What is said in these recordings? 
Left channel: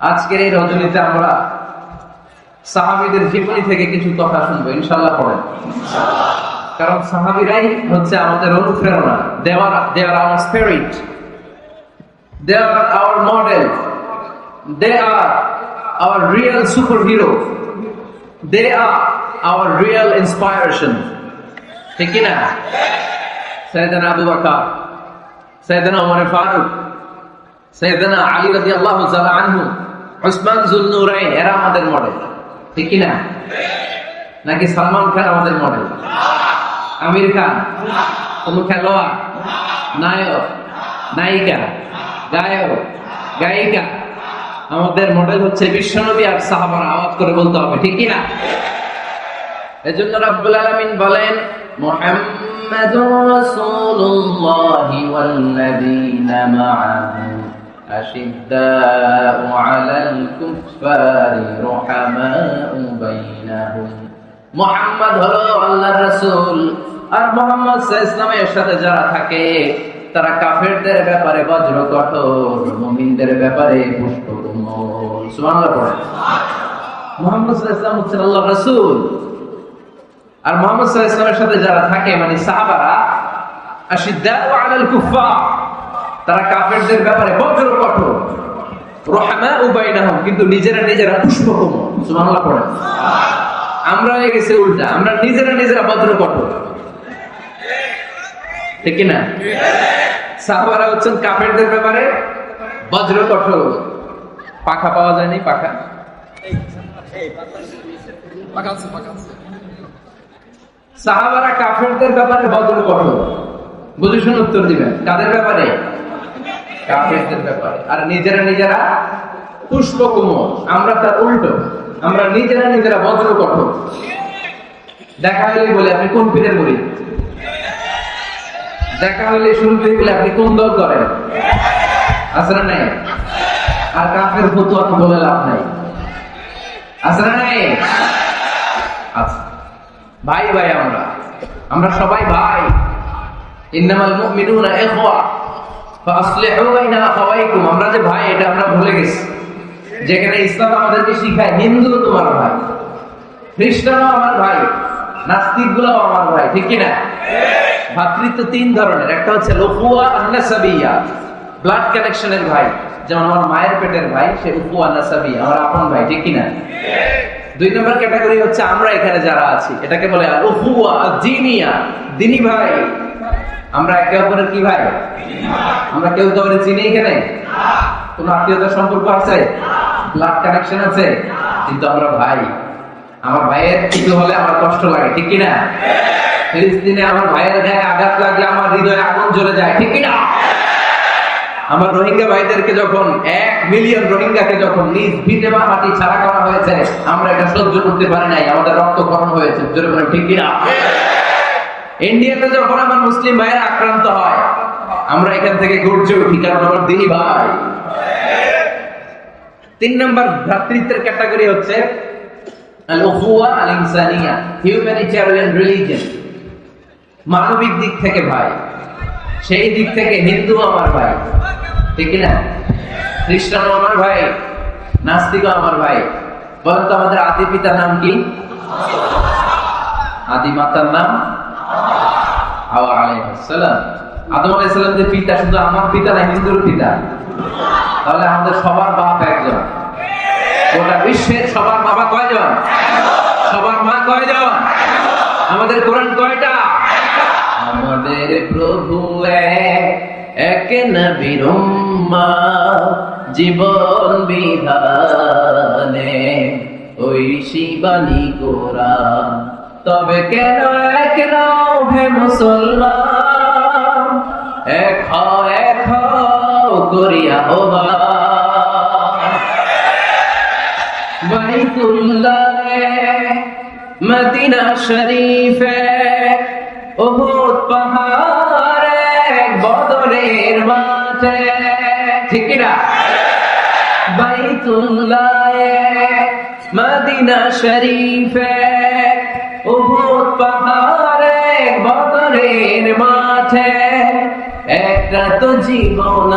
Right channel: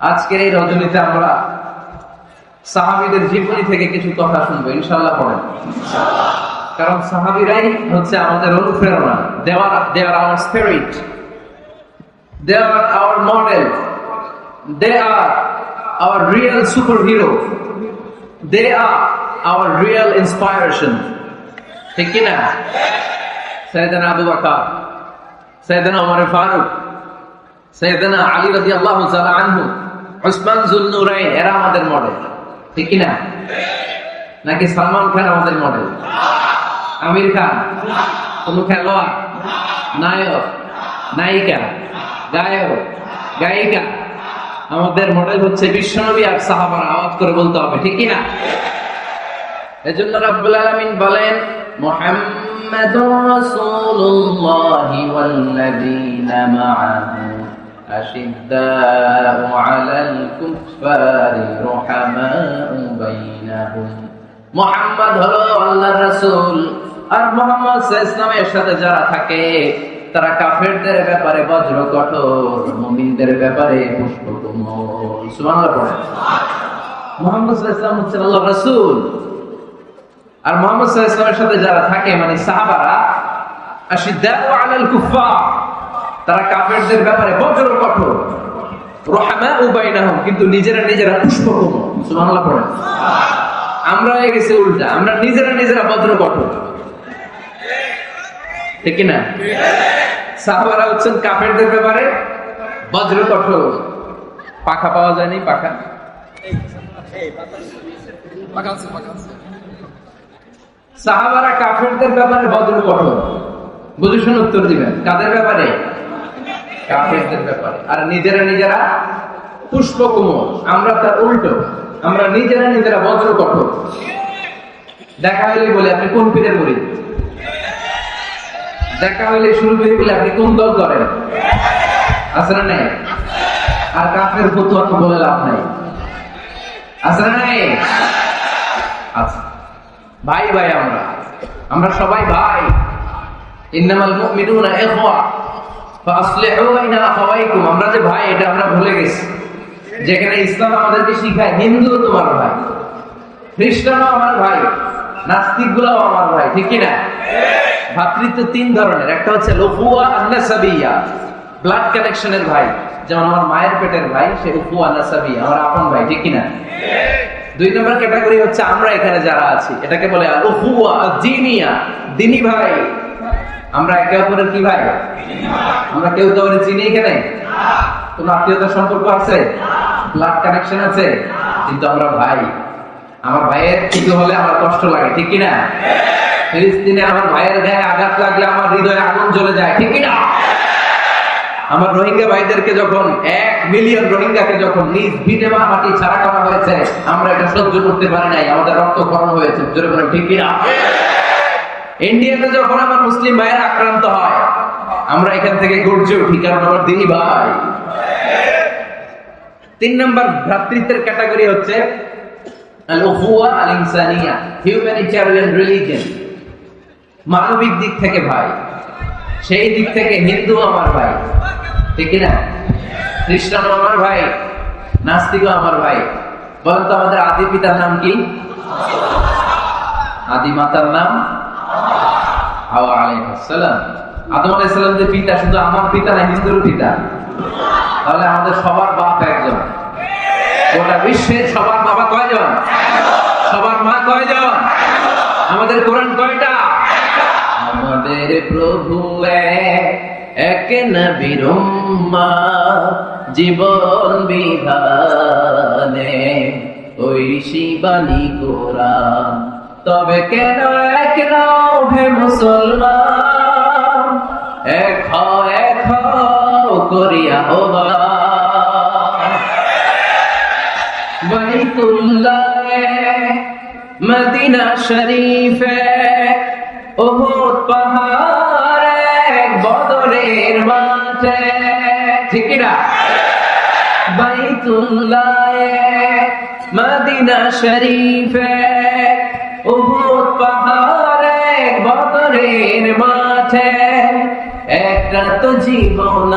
আজকের এই রজনীতে আমরা সাহাবীদের জীবনী থেকে কিছু কথা শুনবো ইনশাআল্লাহ পড়েন। কারণ সাহাবীরাই হচ্ছে আমাদের অনুপ্রেরণা। They are our spirit. They are our model. They are our real superhero. They are our real inspiration. ঠিক কি না? সাইয়েদনা আবু বকর, সাইয়েদনা ওমর ফারুক, সাইয়েদনা আলী রাদিয়াল্লাহু তাআলা আনহু, উসমান যুন্নুরাইন, এরা আমাদের মডেল। ঠিক কি না? নাকি সালমান খান আমাদের মডেল? আমির খান কোন খেলোয়াড়, নায়ক, নায়িকা, গায়ক, গায়িকা? আমাদের মডেল হচ্ছে বিশ্বনবী আর সাহাবারা। আওয়াজ করে বলতে হবে, ঠিক কি না? এজন্য রব্বুল আলামিন বলেন, মুহাম্মাদুর রাসূলুল্লাহি ওয়াল নাবিয়্যুনা মা'আহু আশিদ্দাউ আলাল কুফফারি রুহামাউ বাইনাহুম। মুহাম্মদ হলো আল্লাহর রাসূল, আর মুহাম্মদ সাল্লাল্লাহু আলাইহি ওয়াসাল্লামের সাথে যারা থাকে তারা কাফেরদের ব্যাপারে বজ্র কঠোর, মুমিনদের ব্যাপারে পুষ্পকোমল। সুবহানাল্লাহ। মুহাম্মদ সাল্লাল্লাহু আলাইহি ওয়াসাল্লাম হচ্ছেন আল্লাহর রাসূল, আর মুহাম্মদ সাল্লাল্লাহু আলাইহি ওয়াসাল্লামের সাথে যারা থাকে মানে সাহাবারা, আশিদ্দাউ আলাল কুফফার, তারা কাফেরদের ব্যাপারে বজ্র কঠোর, রুহামাউ বাইনাহুম, কিন্তু নিজেরা পুষ্পকোমল। সুবহানাল্লাহ। আমরা হয়ে গেছে উল্টা, আমরা নিজেরা বজ্র কঠোর। ঠিক না? সাহাবারা হচ্ছেন কাফেরদের ব্যাপারে বজ্র কঠোর। পাখা পাওয়া যায়নি, পাখা সাহাবারা কাফেরদের ব্যাপারে বজ্র কঠোর। বুঝেছেন? উত্তর দিবেন। কাদের ব্যাপারে? কাফেরদের ব্যাপারে। আর নিজেরা পুষ্পকোমল। আমরা তা উল্টো, আমরা নিজেরা বজ্র কঠোর। দেখা হলে বলে আপনি কোন পিঠে বলি, দেখা হলে শুনতে বলে আপনি কোন দল করেন, আসলে নাই। আর কাফের ফতোয়া তো বলে লাভ নাই, আসলে নাই। আচ্ছা ভাই, আমরা সবাই ভাই। ইন্নামাল মুমিনুনা ইখওয়া ফাসলিহু বাইনা আখাওয়াইকুম। আমরা যে ভাই, এটা আমরা ভুলে গেছি। যেখানে ইসলাম আমাদেরকে শিখায় হিন্দু তোমার ভাই, খ্রিস্টানও আমার ভাই, নাস্তিকগুলো আমার ভাই। ঠিক কি না? ভাতৃত্ব তিন ধরনের। একটা হচ্ছে লুফুয়া আন-নাসাবিয়া, ব্লাড কানেকশনের ভাই, যেমন আমার মায়ের পেটের ভাই, সে লুফুয়া নাসাবিয়া, আমরা আপন ভাই। ঠিক কি না? দুই নম্বর ক্যাটাগরি হচ্ছে আমরা এখানে যারা আছি, এটাকে বলে লুফুয়া দ্বীনিয়া, দ্বীনি ভাই। আমরা একে অপরের কি ভাই? আমরা কেউ তো চিনি এখানে? কোন আত্মীয়তার সম্পর্ক আছে? ব্লাড কানেকশন আছে? কিন্তু আমরা ভাই। আমার ভাইয়ের কিছু হলে আমার কষ্ট লাগে। ঠিক কিনা? ফিলিস্তিনে আমার ভাইয়ের গায়ে আঘাত লাগে, আমার হৃদয়ে আগুন জ্বলে যায়। ঠিক কিনা? আমার রোহিঙ্গা ভাইদেরকে যখন 1 মিলিয়ন রোহিঙ্গাকে যখন নিজ ভিটে মাটি ছাড়া করা হয়েছে, আমরা এটা সহ্য করতে পারি নাই, আমাদের রক্তক্ষরণ হয়েছে। ঠিক কিনা? ইন্ডিয়াতে যখন আমার মুসলিম ভাইয়ের আক্রান্ত হয়, আমরা এখান থেকে গর্জে উঠি, কারণ আমরা দিনী ভাই। 3 নম্বর ভ্রাতৃত্বের ক্যাটাগরি হচ্ছে আল-উখুয়া আল-ইনসানিয়া, হিউম্যানিটেরিয়ান রিলিজিয়ন। মানবিক দিক থেকে ভাই, সেই দিক থেকে হিন্দু আমার ভাই। ঠিক না? খ্রিস্টান আমার ভাই, নাস্তিকও আমার ভাই। বলেন তো আমাদের আদি পিতার নাম কি? আদি মাতার নাম হাওয়া আলাইহিস সালাম। আদম আলাইহিস সালামের পিতা শুধু আমার পিতা না, হিন্দুর পিতা। তাহলে আমাদের সবার বাপ একজন। গোটা বিশ্বের সবার বাবা কয়জন? সবার মা কয়জন? আমাদের কোরআন কয়টা? আমাদের প্রভু এক নবীর উম্মাহ, জীবন বিধানে ওই শিবানী কোরআন। তবে কেন এক নাও হে মুসলমান, এক হও করিয়া হবা বাইতুল্লাহে, মদিনা শরীফে, উহুদ পাহাড়ে, বদরের মাঠে। ঠিক না? বাইতুল্লাহে, মদিনা শরীফে, উহুদ পাহাড়ে, বদরের মাঠে, এক একটা তো জীবন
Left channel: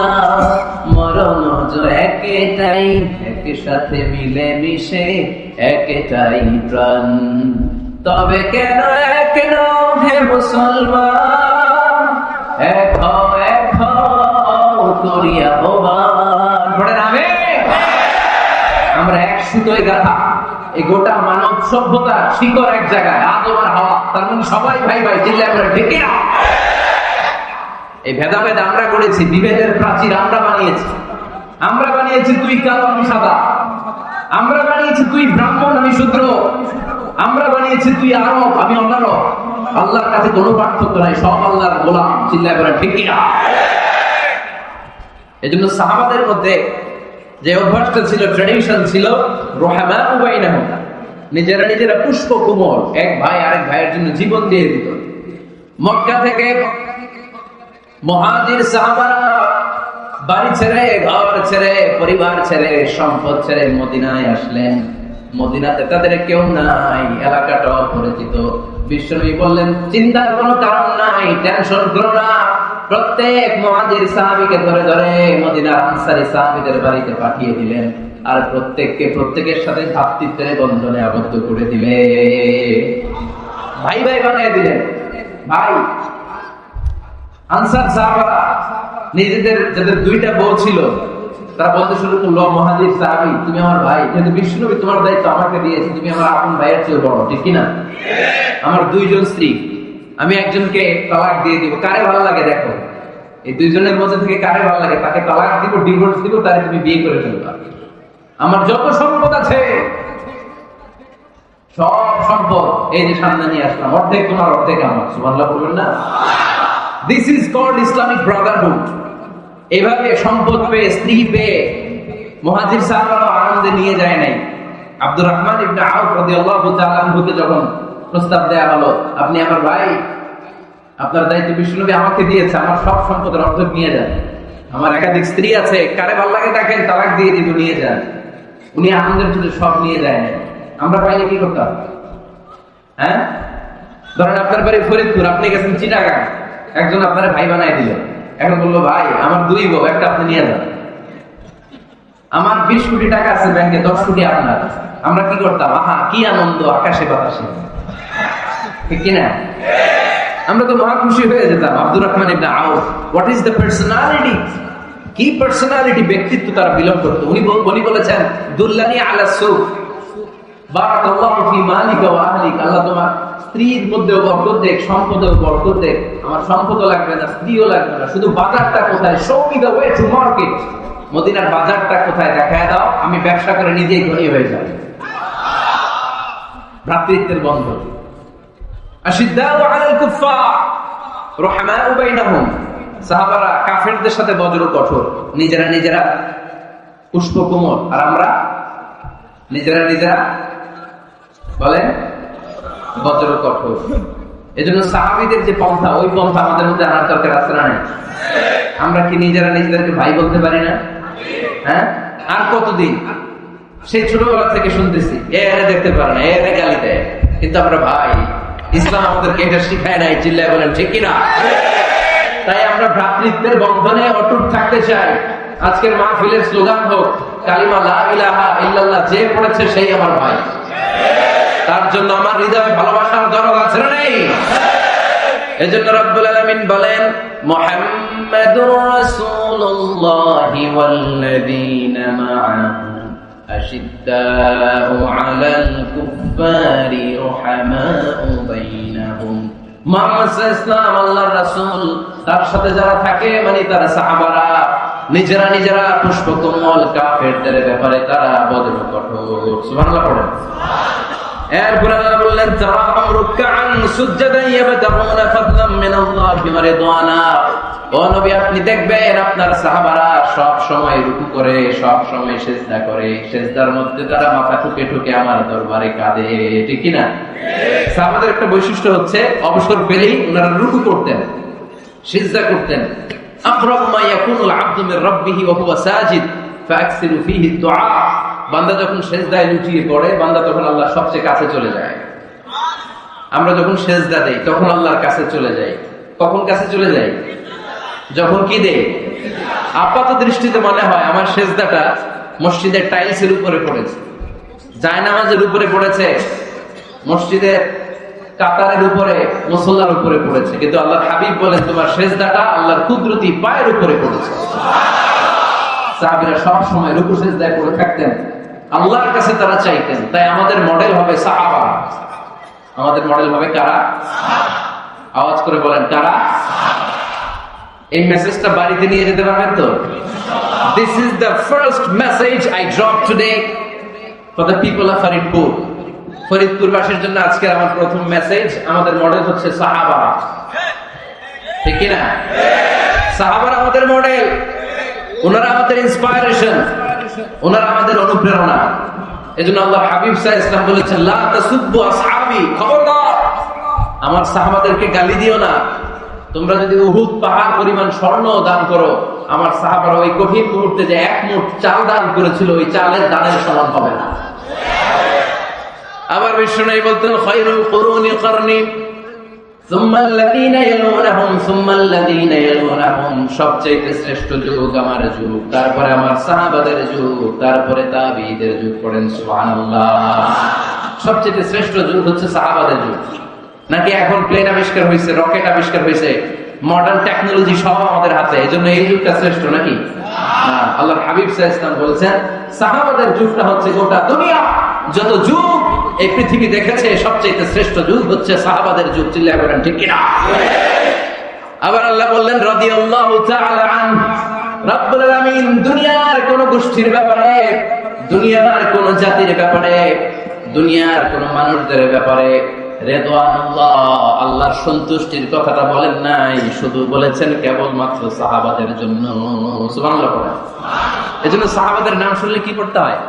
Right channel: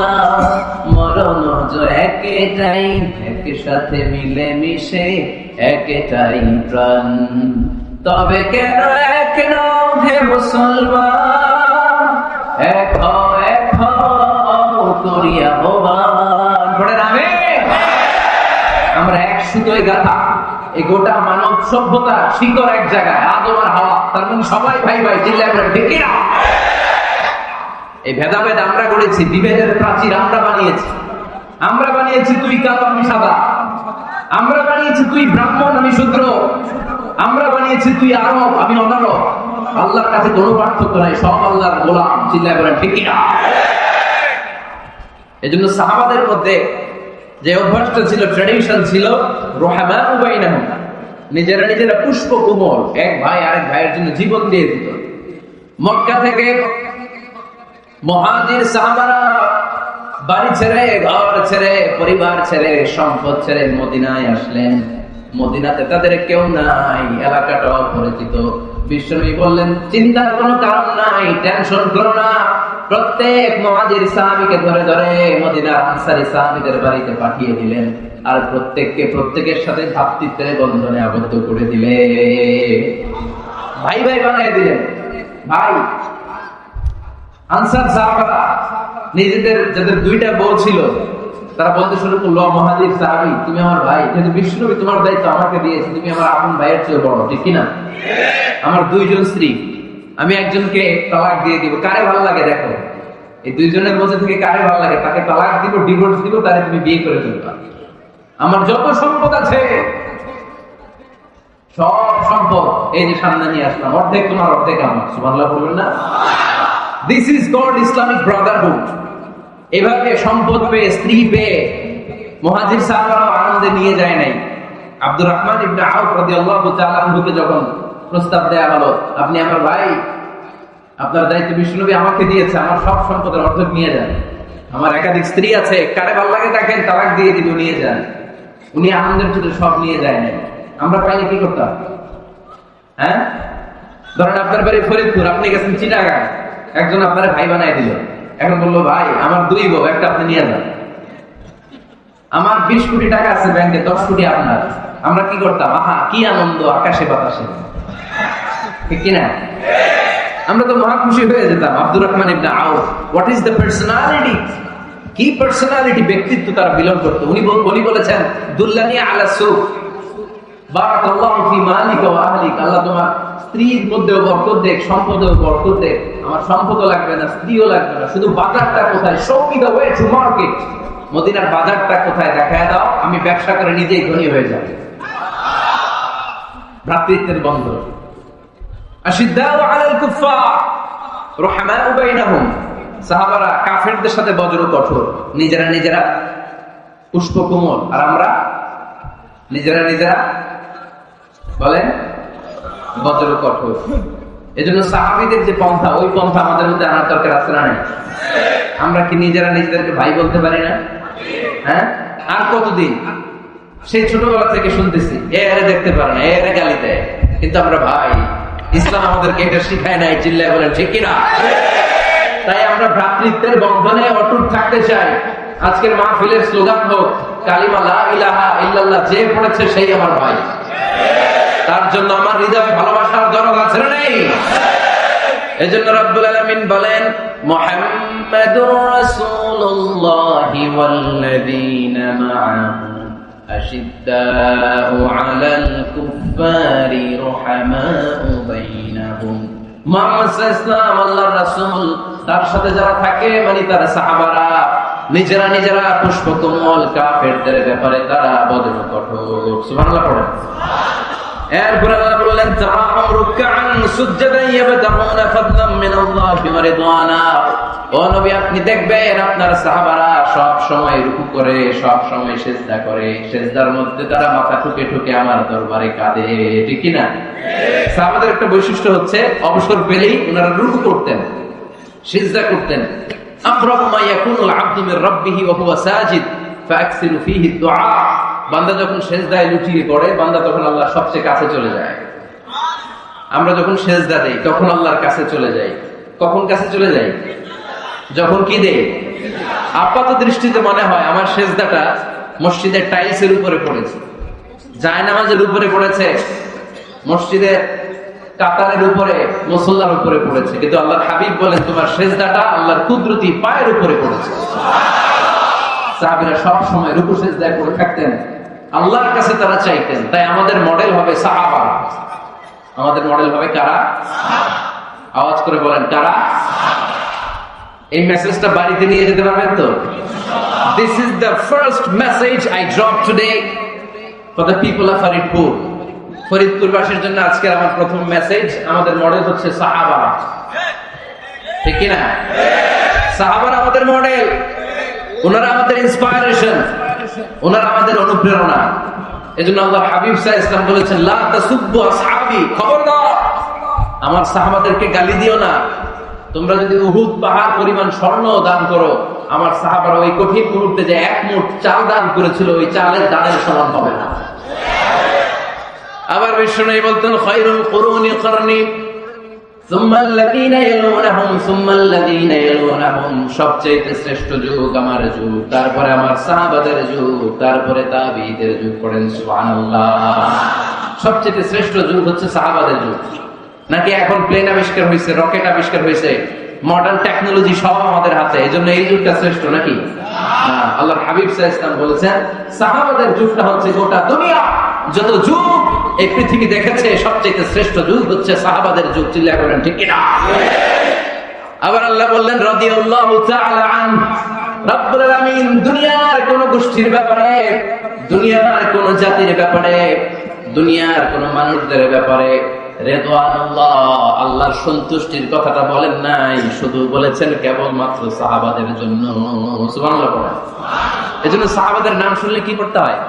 মরণ একটাই, একই সাথে মিলে মিশে একটাই প্রাণ। তবে কেন কেন হে মুসলমান, এক হও করিয়া ভগবান। আমরা এক সুতোয় গাথা, এই গোটা মানব সভ্যতা শিকড় এক জায়গায়, আদম আর হাওয়া, তার মানে সবাই ভাই ভাই। ঠিক না? এই ভেদাভেদ আমরা করেছি, বিভেদের প্রাচীর আমরা বানিয়েছি তুই কালো আমি সাদা, আমরা বানিয়েছি তুই ব্রাহ্মণ আমি শূদ্র, আমরা বানিয়েছি তুই আরব আমি অনারব। আল্লাহর কাছে কোনো পার্থক্য নাই, সব আল্লাহর গোলাম। চিন্তা করা ঠিক না? এই জন্য সাহাবাদের মধ্যে যে অভ্যাসটা ছিল, ট্রেডিশন ছিল, রহমাউ বাইনাহুম, নিজেরা পুষ্প কোমল, এক ভাই আরেক ভাইয়ের জন্য জীবন দিয়ে দিত। মক্কা থেকে মুহাজির সাহাবারা বাড়ি ছেড়ে, ঘর ছেড়ে, পরিবার ছেড়ে, সম্পদ ছেড়ে মদিনায় আসলেন। মদিনাতে তাদের কেউ নাই, এলাকাটা অপরিচিত। বিশ্বনবী বললেন, চিন্তার কোনো কারণ নাই, টেনশন করো না। প্রত্যেক মুহাজির সাহাবীকে ধরে ধরে মদিনার আনসারী সাহাবীদের বাড়িতে পাঠিয়ে দিলেন, আর প্রত্যেকের সাথে ভ্রাতৃত্বের বন্ধনে আবদ্ধ করে দিলেন, ভাই ভাই বানিয়ে দিলেন। ভাই আনসার সাহাবারা নিজেদের যাদের দুইটা বউ ছিল, তারা বলতে শুরু করলো, মুহাজির সাহাবী তুমি আমার ভাই, কিন্তু বিশ্বনবী তোমার দায়িত্ব আমাকে দিয়েছে, তুমি আমার আপন ভাইয়ের চেয়ে বড়, ঠিক কিনা? আমার দুইজন স্ত্রী, আমি একজনকে তালাক দিয়ে দিব, কারে ভালো লাগে দেখো, এই দুইজনের মধ্যে থেকে কারে ভালো লাগে তাকে তালাক দিব, ডিভোর্স দিব, তাকে তুমি বিয়ে করে ফেলবা। আমার যত সম্পদ আছে সব সম্পদ এই যে সামনে নিয়ে আসলাম, অর্ধেক তোমার অর্ধেক আমার। সুবহানাল্লাহ বলবেন না? This is called Islamic brotherhood. এভাবে সম্পদ পেয়ে, স্ত্রী পেয়ে মুহাজির সাহাবারা আনন্দে নিয়ে যায় নাই। আব্দুর রহমান ইবনে আউফ রাদিয়াল্লাহু তাআলা আনহুকে যখন প্রস্তাব দেয়া হলো, আপনি আমার ভাই, আপনার দায়িত্ব বিশ্বনবী আমাকে দিয়েছে, আমার সব সম্পদের অর্ধেক নিয়ে যান, আমার একাধিক স্ত্রী আছে, কারে ভালো লাগে তাকে তালাক দিয়ে দিব, নিয়ে যান। উনি আনন্দের জন্য সব নিয়ে যায় নাই। আমরা পাইলে কি করতাম? হ্যাঁ, ধরেন আপনার বাড়ি ফরিদপুর, আপনি গেছেন চিটাগাং, একজন আপনার ভাই বানাই দিল, এখন বললো ভাই আমার দুই বউ, একটা আপনি নিয়ে যান। আমার 20 কোটি টাকা আছে ব্যাংকে, 10 কোটি আপনার। আমরা কি করতাম? আহা কি আনন্দ, আকাশে বাতাসে, ঠিক কিনা? আমরা তো মহা খুশি হয়ে যেতাম। আব্দুর রহমান ইবনে আউফ, হোয়াট ইজ দ্য পার্সোনালিটি, কি পার্সোনালিটি, ব্যক্তিত্ব তার বিলং করতো। উনি বলেছেন, দুল্লানি আলা সুক, বারাকাল্লাহু ফি মালিকা ওয়া আহলিক, আল্লাহ তোমার স্ত্রীর মধ্যে বরকত দেখ, সম্পদেও বরকত দেখ। আমার সম্পদও লাগবে না, স্ত্রীও লাগবে না, শুধু বাজারটা কোথায়, show me the way to market, মদিনার বাজারটা কোথায় দেখায় দাও, আমি ব্যবসা করে নিজেই ধনী হয়ে যাব। ভ্রাতৃত্বের বন্ধন। আশিদ্দাউ আলাল কুফফার রহমাউ বাইনাহুম, সাহাবারা কাফেরদের সাথে বজ্র কঠোর, নিজেরা পুষ্প কোমল, আর আমরা নিজেরা বলেন বজ্র কঠোর। এজন্য সাহাবীদের যে পন্থা, ওই পন্থা আমাদের মধ্যে আনার দরকার আছে না? আমরা কি নিজেদেরকে ভাই বলতে পারি না? হ্যাঁ, আর কতদিন? সেই ছোটবেলা থেকে শুনতেছি, এরা দেখতে পারে না, এরা গালি দেয়, কিন্তু আমরা ভাই। ইসলাম আমাদেরকে এটা শিখায় নাই, চিল্লায় বলেন ঠিক কিনা? তাই আমরা ভ্রাতৃত্বের বন্ধনে অটুট থাকতে চাই। আজকের মাহফিলের স্লোগান হোক, কালিমা লা ইলাহা ইল্লাল্লাহ, যে পড়েছে সেই আমার ভাই। তার জন্য আমার হৃদয়ে ভালোবাসার দরকার আছে না? এজন্য রব্বুল আলামিন বলেন, মুহাম্মাদুর রাসূলুল্লাহি ওয়াল্লাযীনা মা'আহু আশিদ্দাউ আলাল কুফফারি রুহামাউ বাইনাহুম। মুহাম্মদ সাল্লাল্লাহু আলাইহি ওয়াসাল্লাম আল্লাহর রাসূল, তার সাথে যারা থাকে মানে তারা সাহাবারা, নিজেরা পুষ্পকমল, কাফেরদের ব্যাপারে তারা বজ্র কঠোর। সুবহানাল্লাহ পড়েন। এরপর আল্লাহ বললেন, তারাহুম রুকআন সুজদান ইয়াবতাগুনা ফাদলাম মিনাল্লাহি ওয়া রিদওয়ানা। ও নবী, আপনি দেখবেন আপনার সাহাবারা সব সময় রুকু করে, সব সময় সিজদা করে, সিজদার মধ্যে তারা মাথা ঠুকে ঠুকে আমার দরবারে কাঁদে, ঠিক কি না? সাহাবাদের একটা বৈশিষ্ট্য হচ্ছে, অবসর পেলেই ওনারা রুকু করতেন, সিজদা করতেন। আকরাবু মা ইয়াকুনুল আবদু মির রাব্বিহি ওয়া হুয়া সাজিদ ফাআকসিরু ফীহি দুআ। বান্দা যখন সিজদায় লুটিয়ে পড়ে, বান্দা তখন আল্লাহর সবচেয়ে কাছে চলে যায়। আমরা যখন সিজদা দেই তখন আল্লাহর কাছে চলে যাই। কখন কাছে চলে যাই? যখন কি দেই? আপাত দৃষ্টিতে মনে হয় আমার সেজদাটা মসজিদের টাইলসের উপরে পড়েছে, জায়নামাজের উপরে পড়েছে, মসজিদের কাতারের উপরে, মুসল্লার উপরে পড়েছে, কিন্তু আল্লাহর হাবিব বলেন তোমার সেজদাটা আল্লাহর কুদরতি পায়ের উপরে পড়েছে। সাহাবীরা সব সময় রুকু সিজদায় করে থাকতেন, আল্লাহর কাছে তারা চাইতেন। তাই আমাদের মডেল হবে সাহাবা। আমাদের মডেল হবে কারা? আওয়াজ করে বলেন কারা? এই মেসেজটা বাড়িতে নিয়ে যেতে পারবেন তো? This is the first message I drop today for the people of Faridpur. ফরিদপুরবাসীর জন্য আজকে আমার প্রথম মেসেজ, আমাদের মডেল হচ্ছে সাহাবারা। ঠিক কি না? সাহাবারা আমাদের মডেল, ওনারা আমাদের ইন্সপায়ারেশন, ওনারা আমাদের অনুপ্রেরণা। এজন্য আল্লাহর হাবিব সাল্লাল্লাহু আলাইহি ওয়াসাল্লাম বলেছেন লা তাসুব্বু আসহাবি, খবরদার আমার সাহাবাদেরকে গালি দিও না। তোমরা যদি উহুদ পাহাড় পরিমাণ স্বর্ণ দান করো, আমার সাহাবারা ওই কঠিন মুহূর্তে যে এক মুঠ চাল দান করেছিল, ওই চালের দানের সমান হবে না। আবার বিশ্বনবী বলতেন খায়রুল কুরুনি কারনি সুম্মা আল্লাযীনা ইয়ালুনহুম সুম্মা আল্লাযীনা ইয়ালুনহুম, সবচেয়ে শ্রেষ্ঠ যুগ আমার যুগ, তারপরে আমার সাহাবাদের যুগ, তারপরে তাবিঈদের যুগ। পড়েন সুবহানাল্লাহ। সবচেয়ে শ্রেষ্ঠ যুগ হচ্ছে সাহাবাদের যুগ। নাকি এখন প্লেন আবিষ্কার হয়েছে, রকেট আবিষ্কার হয়েছে, মডার্ন টেকনোলজি সব আমাদের হাতে, এজন্য এই যুগটা শ্রেষ্ঠ নাকি? আল্লাহর হাবিব সাল্লাল্লাহু আলাইহি ওয়াসাল্লাম বলেছেন সাহাবাদের যুগটা হচ্ছে গোটা দুনিয়া যত যুগ এই পৃথিবী দেখেছে সবচেয়ে শ্রেষ্ঠ যুগ হচ্ছে সাহাবাদের যুগ। চিল্লা করেন ঠিক কিনা? আবার আল্লাহ বললেন রাদিয়াল্লাহু তাআলা আন, রব্বুল আলামিন দুনিয়ার কোন গোষ্ঠীর ব্যাপারে, দুনিয়ার কোন জাতির ব্যাপারে, দুনিয়ার কোন মানুষদের ব্যাপারে রিদওয়ানুল্লাহ আল্লাহর সন্তুষ্টির কথাটা বলেন নাই, শুধু বলেছেন কেবলমাত্র সাহাবাদের জন্য। সুবহানাল্লাহ। এজন্য সাহাবাদের নাম শুনলে কি করতে হয়?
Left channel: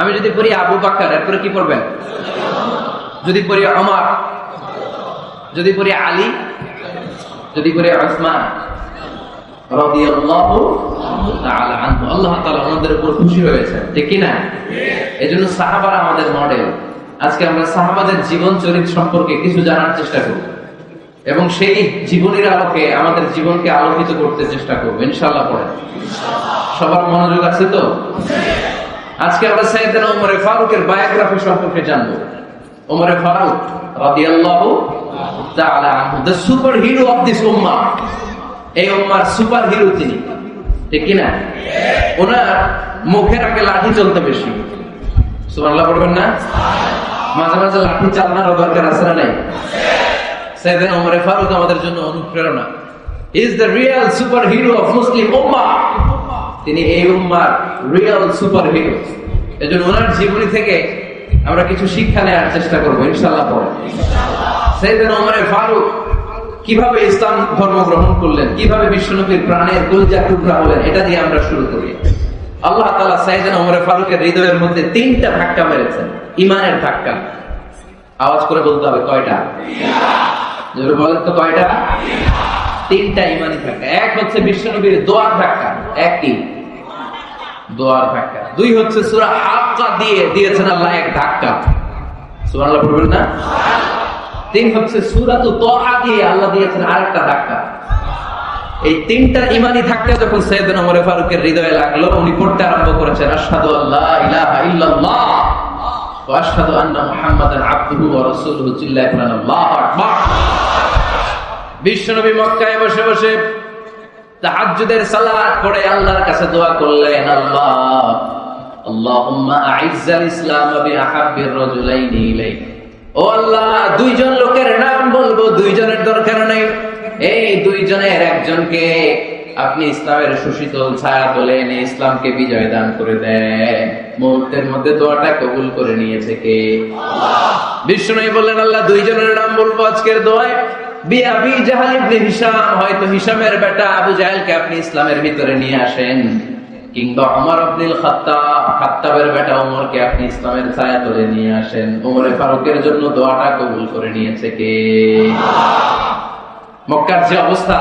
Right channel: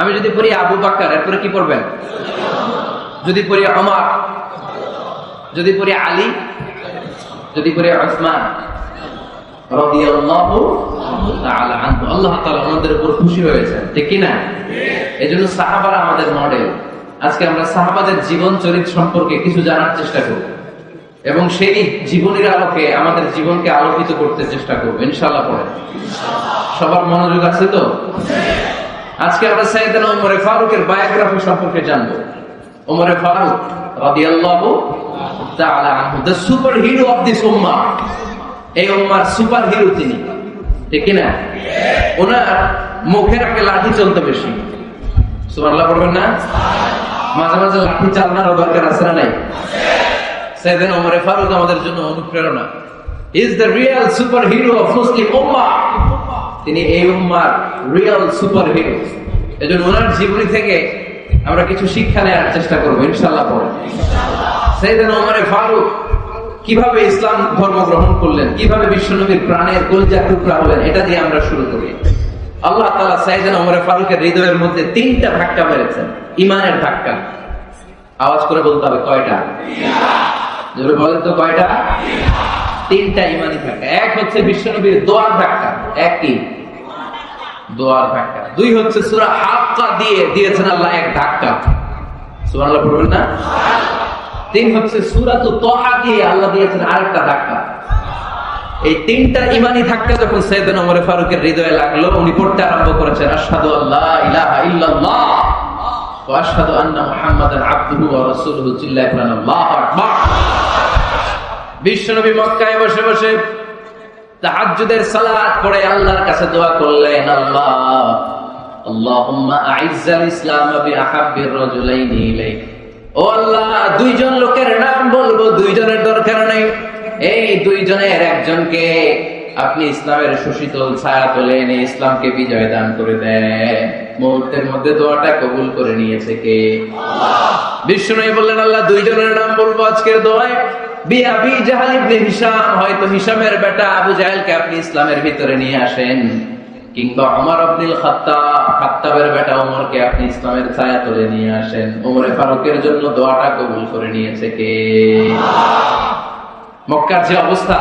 আমি যদি করি আবু বকর, এরপরে কি করবেন? যদি করি ওমর, যদি করি আলী, যদি করি উসমান রাদিয়াল্লাহু তাআলা আনহু, আল্লাহ তাআলা আমাদের উপর খুশি হয়েছেন, ঠিক কি না? এজন্য সাহাবারা আমাদের মডেল। আজকে আমরা সাহাবাদের জীবন চরিত্র সম্পর্কে কিছু জানার চেষ্টা করব এবং সেই জীবনের আলোকে আমাদের জীবনকে আলোকিত করতে চেষ্টা করব ইনশাআল্লাহ। পড়েন সবার মনোযোগ আছে তো? আজকে আমরা সাইয়েদনা ওমর ফারুকের বায়োগ্রাফি সম্পর্কে জানব। ওমর ফারুক রাদিয়াল্লাহু তাআলা আনহু, the superhero of this উম্মাহ। এই উম্মার সুপার হিরো তিনি, ঠিক কি না? ওনার মুখের আগে লাঠি চলতে বেশি। সুবহানাল্লাহ পড়বেন না? মাঝে মাঝে লাঠি চালানোর দরকার আছে না নাই? সাইয়েদনা ওমর ফারুক আমাদের জন্য অনুপ্রেরণা। He is the real superhero of Muslim উম্মাহ। তিনি এই উম্মার রিয়েল সুপার হিরো। এজন্য ওনার জীবনী থেকে আমরা কিছু শিক্ষা নেওয়ার চেষ্টা করবো ইনশাআল্লাহ। সাইয়েদনা ওমর ফারুক কিভাবে ইসলাম ধর্ম গ্রহণ করলেন, কিভাবে বিশ্বনবীর প্রাণের কলিজার টুকরা হলেন, এটা দিয়ে আমরা শুরু করি। আল্লাহ তাআলা সাইয়েদনা ওমর ফারুকের হৃদয়ের মধ্যে 3টা ধাক্কা মেরেছেন, ঈমানের ধাক্কা। আওয়াজ করে বলতে হবে কয়টা? জোরে বলেন তো কয়টা? 3টা ঈমানি ধাক্কা। এক হচ্ছে বিশ্বনবীর দোয়ার ধাক্কা, এক কি? দোয়ার ধাক্কা। 2 হচ্ছে সূরা হাক্কা দিয়ে দিয়েছেন আল্লাহ এক ধাক্কা। সুবহানাল্লাহ বলবেন না? 3 হচ্ছে সূরাতুত তাহা দিয়ে আল্লাহ দিয়েছেন আরেকটা ধাক্কা। এই 3টা ঈমানি ধাক্কা যখন সাইয়েদনা ওমর ফারুকের হৃদয়ে লাগলো, উনি পড়তে আরম্ভ করেছেন আশহাদু আল্লা ইলাহা ইল্লাল্লাহ ওয়া আশহাদু আন্না মুহাম্মাদান আবদুহু ওয়া রাসূলুহু। চিল্লায়ে বলেন আল্লাহু আকবার। বিশ্বনবী মক্কায় বসে বসে তাহাজ্জুদের সালাত পড়ে আল্লাহর কাছে দোয়া করলেন, আল্লাহ আল্লাহুম্মা আইজ্জাল ইসলাম বিআহাব্বির রাজুলাইনি ইলাইক। ও আল্লাহ, 2 জন লোকের নাম বলবো, 2 জনের দরকার নেই, এই 2 জনের একজনকে আপনি ইসলামের সুশীতল ছায়া তলে এনে ইসলামকে বিজয় দান করে দেন। মুহূর্তের মধ্যে দোয়াটা কবুল করে নিয়েছে কে? আল্লাহ। বিশ্বনবী বললেন, আল্লাহ 2 জনের নাম বলবো আজকের দোয়ায়। আবি জাহল ইবনে হিশাম, হয়তো হিশামের বেটা আবু জাহেলকে আপনি ইসলামের ভিতরে নিয়ে আসেন, কিংবা ওমর ইবনুল খাত্তাবের বেটা ওমরকে আপনি ইসলামের ছায়া তলে নিয়ে আসেন। ওমর ফারুকের জন্য দোয়াটা কবুল করে নিয়েছে কে? মক্কার যে অবস্থা,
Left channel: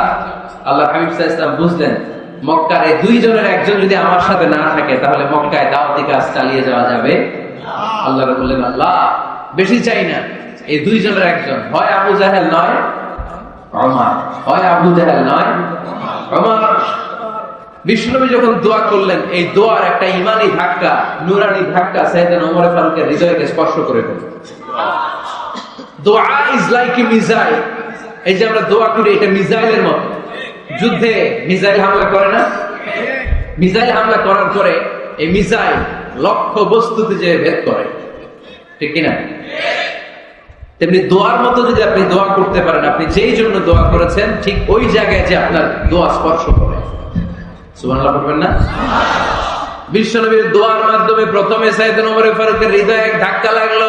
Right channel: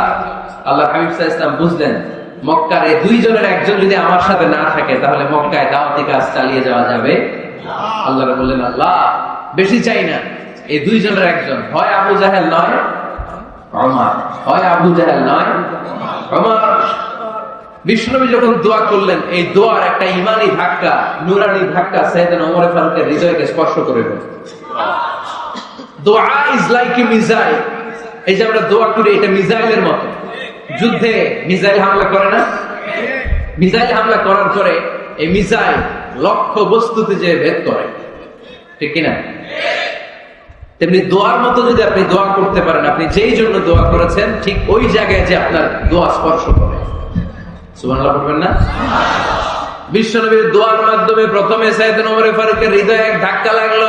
আল্লাহ হাবিব সাল্লাল্লাহু আলাইহি ওয়াসাল্লাম বুঝলেন মক্কার এই 2 জনের একজন যদি আমার সাথে না থাকে তাহলে মক্কায় দাওয়াতি কাজ চালিয়ে যাওয়া যাবে। আল্লাহ বললেন, আল্লাহ বেশি চাই না, এই 2 জনের একজন, হয় আবু জাহেল নয় ওমর, হয় আবু জাহেল নয় ওমর। বিশ্বনবী যখন দোয়া করলেন, এই দোয়ার একটা ইমানি ধাক্কা, নূরানি ধাক্কা সাইয়েদনা ওমর ফারুকের হৃদয়কে স্পর্শ করে গেল। দোয়া ইজ লাইক এ মিসাইল। এই যে আমরা দোয়া করি, এটা মিসাইলের মতো। যুদ্ধে মিসাইল হামলা করে না? মিসাইল হামলা করার পরে এই মিসাইল লক্ষ্য বস্তুতে যে ভেদ করে, ঠিক কিনা? তেমনি দোয়ার মতো যদি আপনি দোয়া করতে পারেন, আপনি যেই জন্য দোয়া করেছেন ঠিক ওই জায়গায় যে আপনার দোয়া স্পর্শ করে। সুবহানাল্লাহ বলবেন না? বিশ্বনবীর দোয়ার মাধ্যমে প্রথমে সাইয়েদনা ওমর ফারুকের হৃদয়ে এক ধাক্কা লাগলো।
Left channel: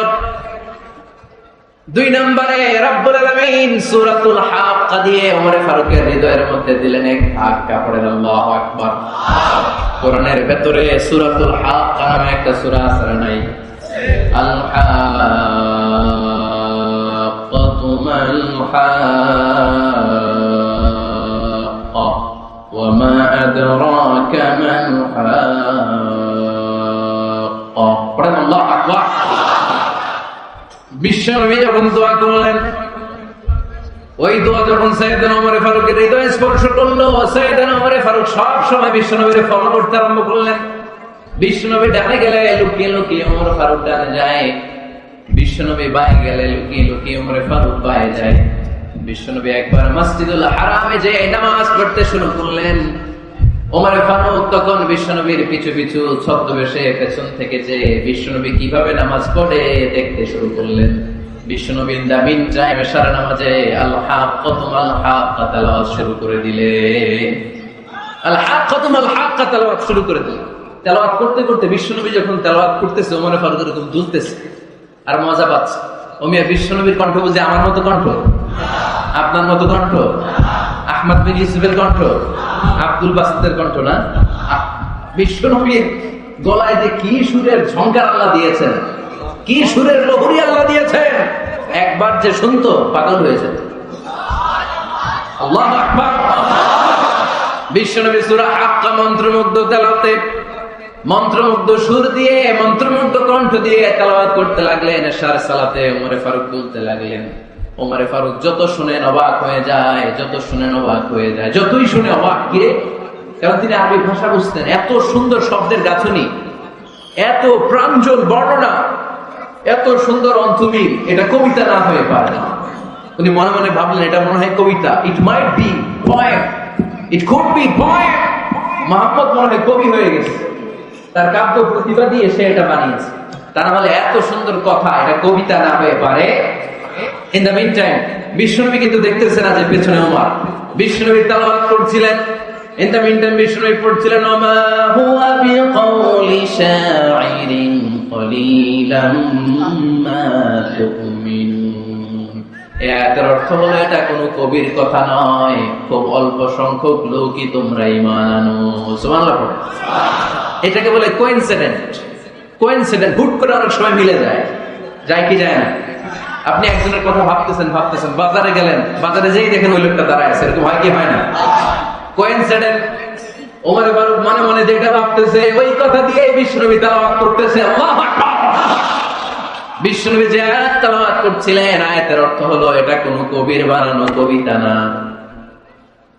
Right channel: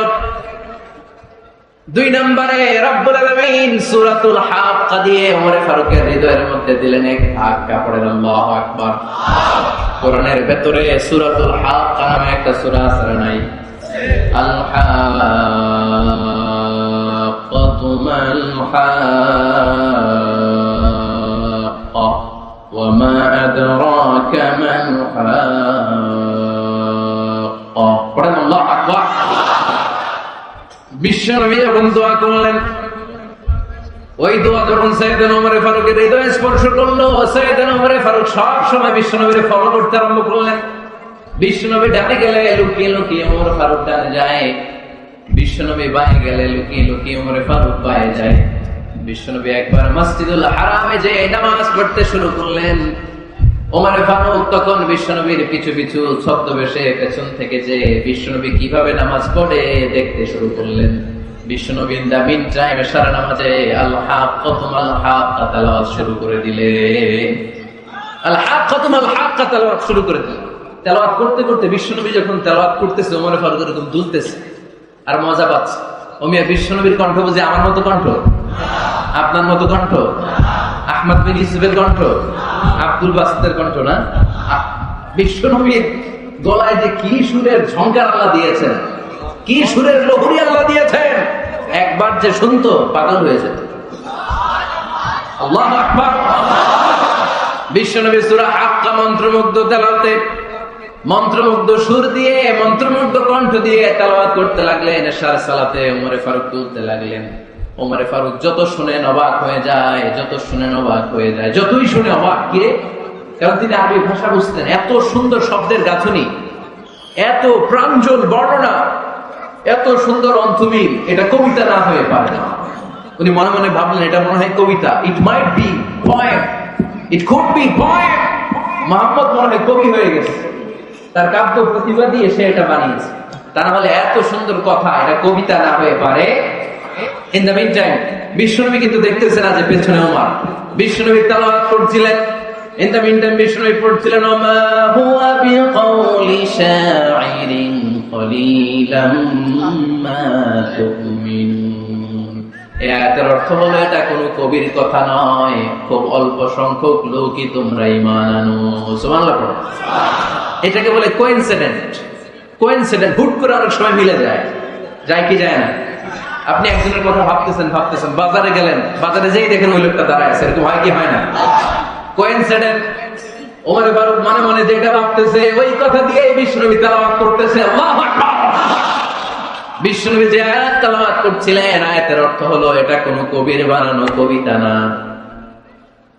2 নম্বরে রব্বুল আলামিন সূরাতুল হাক্কা দিয়ে ওমর ফারুকের হৃদয়ের মধ্যে দিলেন এক ধাক্কা। পড়েন আল্লাহু আকবার। কোরআনের ভিতরে সূরাতুল হাক্কা নামে একটা সূরা আছে নাই? আল হাক্কাতু মাল হাক্কা ওয়া মা আদরাকা মাল হাক্কা। পড়েন আল্লাহু আকবার। বিশ্বনবী যখন দোয়া করলেন, ওই দোয়া যখন সাইয়েদনা ওমর ফারুকের হৃদয় স্পর্শ করলো, সাইয়েদনা ওমর ফারুক সব সময় বিশ্বনবীর ফলো করতে আরম্ভ করলেন। বিশ্বনবী ডানে গেলে লুকিয়ে লুকিয়ে ওমর ফারুক ডানে যায়, বিশ্বনবী বায়ে গেলে লুকিয়ে লুকিয়ে ওমর ফারুক বায়ে যায়। বিশ্বনবী একবার মসজিদুল হারামে যে নামাজ পড়তে শুরু করলেন, ওমর ফারুক তখন বিশ্বনবীকে পিছু পিছু ছদ্মবেশে পেছন থেকে যে বিশ্বনবী কিভাবে নামাজ পড়ে দেখতে শুরু করলেন। বিশ্বনবী দাবিন চায় সারা নামাজে আল হাক্কাতু মাল হাক্কা তেলাওয়াত শুরু করে দিলেন। আল হাক্কাতু মাল হাক্কা তেলাওয়াত শুরু করে দিলেন। তেলাওয়াত করতে করতে বিশ্বনবী যখন তেলাওয়াত করতেছে, ওমর ফারুক এরকম দুলতেছে আর মজা পাচ্ছে। ওমিয়া বিশ্বনবীর কণ্ঠ বুঝে আমার মতো কণ্ঠ, আপনার মতো কণ্ঠ, আহমদ বিন ইউসুফের কণ্ঠ, আব্দুল বাসিতের কণ্ঠ না? বিশ্বনবীর গলায় যে কি সুরের ঝংকার আল্লাহ দিয়েছেন, কি সুরের লহরী আল্লাহ দিয়েছেন, একবার যে শুনতো পাগল হয়ে যেত। আল্লাহু আকবার। বিশ্বনবী সূরা হাক্কা মন্ত্রমুগ্ধ তেলাওয়াতে, মন্ত্রমুগ্ধ সুর দিয়ে, মন্ত্রমুগ্ধ কণ্ঠ দিয়ে তেলাওয়াত করতে লাগলেন। এশার সালাতে ওমর ফারুক বলতে লাগলেন। ওমর ফারুক যত শুনেন অবাক হয়ে যায়, যত শুনেন অবাক হয়ে যায়, যতই শুনে অবাক। কিরে, কারণ তিনি আরবি ভাষা বুঝতেন। এত সুন্দর শব্দের গাঁথনি, এত প্রাঞ্জল বর্ণনা, এত সুন্দর অন্তমিল, এটা কবিতা না হয়ে পারে না। উনি মনে মনে ভাবলেন এটা মনে হয় কবিতা। It might be poem, it could be poem. Muhammad মনে হয় কবি হয়ে গেছে, তার কাব্য প্রতিভা দিয়ে সে এটা বানিয়েছে। তারা বলে এত সুন্দর কথা, এটা কবিতা না হয়ে পারে। ইন দ্য মিন টাইম বিশ্বনবী কিন্তু দেখতেছেন যে পেছনে ওমর, বিশ্বনবী তেলাওয়াত করছিলেন। ইন দ্য মিন টাইম বিশ্বনবী পড়ছিলেন ওমা হুয়া বিকাউলি শাইরিন কলিলাম মা তুমিনুন। এর অর্থ হলো এটা কোনো কবির কথা নয়, খুব অল্প সংখ্যক লোকই তোমরা ঈমান আনো। সুবহানাল্লাহ পড়ো। এটাকে বলে কোইনসিডেন্ট। কোইনসিডেন্ট হুট করে অনেক সময় মিলে যায়, যায় কি যায় না? আপনি একজনের কথা ভাবতেছেন, বাজারে গেলেন, বাজারে যেই দেখেন ওই লোকটা দাঁড়ায় আছে, এরকম হয় কি হয় না? কোইনসিডেন্ট। ওমর ফারুক মনে মনে যেটা ভাবতেছে ওই কথা দিয়ে বিশ্বনবী তেলাওয়াত করতেছে। আল্লাহু আকবার। বিশ্বনবী যে আয়াত তেলাওয়াত করছিলেন, আয়াতের অর্থ হলো এটা কোনো কবির বানানো কবিতা না,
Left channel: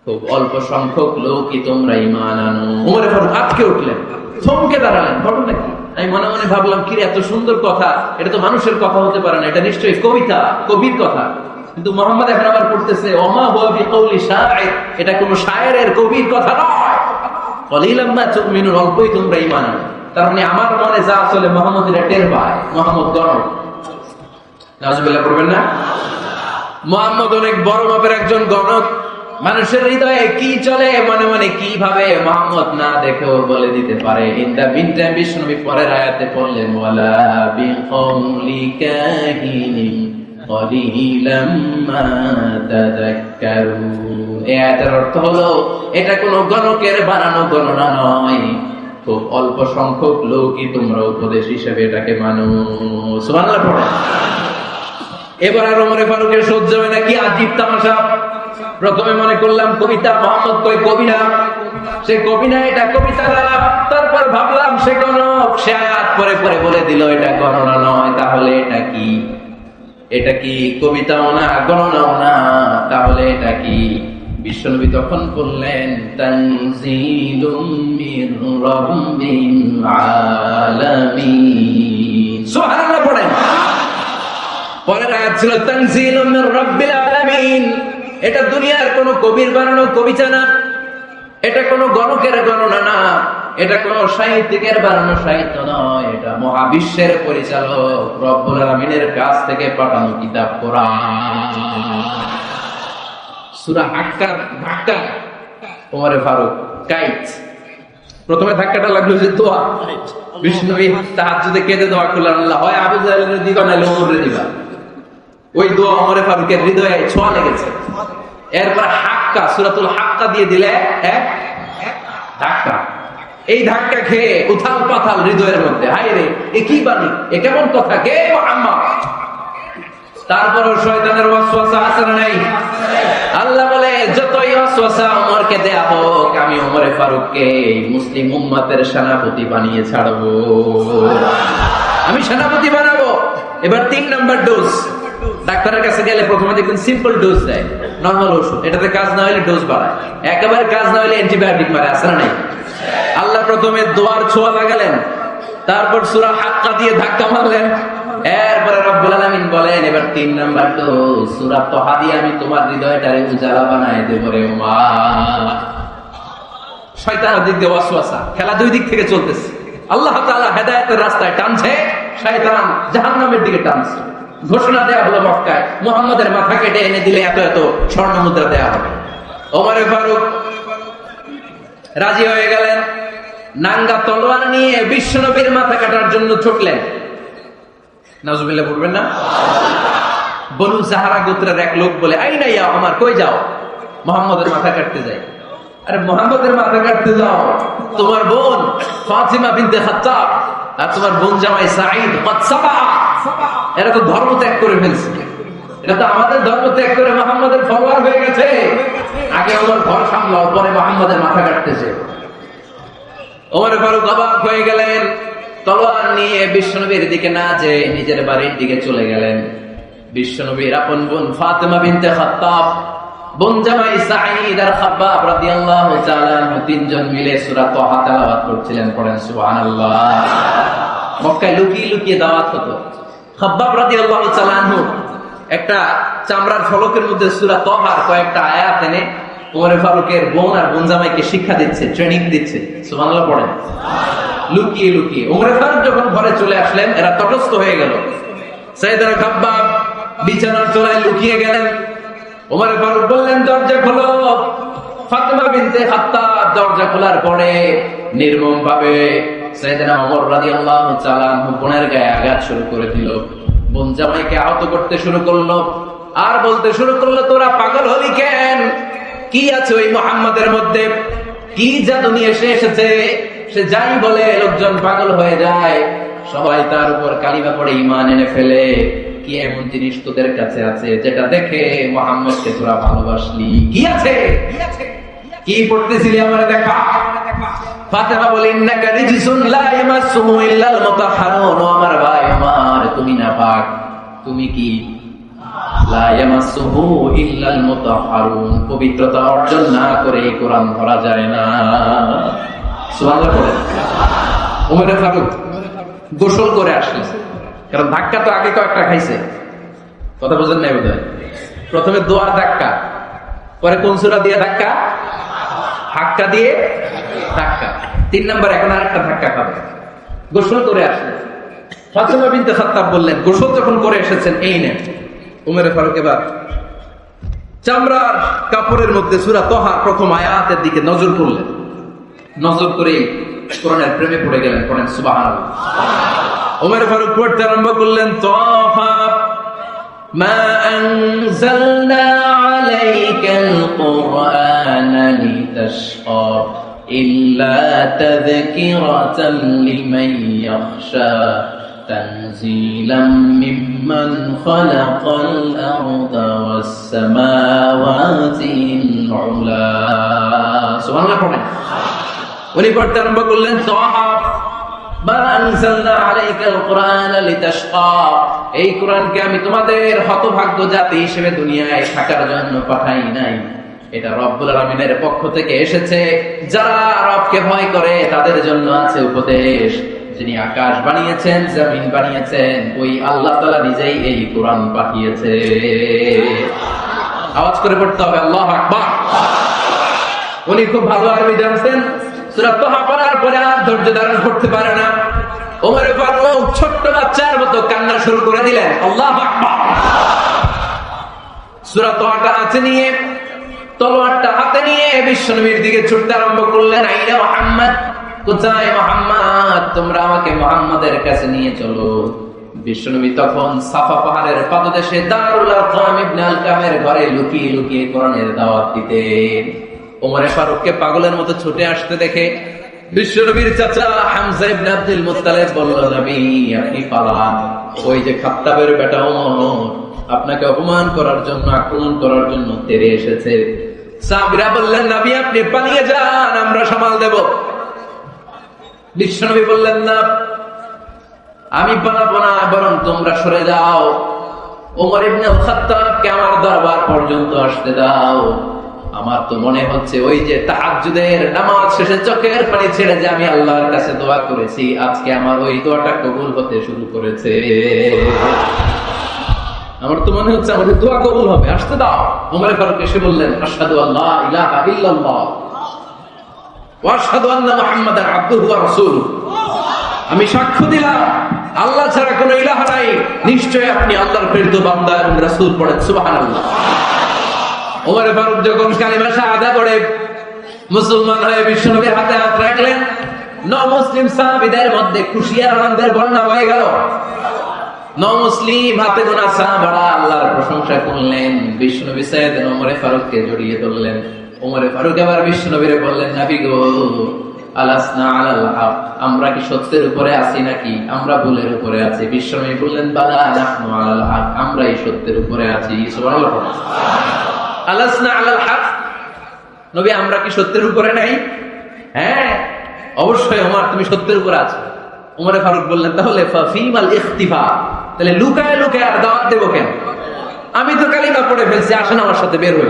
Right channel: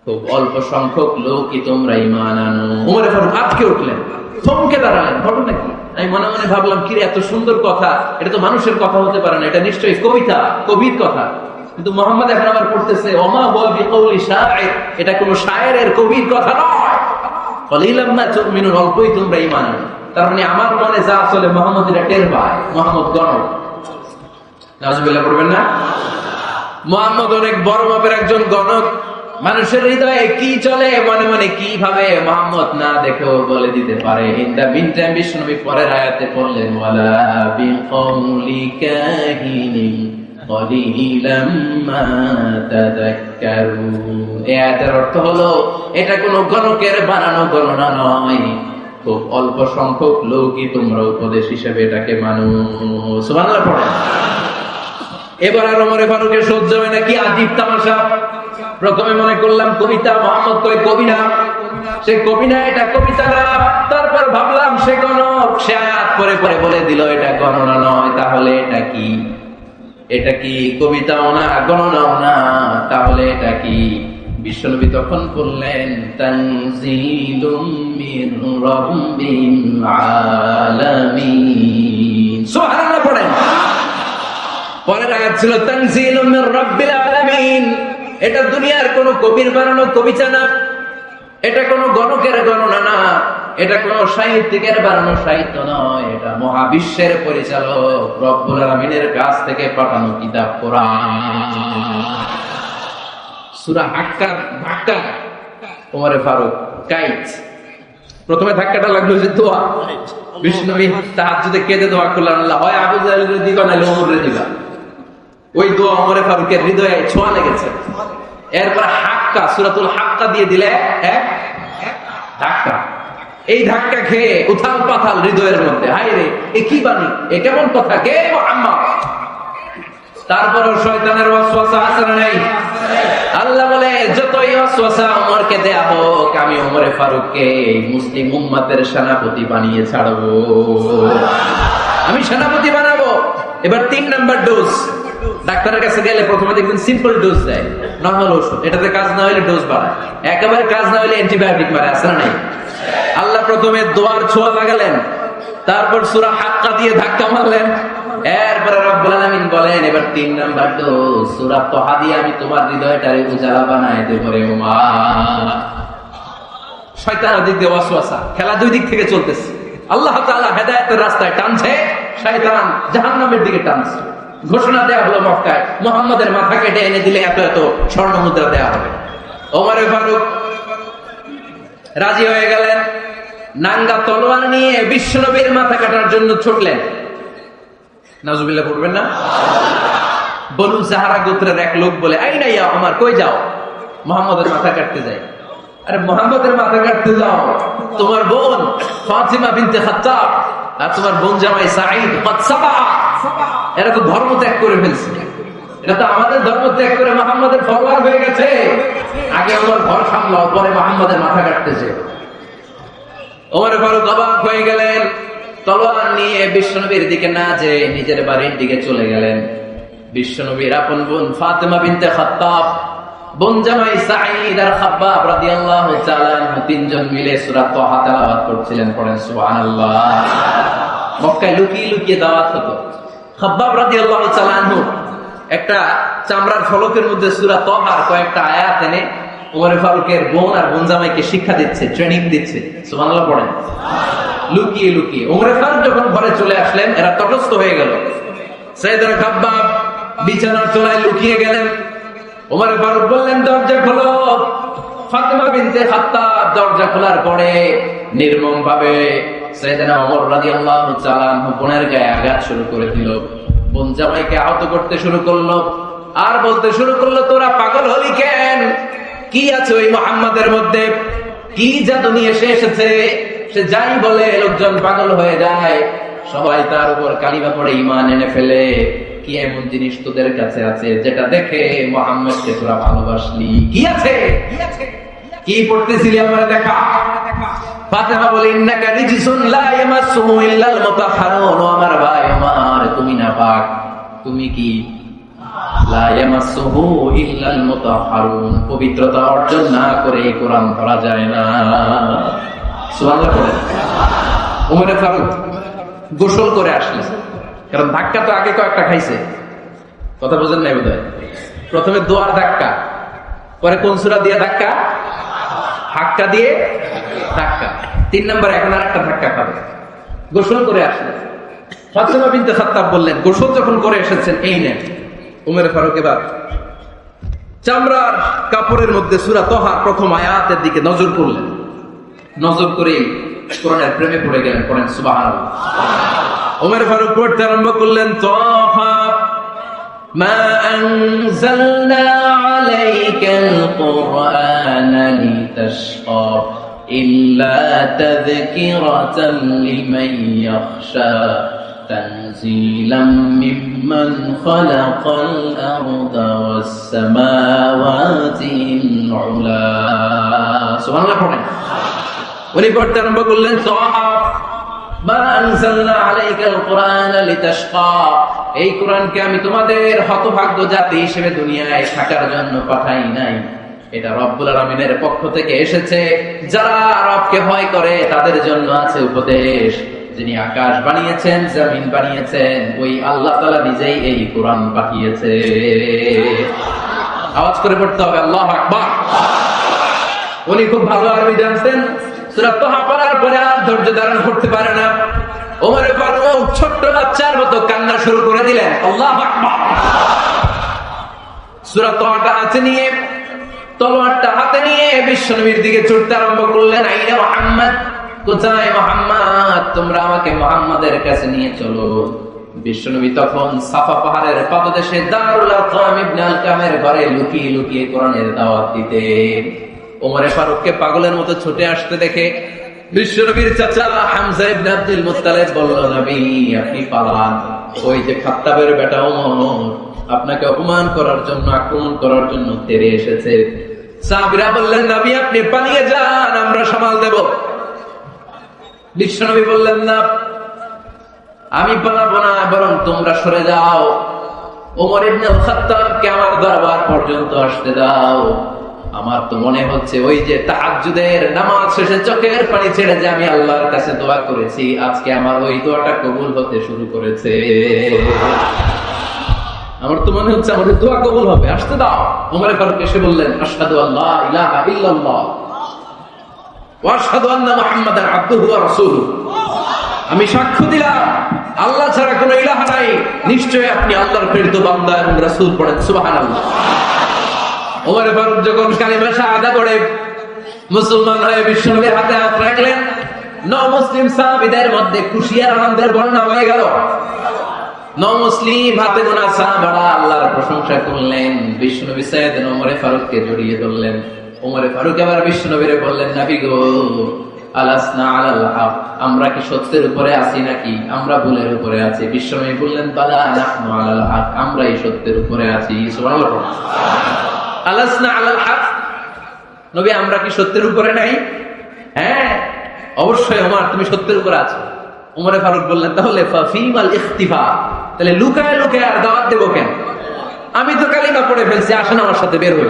খুব অল্প সংখ্যক লোকই তোমরা ঈমান আনো। ওমর ফারুক আটকে উঠলেন, থমকে দাঁড়ালেন। ঘটনা কি? আমি মনে মনে ভাবলাম, কি এত সুন্দর কথা, এটা তো মানুষের কথা হতে পারে না, এটা নিশ্চয়ই কবিতা, কবির কথা। কিন্তু মুহাম্মদ এখন আবার পড়তেছে ওমা হুয়া বিকাউলি শাইর, এটা কোনো শায়েরের কবির কথা নয়। কলিলাম মা তুমিনুন, অল্পই তোমরা ঈমান আনো। তার মানে আমার মনে যা আসলে মুহাম্মদের টের পায়, মুহাম্মদ গণক। নাউজুবিল্লাহ করবেন না? মুহাম্মদ অনেক বড় মাপের একজন গণক। মানুষের হৃদয়ে কি চলে, মনে মনে কি ভাবে, মুহাম্মদ না দেখেও বলে দিতে পারে। এটা বিনতে বিষ্ণু পরের আয়াতে পড়লেন ওয়ালা বিকাউলি কাহিনিন কলিলাম মা তাযাক্কারুন। এর অর্থ হলো এটা কোনো গণকের বানানো গণনা নয়, খুব অল্প সংখ্যক লোকই তোমরা উপদেশ হিসেবে এটাকে মানো। সুবহানাল্লাহ পড়ো। এবার আর ওমর ফারুকের সহ্য হয় না, কি আজীব তামাশা। প্রথমে মনে করলাম কবিতা, মুহাম্মদ কই কবি না, সে কবি না, এটা কবিতা না। তারপর ভাবলাম সে গণক, সে আয়াত পরে পরে বলে দিল এটা গণনা নয়, তাহলে এটা কি? এটা কি কবিতাও না, গণনাও না, তাহলে এটা কি? বিশ্বনবী তখন বললেন তানজিলুম মির রাব্বিল আলামিন। সুবহানাল্লাহ পড়েন। পরের আয়াত ছিল তানজিলুম মির রাব্বিল আলামিন। এটা দুনিয়ার কোন কবির বানানো কবিতা না, এটা কোন গণকের গণনা না, এটা কোন সাহিত্যিকের বানানো সাহিত্য নয়, এটা মহাবিশ্বের পরিচালক রব্বুল আলামিনের কাছ থেকে পাঠানো কিতাব কোরআন। সূরা হাক্কার ধাক্কা ওমর ফারুক কাইট। প্রথমে ধাক্কাটা লাগলো যে দোয়া, বিষ্ণুবী তাহাজ্জুদে কেঁদে দোয়া করলেন, আল্লাহ হয় আবু জাহলের দিবা না ওমরে দিবা। ওই দোয়া ওমর ফারুকের হৃদয়ে ছোঁয়া লেগেছে। এরপর হাক্কা, সূরাতুল হাক্কা দিয়ে দিলে এক ধাক্কা। এই ধাক্কা খেয়ে উথাল পাথাল হৃদয়ের মধ্যে, হায় রে এ কি বাণী, এ কেমন কথা, কে মুহাম্মদ? তারপর শয়তানের ওয়াসওয়াসা আছে না নাই? আল্লাহ বলে যতই ওয়াসওয়াসা ওমরকে দেয়া হোক, আমি ওমর ফারুককে মুসলিম উম্মতের সেনাপতি বানিয়ে ছাড়বো, আমি সেনাপতি বানাবো। এবার 3 নাম্বার ডোজ। ডাক্তারের কাছে গেলে প্রথমে দেখবেন সিম্পল ডোজ দেয়, নরমাল ওষুধ, এটাতে কাজ না হলে ডোজ বাড়ায়, একেবারে কাজ না হলে অ্যান্টিবায়োটিক মারে, আসলে নাই? আল্লাহ প্রথমে দোয়ার ছোঁয়া লাগালেন, তারপর সূরা হাক্কা দিয়ে ধাক্কা মারলেন, এরপরে রব্বুল আলামিন বলেন এবার 3 নাম্বার ডোজ সূরা তাহা দিয়ে আমি তোমার হৃদয়টারে উজালা বানায় দেব রে ওমর। শয়তান দিকে ওয়াসওয়াসা, খেলা দুই দিক থেকে চলতেছে। আল্লাহ তাআলা হেদায়েতের রাস্তায় টানছে, শয়তান জাহান্নামের দিকে টানছে। ঘোষণা দেওয়া হলো মক্কায়, মুহাম্মদের মাথা কেটে এনে দিলে এত স্বর্ণ মুদ্রা দেওয়া হবে। ওমর ফারুক রাজি হয়ে গেলেন, নাঙ্গা তলোয়ার নিয়ে বিশ্বনবীর মাথা কাটার জন্য ছুটলেন। নাউজুবিল্লাহ পড়বেন না? বনু সাহারা গোত্রের এক লোক বলে, আইডা ইয়া ওমর, কই যাও? মুহাম্মদের মাথা কাটতে যাই। আরে মুহাম্মদের মাথা কাটতে যাও? তোমার বোন ফাতিমা বিনতে খাত্তাব আর তোমার বোন জামাই সাঈদ মাতসাবা এরকম ধর্ম ত্যাগ করে ফেলছে। এটা তো আমাদের ধর্ম ত্যাগ করে মুহাম্মদের ফলোয়ার হয়ে গেছে। আগে ওমর ঘর সামলাও, পরে মুহাম্মদের মাথা কাটতেছে। ওমর ফারুক অবাক হয়ে গেলেন, তলোয়ার নিয়ে বিশ্বনবীর দিকে না যে নিজের বাড়ির দিকে চলে গেলেন। বিশ্বনবীর আপন বোন ফাতিমা বিনতে খাত্তাব, বোন জামাই সাঈদ আর খাব্বাব রাদিয়াল্লাহু তাআলা তিনজন মিলে সূরা তাহা তেলাওয়াত করছিলেন। পড়েন সুবহানাল্লাহ। মক্কায় লুকিয়ে লুকিয়ে দাওয়াত হতো। খাব্বাব রাদিয়াল্লাহু তাআলা একটা চামড়ার ফলকের মধ্যে সূরা তাহার কয়েকটা আয়াত এনে ওমর ফারুকের বোন আর বোন জামাইকে শিক্ষা দিচ্ছে, ট্রেনিং দিচ্ছে। সুবহানাল্লাহ পড়েন। লুকিয়ে লুকিয়ে ওমর ফারুক যখন ঘরে চলে আসলেন, এরা তটস্থ হয়ে গেল। সাইয়েদনা খাব্বাব বিছানার তলায় লুকিয়ে গেলেন। ওমর ফারুক বললেন, দরজা খোলো। ফাতিমা বিনতে খাত্তাব দরজা খোলার পরে নির্মম ভাবে সাইয়েদনা ওমর রাদিয়াল্লাহু তাআলা বোনের গায়ে আঘাত শুরু করে দিল। বোন জামাইকে আহত করতে শুরু করলো আর বলতে শুরু করলো, তোরা পাগল হলি কেন? কি আছে ওই মুহাম্মাদের মধ্যে? কি জাদু নিয়ে এসেছে? সে যাই বলে লোকজন পাগল হয়ে যায়, সবাই তার উপর কালিমা পড়ে ঈমান এনে ফেলে। কি এমন জিনিস তোদের কাছে আছে যেটা দেখে মুহাম্মদকে তোরা ভালোবাসলি? কি আছে? কি পড়তেছিলি আমারে দেখা। ফাতিমা বলে, ইন্নাকা রিজসুন লা ইয়ামাসসুহু ইল্লাল মুতাহহারুন। আমার ভাই আমার, তুমি না পাক, তুমি কি? লা ইয়ামাসসুহু ইল্লাল মুতাহহারুন, পবিত্রতা অর্জন না করে কোরআন পড়া যায় না। সুবহানাল্লাহ পড়েন। ওমর ফারুক গোসল করে আসলেন, কারণ ধাক্কা তো আগে কয়েকটা খাইছে। কথা বুঝেন নাই বোধহয়? প্রথমে দোয়ার ধাক্কা, পরে কোন সূরা দিয়ে ধাক্কা? হাক্কা দিয়ে ধাক্কা। 3 নাম্বার এখন আরেকটা ধাক্কা খাবে। গোসল করে আসলেন। ফাতিমা বিনতে খাত্তাব বললেন, গোসল যখন করে এসেছেন, এই নেন। ওমর ফারুক এবার চামড়ার কাপড়ের মধ্যে সূরা তাহার প্রথম আয়াতের দিকে নজর করলেন। নজর করে কোরআনের প্রেমে পড়ে গেলেন। পড়েন সুবহানাল্লাহ। ওমর ফারুক পড়তে আরম্ভ করলেন, তাহা মা আনজালনা আলাইকাল কুরআনা লিতাশকা ইল্লা তাযকিরাতান লিমান ইয়াখশা তানজিলাম মিম্মান খালাকাল আরদা ওয়াস সামাওয়াতিল উলা। সুবহানাল্লাহ পড়েন। ওই পড়তে আরম্ভ করলেন, তাহা মা আনজালনা আলাইকাল কুরআনা লিতাশকা, এই কোরআনকে আমি তোমাদের হতভাগ্য জাতি হিসেবে দুনিয়ায় থাকার জন্য পাঠাই নাই। এটা রব্বুল আলামিনের পক্ষ থেকে এসেছে। যারা রবকে ভয় করে তাদের জন্য আছে উপদেশ। যিনি আকাশ বানিয়েছেন, জমিন বানিয়েছেন, ওই আল্লাহ তাআলা নিজেই এই কোরআন পাঠিয়েছে। আওয়াজ করে পড়তে হবে আল্লাহু আকবার। উনি খুব ভালো আরবি জানতেন। সূরা তাহা পড়ার পরে আর ধৈর্য ধারণ করতে পারে না। ওমর ফারুক ছোট্ট বাচ্চার মতো কান্না শুরু করে দিলেন। আল্লাহু আকবার। সূরা তাহা হাতে নিয়ে, তলোয়ারটা হাতে নিয়ে বিশ্বনবীর দিকে ছুটতে আরম্ভ করলেন। আইয়া মুহাম্মদ, কোথায় মুহাম্মদ? তোমরা আমাকে মুহাম্মাদের কাছে নিয়ে চলো। বিশ্বনবী তখন সাফা পাহাড়ের পাদদেশে দারুল আরকাম ইবনে আল-কামের ঘরে লুকিয়ে লুকিয়ে কোরআনের দাওয়াত দিতেন। ওমর ফারুককে পাগলের মতো ছুটে আসতে দেখে বিশ্বনবীর চাচা হামজা ইবনে আব্দুল মুত্তালিব বললেন, নবী আপনি পালান। ওই যে খাত্তাবের বেটা ওমর আপনাকে অপমান করার জন্য, আক্রমণ করার জন্য তেড়ে এসেছে। সাহাবীরা বললেন, নবী আপনি পালিয়ে যান, আমরা সামাল দেব। বিশ্বনবী বললেন, না আমি পালাবো না, বরং তোমরা সরে যাও। ওমর ইবনে খাত্তাবকে আমার দরবার পর্যন্ত আসতে দাও। আমার তো মনে হচ্ছে ওই যে তাহাজ্জুদের নামাজ শেষে চোখের পানি ছেড়ে যে আমি আল্লাহর কাছে দোয়া করেছি, আজকে আমার ওই দোয়াটা কবুল হতে শুরু করেছে। আমার তো মনে হচ্ছে আমাদের দোয়া কবুল হবে, আসতে দাও। ওমর ফারুক এসে বললেন, আশহাদু আল্লা ইলাহা ইল্লাল্লাহ ওয়া আশহাদু আন্না মুহাম্মাদান আবদুহু ওয়া রাসূলুহু, আমি সাক্ষ্য দিলাম আল্লাহ ছাড়া কোনো ইলাহ নাই, নিশ্চয়ই আপনি আল্লাহর প্রেরিত বান্দা এবং রাসূল। পড়েন সুবহানাল্লাহ। ওমর ফারুক যখন কালেমা শাহাদাত পড়ে মুসলমান হয়ে বিশ্বনবীর হাতে হাত রাখলেন, নও-মুসলিম সাহাবীদের মধ্যে খুশি আর আনন্দের বন্যা হয়ে গেল। নও-মুসলিম হাতে গোনা সাহাবারা আল্লাহর প্রশংসা করলেন। বিশ্বনবী সাইয়েদনা ওমর ফারুককে জড়িয়ে ধরলেন। ওমর ফারুক আবার বিশ্বনবীরে বললেন, নবী গো, আলাসনা আলাল হক, আমরা কি সত্যের উপরে আছি নাকি আমরা ভুলের উপরে আছি? বিশ্বনবী বললেন, বালা নাহনু আলাল হক, আমরাই সত্যের উপরে আছি। সুবহানাল্লাহ। আলাসনা আলাল হক, নবী আমরা কি সত্যের উপরে নাই? হ্যাঁ অবশ্যই ওমর, তুমি সত্যের উপরে আছো। ওমর ফারুক বললেন, তাহলে ফাফিমাল ইখতিফা, তাহলে লুকায় লুকায় আর দাওয়াত দেব কেন? আমি তো কালিমা পড়ে ফেলছি, আসুন আমার সাথে বের হই।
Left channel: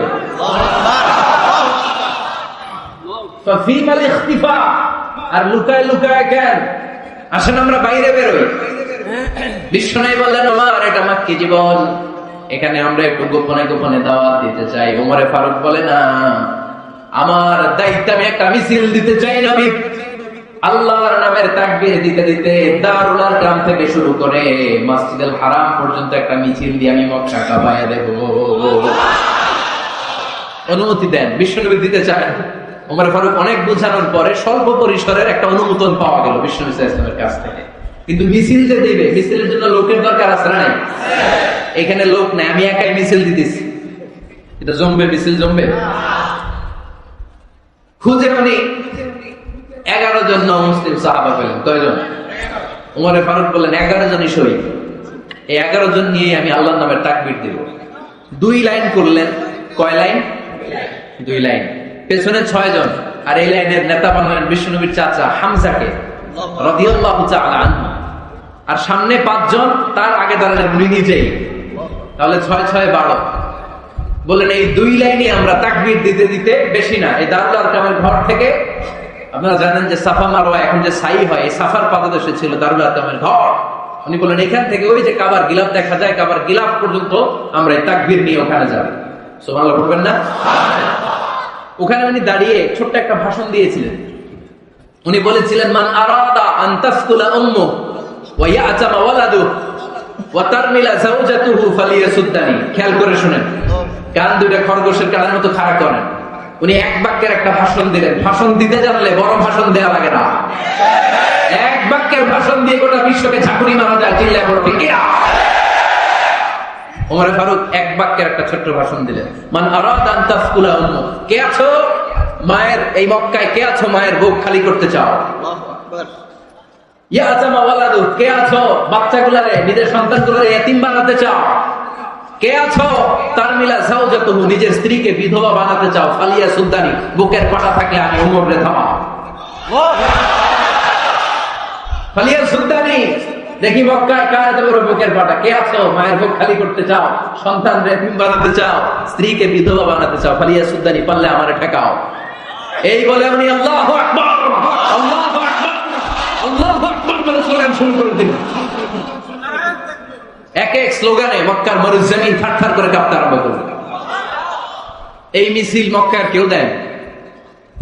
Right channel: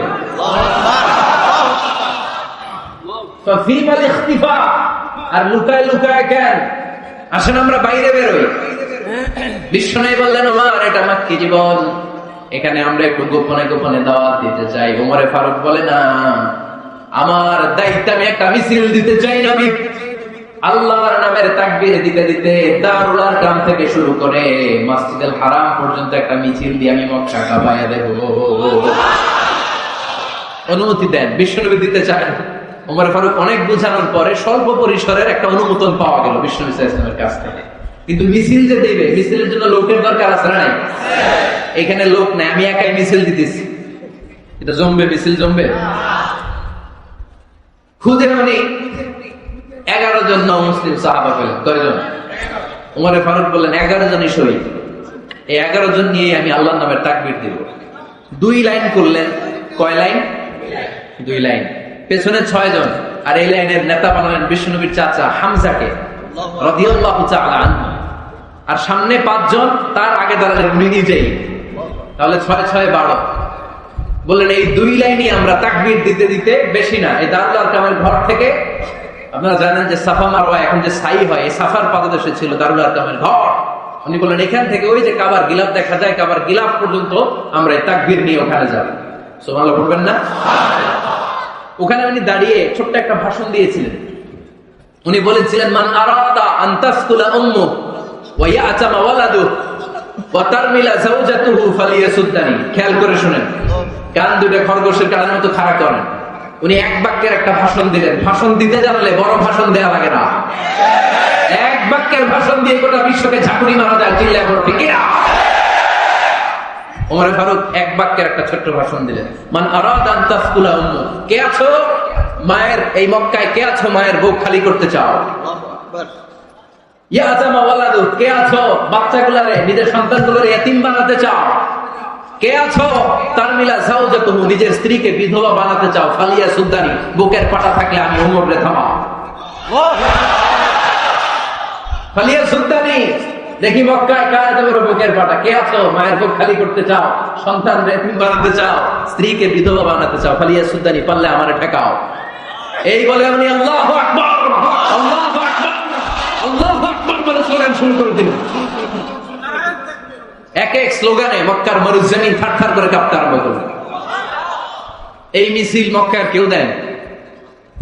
ফাফিমাল ইখতিফা, আর লুকায় লুকায় কেন? আসুন আমরা বাইরে বের হই। বিশ্বনবী বললেন, ওমর এটা মাক্কি জীবন, এখানে আমরা একটু গোপনে গোপনে দাওয়াত দিতে চাই। ওমর ফারুক বলে, না আমার দায়িত্ব, আমি একটা মিছিল দিতে চাই। নবী আল্লাহর নামের তাকবীর দিতে দিতে দারুল আরকাম থেকে শুরু করে মসজিদুল হারাম পর্যন্ত একটা মিছিল দিয়ে আমি মক্কা কাবায় দেব। অনুমতি দেন। বিশ্বনবী দিতে চান। ওমর ফারুক অনেক বোঝানোর পরে স্বল্প পরিসরের একটা অনুমোদন পাওয়া গেল বিশ্বনবী সাল্লাল্লাহু আলাইহি ওয়াসাল্লামের কাছ থেকে। কিন্তু মিছিল যে দেবে, মিছিলের জন্য লোকের দরকার আছে না? এখানে লোক নেই, আমি একাই মিছিল দিতেছি, এটা জমবে? মিছিল জমবে? খুদে মানে 11 জন মুসলিম সাহাবা পেলেন। কয়জন? ওমর ফারুক বললেন 11 জনই শহীদ। এই 11 জন নিয়ে আমি আল্লাহর নামে তাকবীর দিব। 2 লাইন করলেন। কয় লাইন? 2 লাইন। পেছনে 6 জন, আর এই লাইনের নেতা বানালেন বিষ্ণুবীর চাচা হামজাকে রাদিয়াল্লাহু তাআলা আনহু, আর সামনে 5 জন, তার আগে ধরলেন উনি নিজেই। তাহলে 6 6 12। বললেন এই 2 লাইনই আমরা তাকবীর দিতে দিতে, বেশি না, এই দারুল আরকামের ঘর থেকে, আপনারা জানেন যে সাফা মারওয়া এখন যে সাই হয়, এই সাফার পাদদেশে ছিল দারুল আরকামের ঘর। উনি বললেন এখান থেকে ওই যে কাবার গিলাফ দেখা যায়, কাবার গিলাফ পর্যন্ত আমরা এই তাকবীর নিয়ে ওখানে যাব। সুবহানাল্লাহ বলবেন না? ওখানে উনি দাঁড়িয়ে ছোট্ট একটা ভাষণ দিয়েছিলেন। উনি বলেছিলেন, মান আরাদা আন তাসকুলা উম্মু ওয়া ইয়াতামা ওয়ালাদু ওয়া তারমিলা যাওজাতুহু ফালিয়াসুদ্দানি। খেয়াল করে শুনেন, কান দুটো খরগোশের কানের মতো খাড়া করেন। উনি এক বাক্যের একটা ভাষণ দিলেন। ভাষণ দিতে জানলে বড় ভাষণ দেওয়া লাগে না। এক বাক্যের ভাষণ দিয়ে গোটা বিশ্বকে ঝাঁকুনি মারা যায়। চিল্লায় বড় ঠিক না? ওমর ফারুক এক বাক্যের একটা ছোট্ট ভাষণ দিলেন। মান আরাদা আন তাসকুলা উম্মু, কে আছো মায়ের এই মক্কায়, কে আছো মায়ের বুক খালি করতে চাও? ইয়াতামা ওয়ালাদু, কে আছো বাচ্চাগুলোরে, নিজের সন্তানগুলোরে এতিম বানাতে চাও? কে আছো তারমিলা যাওজাতুহু, নিজের স্ত্রীকে বিধবা বানাতে চাও? ফালিয়া সুলতানি, বুকের পাটা থাকলে আমি ওমর রে থামাও। ফালিয়া সুলতানি, দেখি মক্কায় কার দেবর বুকের পাটা, কে আছো মায়ের বুক খালি করতে চাও, সন্তান এতিম বানাতে চাও, স্ত্রীকে বিধবা বানাতে চাও, ফালিয়া সুলতানি, পারলে আমারে ঠেকাও। এই বলে উনি আল্লাহু আকবার, আল্লাহু আকবার, আল্লাহু আকবার বলে স্লোগান শুরু করে দিলেন। এক এক স্লোগানে মক্কার মরুর জমিন থারথার করে কাঁপতে আরম্ভ করল। এই মিছিল মক্কার কেউ দেন,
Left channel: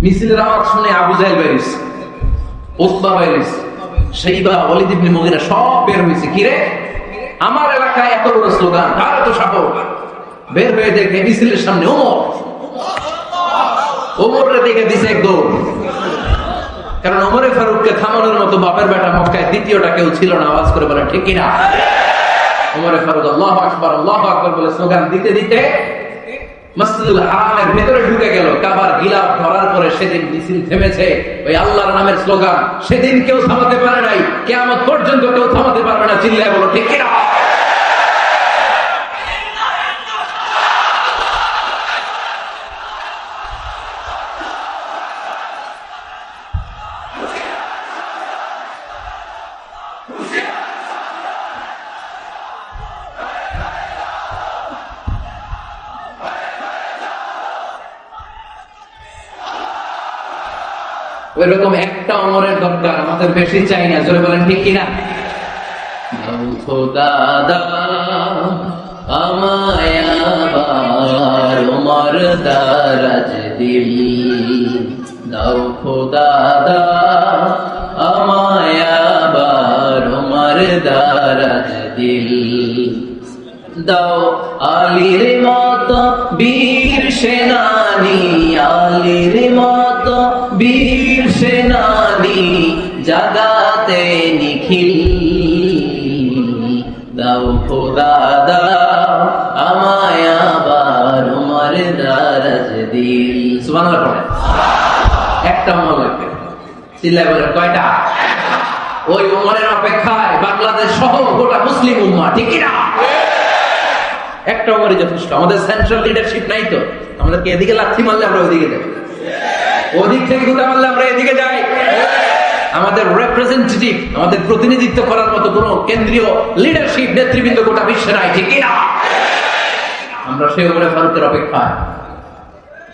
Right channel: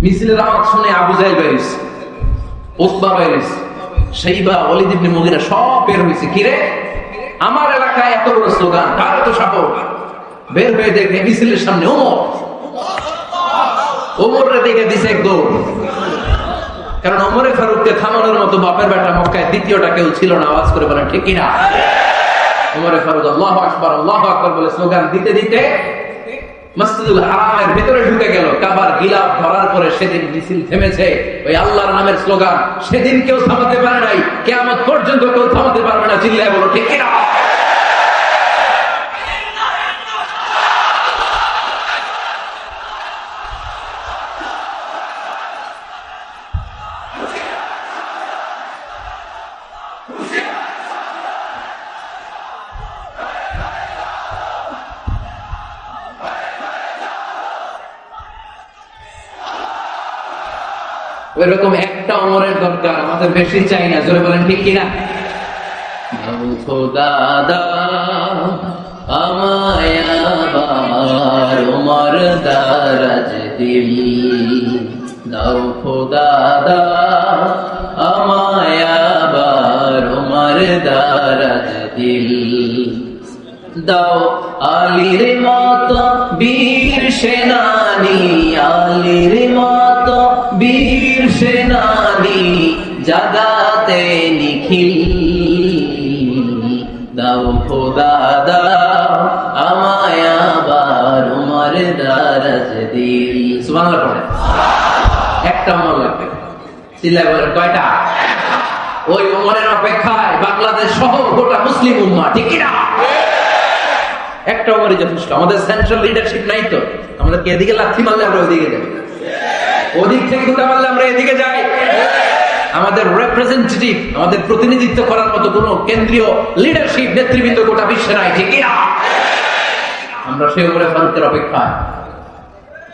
মিছিলের আওয়াজ শুনে আবু জাহেল বের হইছে, উতবা বের হইছে, শাইবা, ওয়ালিদ ইবনে মুগীরা সব বের হইছে। কি রে, আমার এলাকায় এত বড় স্লোগান, কার এত সাহস? বের হয়ে দেখে মিছিলের সামনে ওমরের দিকে দিছে এক দৌড়। কারণ ওমরে ফারুককে থামানোর মতো বাপের বেটা মক্কায় দ্বিতীয়টা কেউ ছিল না। আওয়াজ করে বলেন ঠিক কিনা? ওমরে ফারুক আল্লাহু আকবার, আল্লাহু আকবার বলে স্লোগান দিতে দিতে মসজিদুল হারামের ভিতরে ঢুকে গেল। কাবার গিলাফ ধরার পরে সেদিন মিছিল থেমেছে। ওই আল্লাহর নামের স্লোগান সেদিন কেউ থামাতে পারে নাই, কিয়ামত পর্যন্ত কেউ থামাতে পারবে না। চিল্লায় বলো ঠিক কিনা? ওইরকম একটা ওমরের দরকার, আমাদের বেশি চাই না। জোরে বলেন ঠিক কিনা? খোদা আমায় আবার ওমর দারাজ দিল, দাও খোদা আমায় আবার ওমর দারাজ দিল, দাও আলীর মতো বীর সেনানী, আলীর মতো বীর সেনানী জাগাতে নিখিল, দাও খোদা দাও আমায় আবার উমর দারাজ দিল। সুবহানাল্লাহ। একটা মনে লাগবে, চিল্লায় বলেন কয়টা? ওই উমরের অপেক্ষায় বাংলাদেশ সহ গোটা মুসলিম উম্মাহ, ঠিক কিনা? একটা ওমরই যথেষ্ট। আমাদের সেন্ট্রাল লিডারশিপ নাই তো, আমাদের এদিকে লাথি মারলে আমরা ওদিকে যাই, ওদিক থেকে গুটা মারলে আমরা এদিকে যাই। আমাদের রিপ্রেজেন্টেটিভ, আমাদের প্রতিনিধিত্ব করার মতো কোন কেন্দ্রীয় লিডারশিপ নেতৃবৃন্দ গোটা বিশ্বে নাই, ঠিক কিনা? আমরা সেই ওমরে ফারুকের অপেক্ষায়,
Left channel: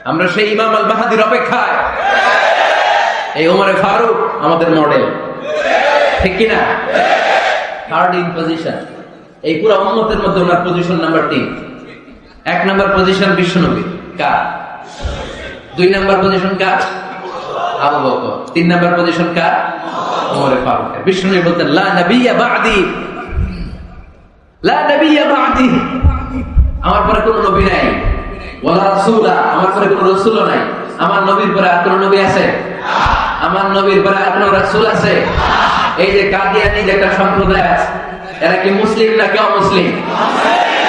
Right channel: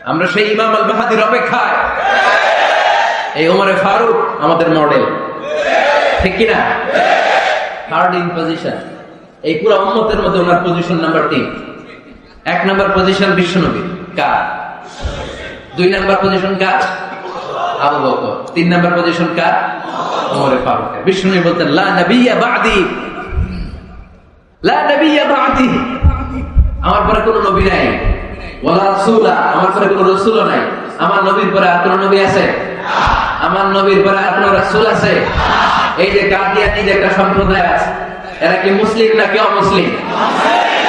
আমরা সেই ইমাম আল মাহদির অপেক্ষায়। এই ওমরে ফারুক আমাদের মডেল, ঠিক কিনা? থার্ড ইন পজিশন এই পুরো উম্মতের মধ্যে ওনার পজিশন নাম্বার 3। 1 নাম্বার পজিশন বিশ্বনবী, কার? 2 নাম্বার পজিশন কার? আবু বকর। 3 নাম্বার পজিশন কার? ওমরে ফারুক। বিশ্বনবী বলতেন লা নবিয়্যা বা'দি, লা নবিয়্যা বা'দি, আমার পরে কোনো নবী নাই, ওয়ালা রাসূলা, আমার পরে কোনো রাসূল নাই। আমার নবীর পরে আর কোনো নবী আছে? আমার নবীর পরে আর কোনো রাসূল আছে? এই যে কাদিয়ানী একটা সম্প্রদায় আছে, এরা কি মুসলিম নাকি অমুসলিম?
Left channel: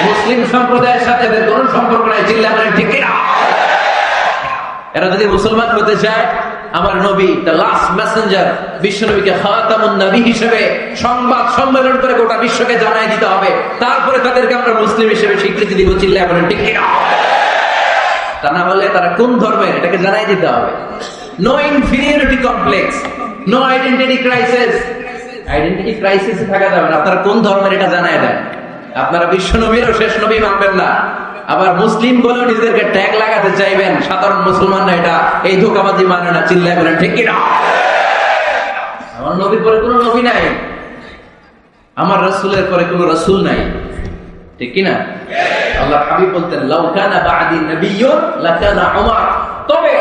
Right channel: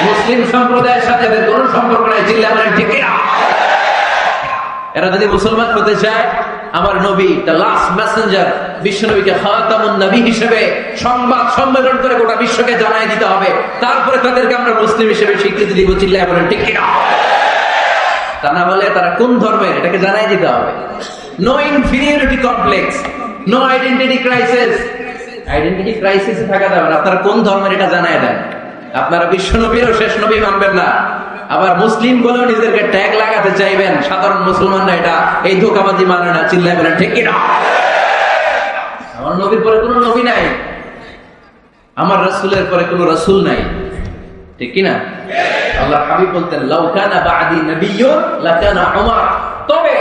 মুসলিম সম্প্রদায়ের সাথে কোন সম্পর্ক নাই, চিল্লাবেন ঠিক কিনা? এরা যদি মুসলমান হতে চায়, আমার নবী দ্য লাস্ট মেসেঞ্জার বিশ্ব নবীকে খাতামুন নবী হিসেবে সংবাদ সম্মেলন করে গোটা বিশ্বকে জানাই দিতে হবে, তারপরে তাদেরকে আমরা মুসলিম হিসেবে স্বীকৃতি দিব, চিল্লাবেন ঠিক কিনা? তা না হলে তারা কোন ধর্মের এটাকে জানাই দিতে হবে। No inferiority complex, no identity crisis. Identity crisis থাকা যাবে না, আপনারা কোন ধর্মের এটা জানাই দেন। আপনারা বিশ্ব নবীর আর শেষ নবী মানবেন না, আবার মুসলিম বলে নিজেদেরকে ট্যাগ লাগাতে চাইবেন। সাধারণ মুসলমানরা এটা এই ধোঁকাবাজি মানে না, চিল্লাবেন ঠিক কিনা? আমার নবীর পরে কোনো নবী নাই, আমার রাসূলের পরে কোনো রাসূল নাই, ঠিক কিনা? আল্লাহ হাবিব বলতেন লাউ কানা বা'দি নাবিয়্যুন লাকানা উমর, তবে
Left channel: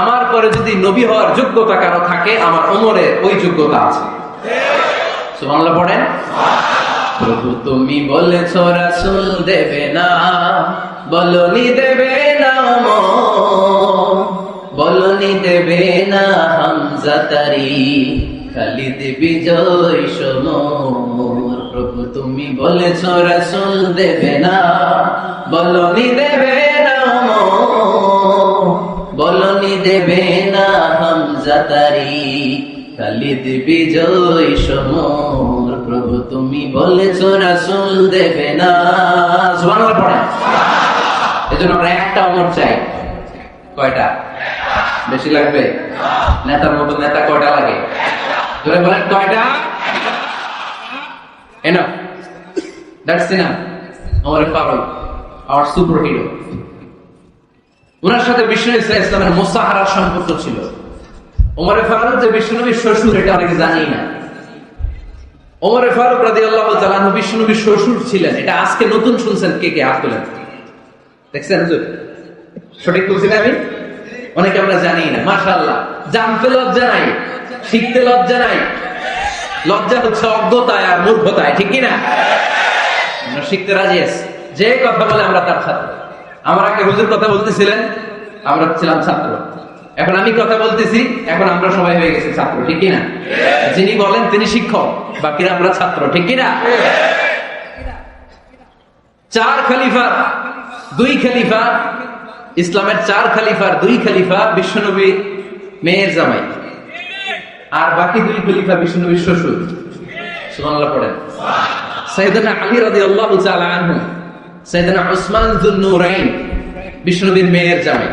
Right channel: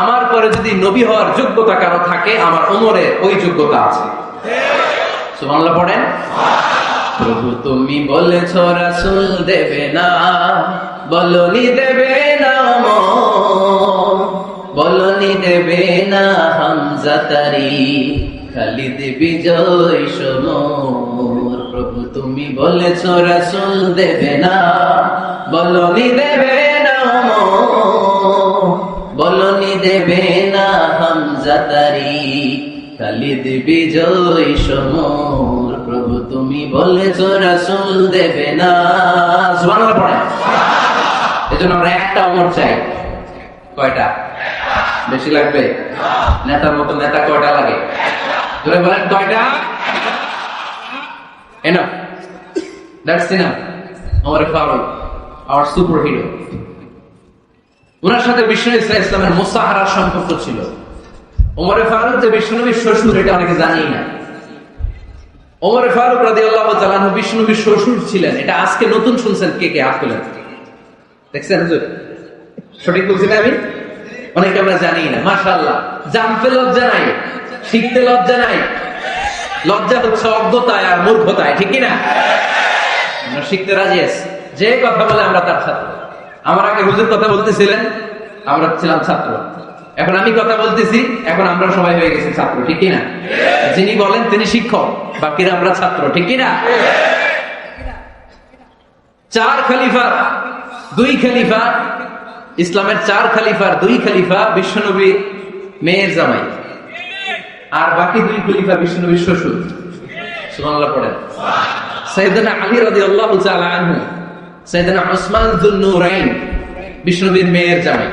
আমার পরে যদি নবী হওয়ার যোগ্যতা কারো থাকে, আমার উমরের ওই যোগ্যতা আছে। সুবহানাল্লাহ পড়েন। প্রভু তুমি বলেছ রাসূল দেবে না, বলনি দেবে না, বলনি দেবে না হামজা তারি, খালিদ বিজয় সমর। প্রভু তুমি বলেছ রাসূল দেবে না, বলনি দেবে না, বলনি দেবে না হামজা তারি, খালিদ বিজয় সমর। প্রভু তুমি বলেছ রাসূল দেবে না। সুবহানাল্লাহ পড়ে। এজন্য আমরা একটা ওমর চাই। কয়টা? বেশি লাগে না? নেতার মতো নেতা কয়টা লাগে? জোরে বলেন কয়টা? Enough. That's enough. Umar Faruq, our superhero. ওনার সাথে বিশ্বনবী সাল্লাল্লাহু আলাইহি ওয়াসাল্লামের মুসাহারার সম্পর্ক ছিল। ওমর ফারুক যে বিশ্বনবীর শ্বশুর এটা অনেকে জানি না। ওমর ফারুক রাদিয়াল্লাহু তাআলা আনহু বিশ্বনবীর শ্বশুর ছিলেন। এটা আজকে নতুন শুনছেন কে কে আসলে। দেখছেন হুজুর? সঠিক বলছেন আমি? অনেকে আমরা জানি না। মাশাআল্লাহ। জানতে লজ্জা নাই, শিখতে লজ্জা নাই। লজ্জা হচ্ছে অজ্ঞতায় আর মূর্খতায়, ঠিক কি না? আমরা শিখতে রাজি আছি। যে কথা বলে আমরা তার ছাত্র। আমার আগে হুজুর কথা বলতেছিলেন, আমরা ছিলাম ছাত্র। এখন আমি কথা বলতেছি, এখন আমরা সবাই হয়ে গেছি ছাত্র, ঠিক কি না? যিনি বলেন তিনি শিক্ষক, বাকিরা আমরা ছাত্র, ঠিক কি না? 4 খলিফা, 2 খলিফা, ইসলামের 4 খলিফার 2 খলিফা বিশ্বনবী মেয়ের জামাই, আর বাকি 2 খলিফা বিশ্বনবীর শ্বশুর। সুবহানাল্লাহ পড়েন। সাইয়েদনা আলী রাদিয়াল্লাহু তাআলা আনহু, সাইয়েদনা উসমান যুন নূরাইন বিশ্বনবীর মেয়ের জামাই।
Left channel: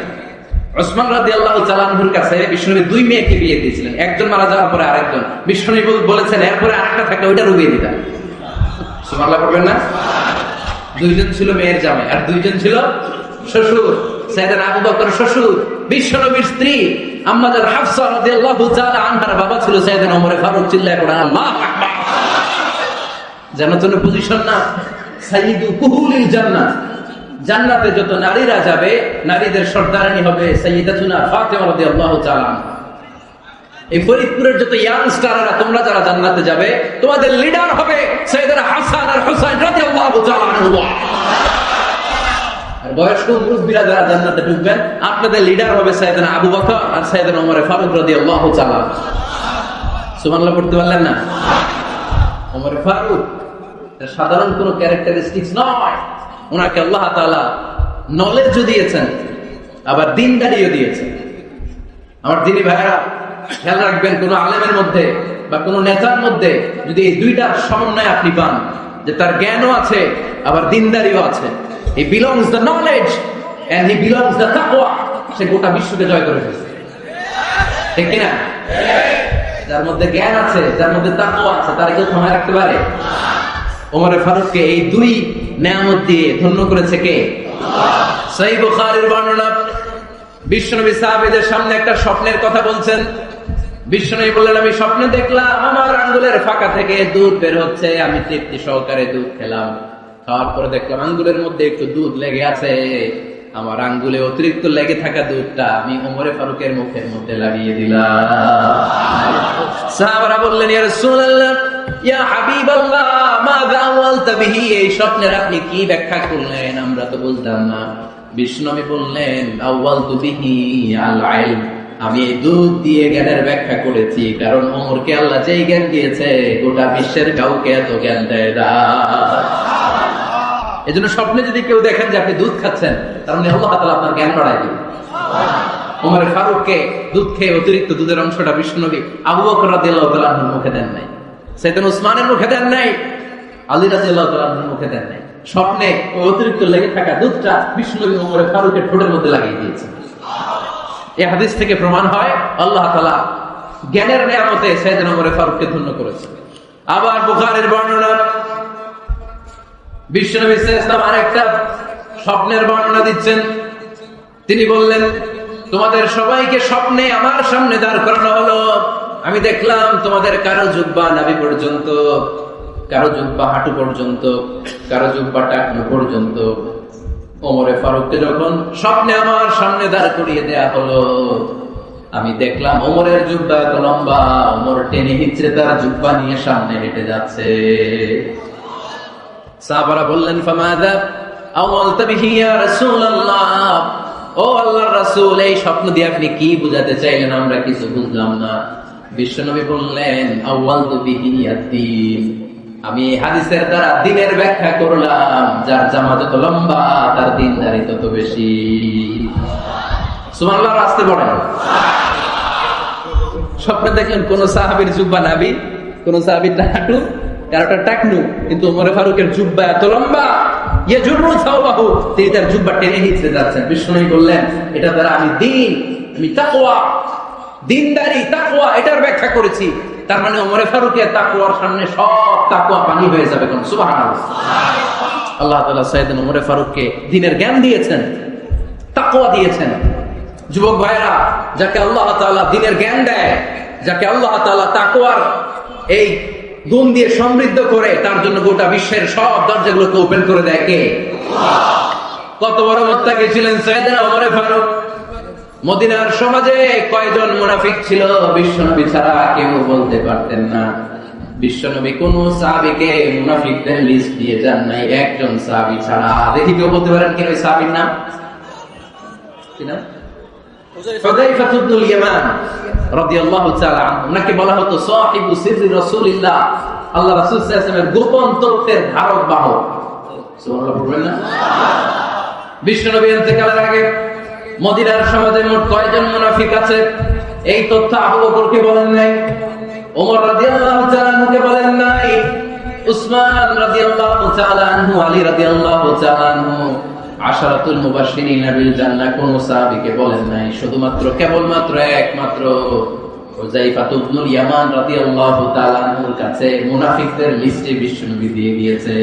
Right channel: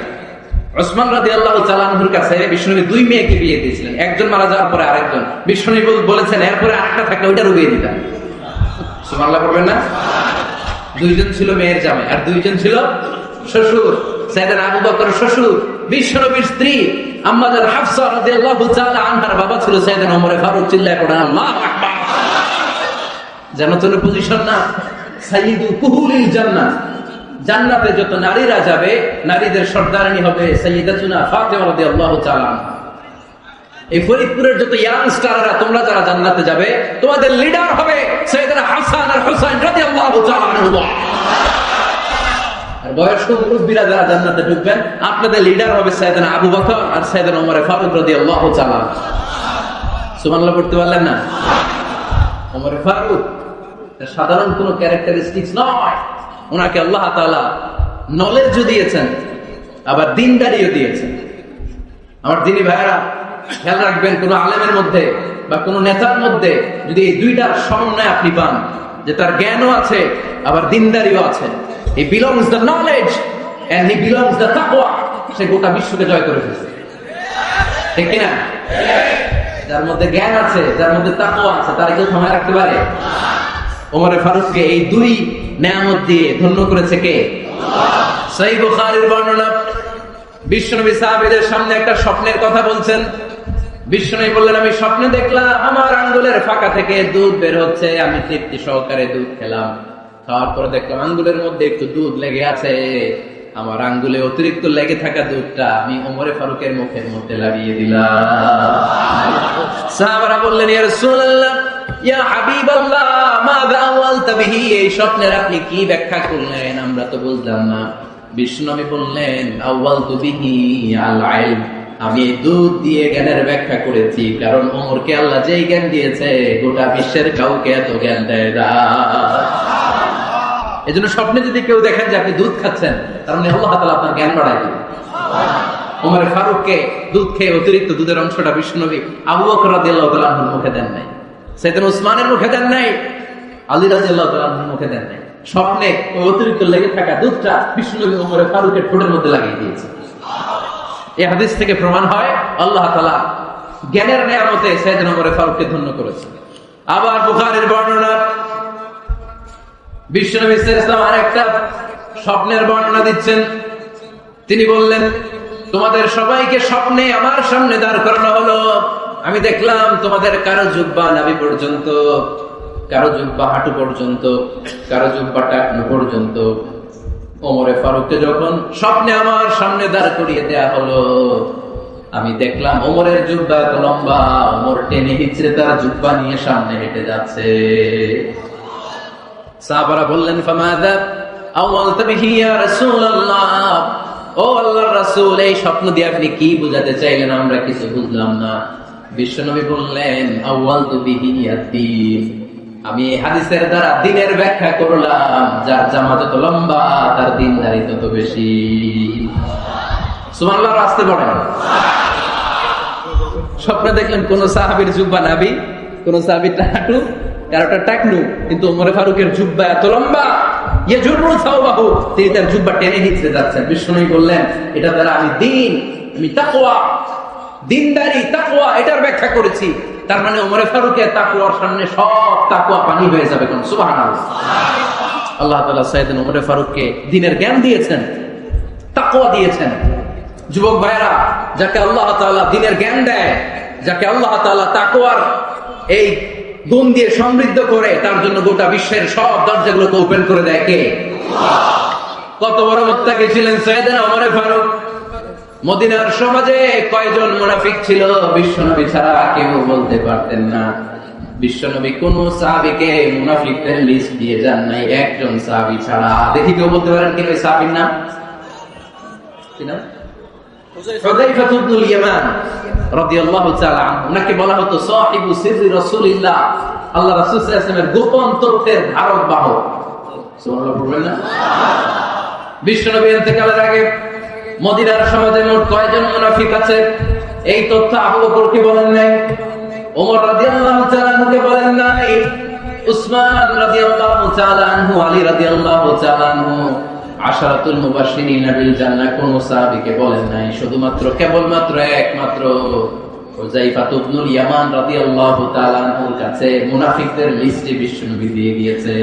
উসমান রাদিয়াল্লাহু তাআলা আনহুর কাছে বিশ্বনবী 2 মেয়েকে বিয়ে দিয়েছিলেন। একজন মারা যাওয়ার পরে আরেকজন। বিশ্বনবী বলেছেন এরপরে আরেকটা থাকলে ওইটারও বিয়ে দিতাম। সুবহানাল্লাহ পড়বেন না? 2 জন ছিল মেয়ের জামাই আর 2 জন ছিল শ্বশুর। সাইয়েদনা আবু বকর শ্বশুর, বিশ্বনবীর স্ত্রী আম্মা জান হাফসা রাদিয়াল্লাহু তাআলা আনহার বাবা ছিল সাইয়েদনা ওমর ফারুক। চিল্লায়ে পড়া আল্লাহু আকবার। জান্নাতুল পজিশন না, সাইয়্যিদু কুহুলিল জান্নাত। জান্নাতে যত নারীরা যাবে, নারীদের সর্দারিনী হবে সাইয়্যিদাতুনা ফাতেমা রাদিয়াল্লাহু তাআলা আনহা। এই ফরিদপুরের যত ইয়াংস্টাররা তোমরা যারা জান্নাতে যাবে, তোমাদের লিডার হবে সাইয়েদনা হাসান আর হুসাইন রাদিয়াল্লাহু তাআলা আনহু। আর বয়স্ক মুরব্বিরা যারা জান্নাতে ঢুকবেন, আপনাদের লিডার হবে সাইয়েদনা আবু বকর আর সাইয়েদনা ওমর ফারুক রাদিয়াল্লাহু তাআলা। সুবহানাল্লাহ পড়তে পারলেন না? ওমর ফারুক সাধারণ কোন ক্যারেক্টারিস্টিক্স নয়। ওনাকে আল্লাহ তাআলা নলেজও দিয়েছেন, আবার দ্বীনদারিও দিয়েছেন। আমার দ্বীনী ভাইরা খেয়াল রাখবেন, কোন আলেমের মধ্যে বা কোন নেতার মধ্যে যদি এই দুইটার সমন্বয় আপনি পান, যে তার জ্ঞানও আছে আবার দ্বীনদারিও আছে, he belongs the knowledge and he belongs the taqwa, সে গোটা বিশ্বকে জয় করে ফেলছে, ঠিক না? যার মধ্যে জ্ঞান আছে, যার মধ্যে তাকওয়া আছে, তার কেউ ক্ষমা রাখতে পারে? ওমর ফারুককে এই 2 নেয়ামত দিয়ে ধন্য করেছে কে? সহিহ বুখারীর বর্ণনা। বিশ্বনবী সাহাবীদের সামনে একটা স্বপ্নের কথা বলছেন। বিশ্বনবী বললেন, আমি স্বপ্নে দেখলাম আমার আঙ্গুলের ফাঁকা থেকে দুধ বের হচ্ছে। আমি তৃপ্তি সহকারে দুধ খেলাম। খাওয়ার পরে দেখলাম আঙ্গুলের মধ্যে একটু দুধ লেগে আছে। আমার আঙ্গুলে অতিরিক্ত লেগে থাকা দুধটা আমি ওমর ফারুকের মুখের মধ্যে লাগিয়ে দিলাম। সাহাবারা বললেন, ইয়া রাসূলুল্লাহ, ইয়া হাবিবাল্লাহ, মাযা আওয়ালতা বিহি, এই স্বপ্নের আপনি কি ব্যাখ্যা করলেন? আমরা তো বুঝলাম না। বিষ্ণুনবী বললেন, আওয়ালতু বিহি আল ইলম, আমি এই দুধ দিয়ে জ্ঞানের ব্যাখ্যা করেছি। কারণ ওমরকে আল্লাহ যেই জ্ঞান দিয়েছে, গোটা বিশ্বের কাউকে এত জ্ঞান দেয় না। এজন্য স্বপ্নে যদি কেউ দেখেন যে আপনি দুধ খাচ্ছেন, তার মানে আল্লাহ তাআলা আপনার জ্ঞান বাড়ায় দিবেন। ওমর ফারুককে দুধ খেয়ে অতিরিক্ত দুধের অংশটা বিশ্বনবী আবু বকর রাদিয়াল্লাহু তাআলা আনহুর মুখে দেন নাই, সাইয়েদনা উসমানের মুখে দেন নাই, আলী রাদিয়াল্লাহু তাআলা আনহুর মুখে দেন নাই। স্বপ্নে ওই অতিরিক্ত লেগে থাকা দুধটা বিশ্বনবী ওমর ফারুকের ঠোঁটের মধ্যে লাগিয়ে দিয়েছে। এই হাদিস থেকে প্রমাণ হয় আল্লাহ তাআলা জ্ঞানের নিয়ামতে সাইয়েদনা ওমর ফারুককে ধন্য করেছে। আবার বুখারীর বর্ণনা, বিশ্বনবী সাল্লাল্লাহু আলাইহি ওয়াসাল্লাম আরেকটা স্বপ্নের বর্ণনা দিচ্ছেন। তিনি বললেন, তোমাদের সবাইকে স্বপ্নে আমার সামনে দাঁড় করানো হলো। আমি দেখলাম তোমাদের কারো জুব্বা নাভি পর্যন্ত, কারো জুব্বা হাঁটু পর্যন্ত, কারো জুব্বা টাকনু পর্যন্ত। ওমর ফারুককে যখন স্বপ্নে আমার সামনে দাঁড় করিয়ে দেয়া হলো, আমি দেখলাম ওমরের জুব্বা এত লম্বা, ওমর টেনে হিচড়ে তার জুব্বা নিয়ে সামনে হেঁটে যাচ্ছে। সাহাবারা বললেন, ফামাযা আওয়ালতা বিহি ইয়া রাসূলুল্লাহ, ও আল্লাহর রাসূল, এই স্বপ্ন দিয়ে আপনি কি বোঝাতে চাইলেন? আমরা কিছু বুঝলাম না। বিশ্বনবী বললেন, আওয়ালতু বিহি আদ-দীন, আমি এই হাদিসের দ্বারা দ্বীনের ব্যাখ্যা করলাম। যার জামা যত লম্বা, তার দ্বীনদারি তত বেশি। সুবহানাল্লাহ, আসতে বলেন। স্বপ্নে দেখলেন কোন সাহাবীর জুব্বা নাভি, কোন সাহাবীর হাঁটু, কারোটা টাকনু, কিন্তু ওমর ফারুকের জুব্বা এত লম্বা, ইয়াজুরু সাওবাহু, তিনি তার জুব্বা টেনে নিচে যাচ্ছেন। বিশ্বনবী বললেন, এটা দ্বারা আমি দ্বীন, আমি তাকওয়া, দ্বীনদারি, তাকওয়া, এটার ব্যাখ্যা করেছি। তার মানে ওমর ফারুকের তাকওয়ার সামনে সব তাকওয়া পানি হয়ে যাবে। সুবহানাল্লাহ। আল্লাহ তাআলা সাইয়েদনা ওমর ফারুককে দ্বীনের জ্ঞান দিয়েছেন, তাকওয়া দিয়েছেন। যুবক ভাইরা, যাকে আল্লাহ তাআলা দ্বীনের জ্ঞান দেয়, যাকে আল্লাহ তাআলা তাকওয়ার এই গুণ দিয়ে সমৃদ্ধ করে, তার জন্য গোটা বিশ্বের সব দরজাগুলোকে ওপেন করে দেয় কে? কত বড় মুত্তাকি ছিলেন সাইয়েদনা ওমর ফারুক। মদিনার সমাজে কয়জন মুনাফিক ছিল বিশ্বনবী ছাড়া কেউ বলতে পারতেন না। বিশ্বনবী কোন সাহাবীকে মুনাফিকদের লিস্ট দিয়ে যান নাই, একজন সাহাবী ছাড়া। দেখি কেউ বলতে পারেন কি ওই সাহাবীর নাম? কি নাম? হুযায়ফা ইবনুল ইয়ামান রাদিয়াল্লাহু তাআলা আনহু। উনাকে বলা হতো সাহিবু সিররি রাসূলিল্লাহ, আল্লাহ রাসূল সাল্লাল্লাহু আলাইহি ওয়াসাল্লামের গোপন তথ্যের ধারক বাহক। সুবহানাল্লাহ। বিশ্বনবী ইন্তেকালের আগে মদিনার সমাজে মোট কয়জন মুনাফিক আছে এই তথ্য আবু বকরকে বলেন নাই, ওমর রাদিয়াল্লাহু তাআলা আনহুকে বলেন নাই, উসমান রাদিয়াল্লাহু তাআলা আনহু, আলী রাদিয়াল্লাহু তাআলা আনহু, আশরাতুল মুবাশশিরিন বিল জান্নাহ কোন সাহাবীকে বলেন নাই। শুধুমাত্র কেবলমাত্র একমাত্র হুযায়ফা ইবনুল ইয়ামান রাদিয়াল্লাহু তাআলা আনহুর কাছে মুনাফিকদের লিস্টে বিশ্বনবী দিয়ে দিয়েছে।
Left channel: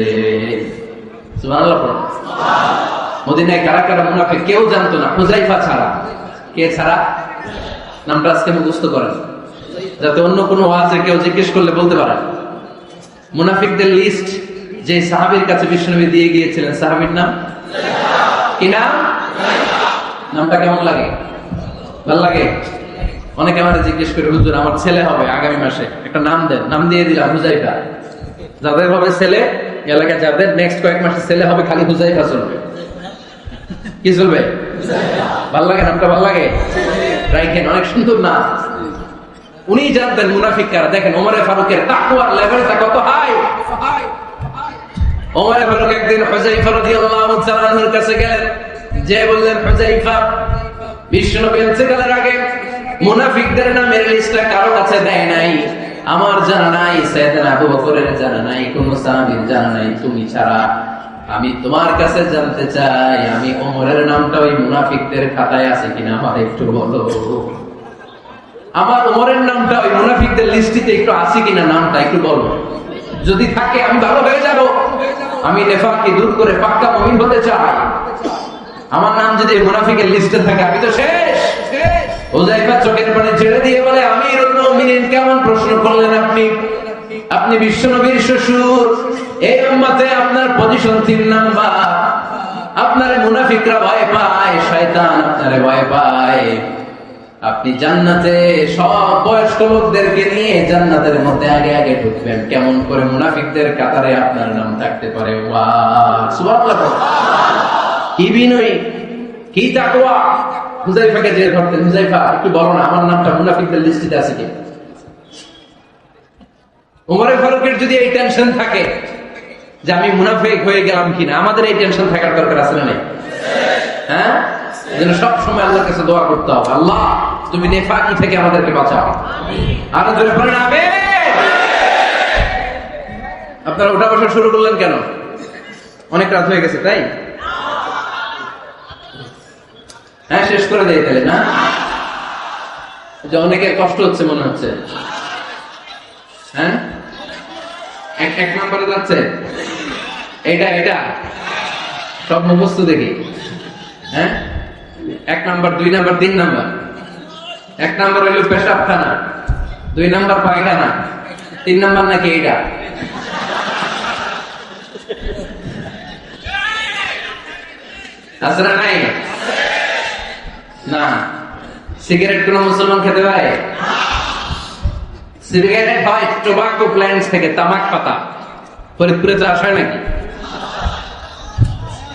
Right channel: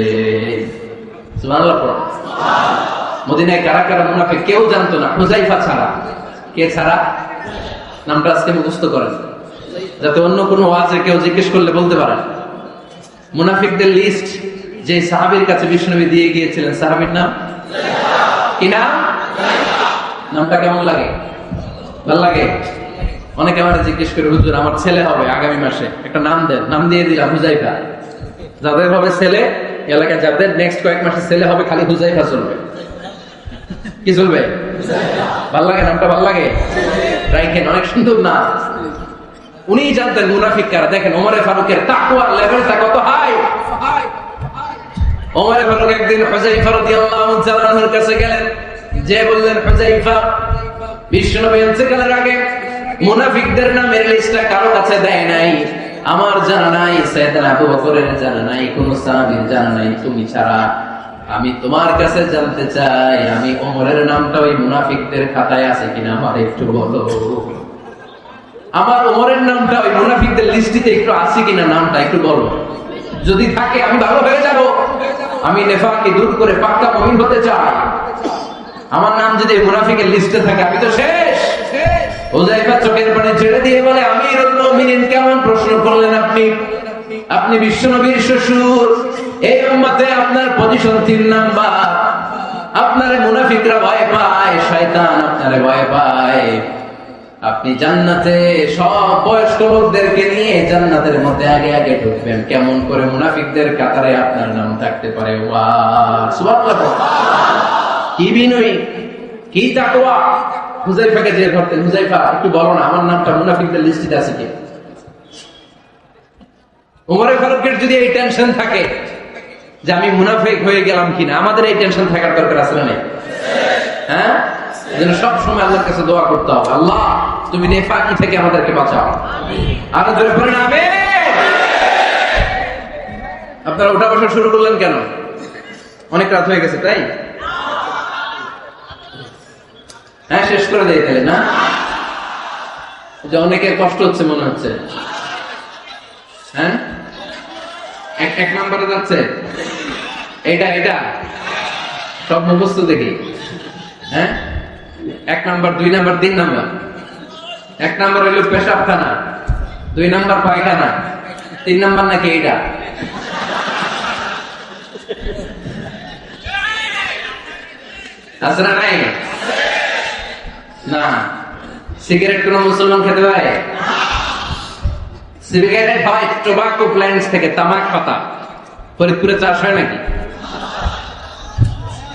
সুবহানাল্লাহ। মদিনায় কারা কারা মুনাফিক কেউ জানতো না, হুযায়ফা ছাড়া। কে ছাড়া? নামটা আজকে মুখস্থ করেন, যাতে অন্য কোনো ওয়াজে কেউ জিজ্ঞেস করলে বলতে পারেন। মুনাফিকদের লিস্ট যে সাহাবীর কাছে বিশ্বনবী দিয়ে গিয়েছিলেন, সাহাবীর নাম কি নাম? নামটা কেমন লাগে? ভালো লাগে? অনেকে আমরা জিজ্ঞেস করি, হুজুর আমার ছেলে হবে আগামী মাসে, একটা নাম দেন। নাম দিয়ে দিলাম হুযায়ফা। যাদের হবে ছেলে, এলাকায় যাদের নেক্সট কয়েক মাসে ছেলে হবে, খালি হুযায়ফা চলবে। কি চলবে? ভালো লাগে? নামটা ভালো লাগে? রাইখেন, অনেক সুন্দর নাম। উনি জানতেন মুনাফিক কারা। দেখেন ওমর ফারুকের তাকওয়ার লেভেলটা কত হাই। ওমর ফারুক একদিন হুযায়ফা রাদিয়াল্লাহু তাআলা আনহুর কাছে গেলেন, যে বললেন, হুযায়ফা, বিশ্বনবী ইন্তেকালের আগে মুনাফিকদের নামের লিস্টটা কারো কাছে দেয় নাই, আমার জানা নাই, সাইয়েদনা আবু বকরের জানা নাই, কোন সাহাবীর জানা নাই, তুমি ছাড়া। আমি তোমার কাছে জানতে চাই, আমি ওমরের নামটা ওই মুনাফিকদের খাতায় আছে কিনা আমার একটু বলো। আমার ওমরের নামটা ওই মুনাফিকদের লিস্টিতে একটু আছে কিনা, নামটা একটু বলো। যদি থাকে আমি ভালো হয়ে যাব। আমি নেফাকি দূর করে পাক্কা মুমিন হতে চাই। আমার নাম যদি মুনাফিকের লিস্টে থাকে আমি তো শেষ। হুযায়ফা চোখের পানি ছেড়ে দিয়ে বলে, আমিরুল মুমিনিন, কেমন প্রশ্ন করলেন আপনি? আপনি বিশ্বনবীর শ্বশুর, এই উম্মতে আপনার পজিশন 3 নাম্বার। আপনারে মুনাফিকরা ভয় পায়, শয়তান আপনারে ভয় পায়। আপনি জান্নাতে সব বয়স্ক লোকদেরকে নিয়ে জান্নাতের মধ্যে আগে আগে ঢুকবেন, কেমন করে মুনাফিকদের কাতারে আপনার নাম থাকতে পারে? সুবহানাল্লাহ। কি বিনয়, কি তাকওয়া! হুযায়ফাকে যে করতেন, হুযায়ফা একটু বলো না আমার নামটা মুনাফিকদের লিস্টে আছে কি? ওমর ফারুকের যদি এই টেনশন থাকে যে আমি মুনাফিক হয়ে গেলাম কিনা, আমাদের এই টেনশন থাকার দরকার আছে না? হ্যাঁ, যেন সব সময় আল্লাহর কাছে দোয়া করতে হবে, আল্লাহ তুমি নেফাকি থেকে আমাদেরকে বাঁচাও। আরো জোরে বলেন আমিন। আপনারা উঠা বসা শুরু করলেন কেন? অনেক রাত হয়ে গেছে তাই? হ্যাঁ, শেষ করে দিয়ে গেলে না? অনেকের কষ্ট হচ্ছে মনে হচ্ছে। হ্যাঁ, এক নম্বরে যাচ্ছে এটা সব মুখস্থ দেখি। হ্যাঁ, 1 নাম্বার, 2 নাম্বার, 3 নাম্বার। 1 নাম্বার হইল পেশাবখানা, 2 নাম্বার পায়খানা, 3 নাম্বার নাকি এটা? আসরা নাই না? সিগারেট কোন মুসলমান খেতে পারে? সিগারেট হয় টোবাকো প্ল্যান্টস থেকে, তামাক পাতা। ফরিদপুরে চাষ হয় নাকি?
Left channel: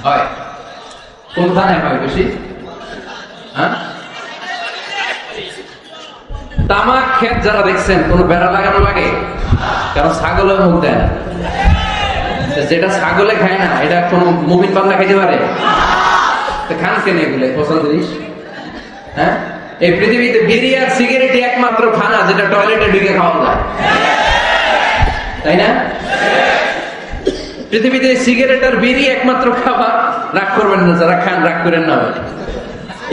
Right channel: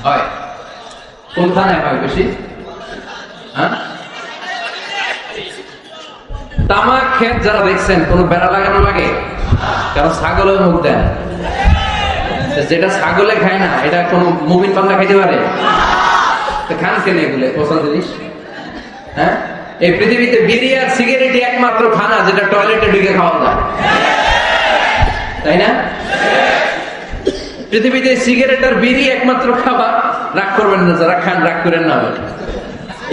হয়। কোন থানায় হয় বেশি? হ্যাঁ, তামাক ক্ষেত যারা দেখছেন, কোন বেড়া লাগানো লাগে? কারণ ছাগলের মধ্যে, যেটা ছাগলে খায় না এটা কোন মুমিন বান্দা খেতে পারে? খায় কেন এগুলো? পচা জিনিস। হ্যাঁ, এই পৃথিবীতে বিড়ি আর সিগারেটই একমাত্র খানা যেটা টয়লেটে ঢুকে খাওয়া যায়, তাই না? পৃথিবীতে সিগারেট আর বিড়ি একমাত্র খাবার। রাগ করবেন না যারা খান, রাগ করেন না।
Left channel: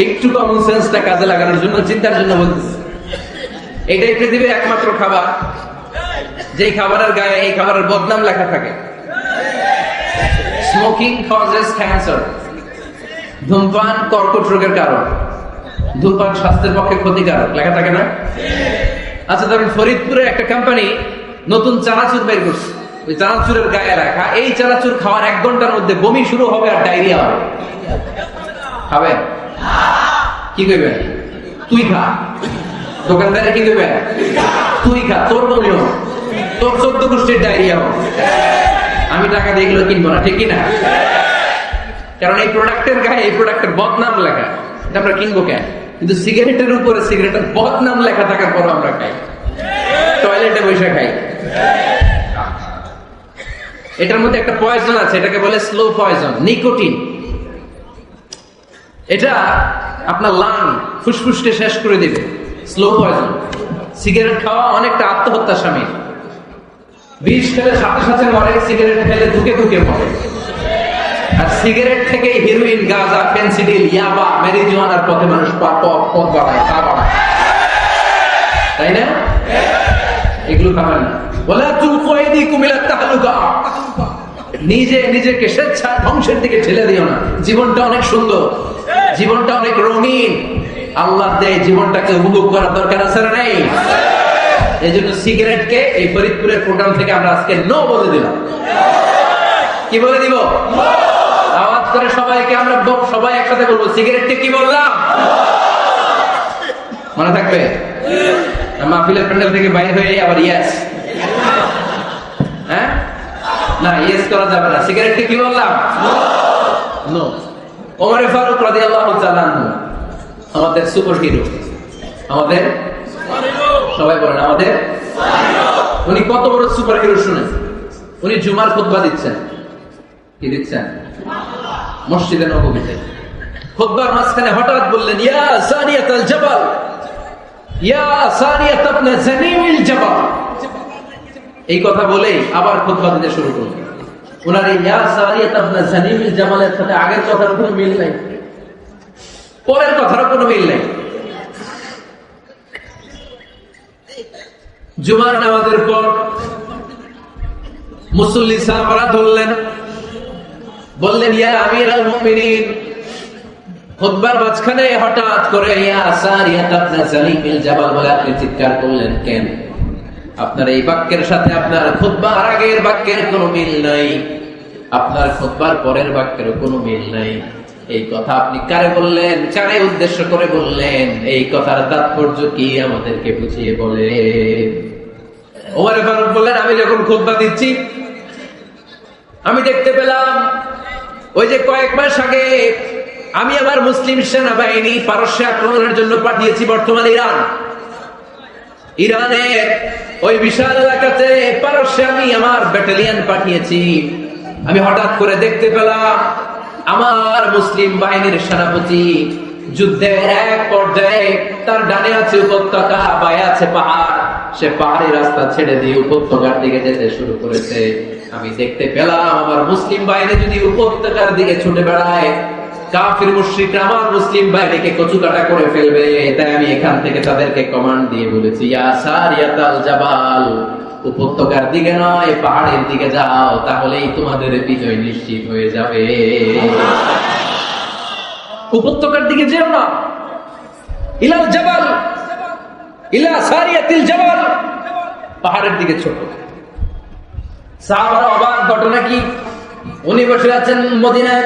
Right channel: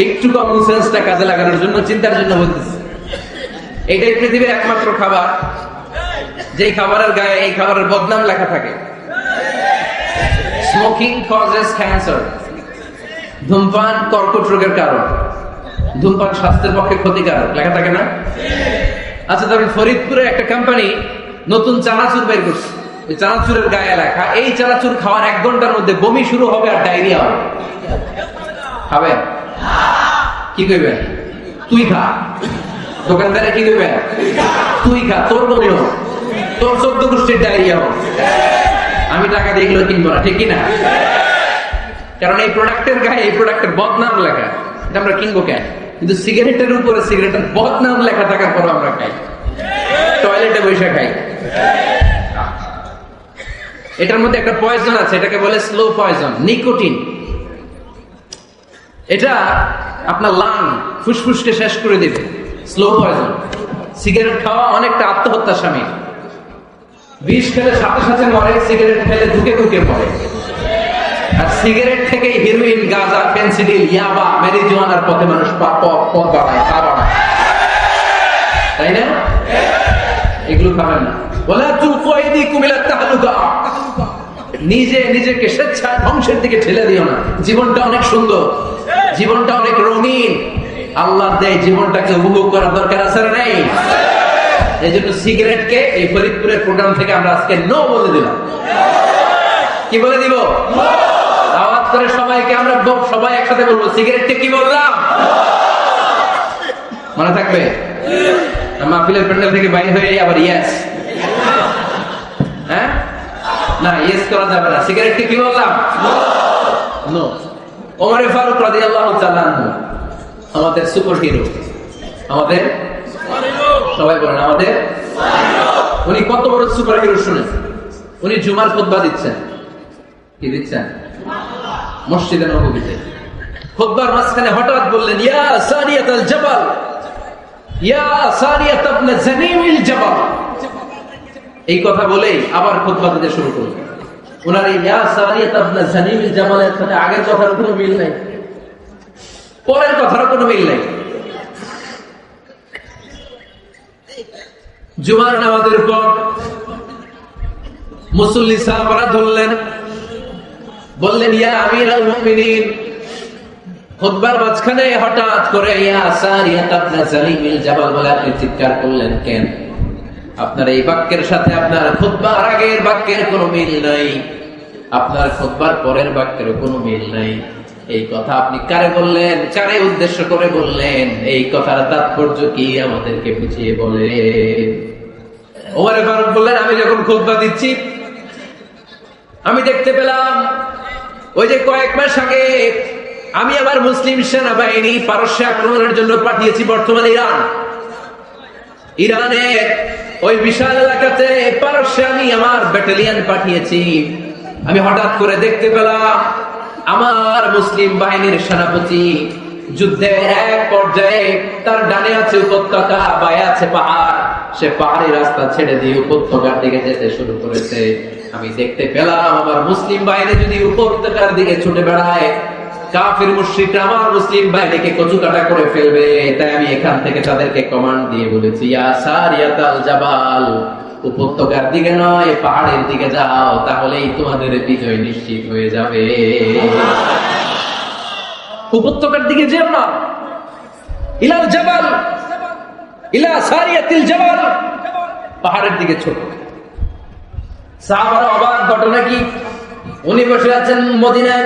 একটু কমন সেন্সটা কাজে লাগানোর জন্য, চিন্তার জন্য বলতেছি। এটাই পৃথিবীর একমাত্র খাবার যেই খাবারের গায়ে এই খাবারের বদনাম লেখা থাকে। স্মোকিং কজেস ক্যান্সার, ধূমপান কর্কট রোগের কারণ, ধূমপান স্বাস্থ্যের পক্ষে ক্ষতিকারক লেখা থাকে না? আচ্ছা, তবে ফরিদপুরে একটা কোম্পানি নতুন চানাচুর বের করছে, ওই চানাচুরের গায়ে লেখা এই চানাচুর খাওয়ার 1 ঘন্টার মধ্যে বমি শুরু হবে আর ডায়রিয়া হবে। খাবে? কি করবে? তুই খা। দোকানদারে কি করবে? তুই খা, তোর বমি হবে, তোর 14 গোষ্ঠীর ডায়রিয়া হবে। আমি টাকা দিয়ে এগুলো কিনবো না, ঠিক কিনা? কারণ এই প্রোডাক্টের গায়ে এই প্রোডাক্টের বদনাম লেখা, এটা আমরা কিনবো কেন? কিন্তু সিগারেটের উপরে সিগারেটের বদনাম লেখা থাকার পর আমরা খাই, টয়লেটে বসে খাই। এটার মধ্যে একটা পয়জন আছে, এটাকে বলে স্লো পয়জন, নিকোটিন। এটা আপনার লাং ফুসফুসকে শেষ করে দিবে। Slow poison. সিগারেট খাওয়া অনেকটা আত্মহত্যার শামিল। বিষ খেলে সাথে সাথে মরে, সিগারেট খেলে ধুকে ধুকে মরে। আর সিগারেট থেকে হিরোইন, গাঁজা, ফেন্সিডিল, ইয়াবা, মেরিজুয়ানার পথে মানুষ পথ বাড়ায়, পা বাড়ায়, তাই না? এগুলো খাবেন না। ওয়ালা তুলকু আইদিকুম ইলা তাহলুকা, নিজে নিজেকে স্বেচ্ছায় ধ্বংসের দিকে ঠেলে দিও না। জীবনটা অনেক সুন্দর, জীবনটা অনেক রঙিন। আল্লাহ দেয় জীবনটাকে উপভোগ করার দরকার আছে না নাই? এই জন্য সিগারেটকে এই ফরিদপুরের প্রোগ্রাম থেকে আমরা আজকে নো বলে দিলাম। কি বলে দিব? আওয়াজ করে সবাইকে আমরা সবাই একসাথে বলবো, সিগারেটকে কি বললাম? মনে থাকবে? মাহফিলের প্যান্ডেল থেকে বাইরে হয়ে আবার ইয়েস, হ্যাঁ না ইয়েস করা যাবে না। সিগারেটকে কি বললাম? নো। ওমর ফারুক রাদিয়াল্লাহু তাআলা আমাদের সুপার হিরো, আমাদের সবাই বলেন আমাদের। উনি কত বড় সুপার হিরো শুনুন। উনি জুমার খুতবা দিচ্ছেন। কি দিচ্ছেন? মসজিদে নববীতে। খুতবার মাঝখানে হঠাৎ বললেন, ইয়া সারিয়াতুল জাবাল, ইয়া সারিয়াত ইবনে জানিমিল জাবাল। এই কথা বলেই আবার খুতবা দিতে শুরু করলেন। ওনার এই ইয়া সারিয়াত ইবনে জানিমিল জাবালের সাথে আগের কথার কোনো মিল নাই, পরের কথার কোনো মিল নাই। জুমার নামাজের পর মুসল্লি সাহাবারা ধরলেন, বললেন, ইয়া আমিরুল মুমিনিন। খুতবার মাঝখানে হঠাৎ করে ইয়া সারিয়াত ইবনে জানিমিল জাবাল বলে আপনি চিৎকার করলেন কেন? আপনার এই বাক্যের সাথে আপনার খুতবার আগের বাক্যের কোনো মিল নাই, আপনার খুতবার পরের বাক্যের কোনো মিল নাই। এই কথা আপনি কারে বললেন? কারে উদ্দেশ্য করে বললেন? এই কথার তাৎপর্য কি আমাদেরকে বুঝিয়ে বলেন। ওমর ফারুক বললেন, আমি যখন খুতবা দিচ্ছি আমি দেখতে পেলাম ওই যে কয়েক মাস আগে আমি আমার মুসলিম সেনাবাহিনী পারস্যে আক্রমণের জন্য পাঠিয়েছি বর্তমান ইরানের ওই বিশাল এলাকাতে পারস্যে আমি আমার ব্যাটালিয়ন পাঠিয়েছি। আমি হঠাৎ করে দেখতে পেলাম আমার মুসলিম বাহিনীর সেনাপতি যুদ্ধের এক পর্যায়ে তার ডানে আছে উপত্যকা, বায়ে আছে পাহাড়, সে পাহাড়ি রাস্তা ছেড়ে দিয়ে উপত্যকার দিকে যেতে শুরু করেছে। আমি দেখতে পেলাম আমার মুসলিম বাহিনী যদি উপত্যকার দিকে ছুটে বেড়ায়, কাফির মুশরিকরা আমার মুসলিম বাহিনীকে কচুকাটা করে ফেলবে। তাই আমি এখান থেকে তাদেরকে কমান্ড দিয়ে বলেছি, ইয়া সারিয়াতুল জাবাল, উপত্যকার দিকে নয় পাহাড়ের দিকে যাও, তাহলেই তোমাদের বিজয় নিশ্চিত হয়ে যাবে। উপত্যকার দিকে যাও না, ইলাল জাবাল, ইলা সারিয়াতুল জাবাল, পাহাড়ের দিকে ছোট। সাহাবারা অবাক, ঘটনা কি? উনি বসে আছেন মদিনার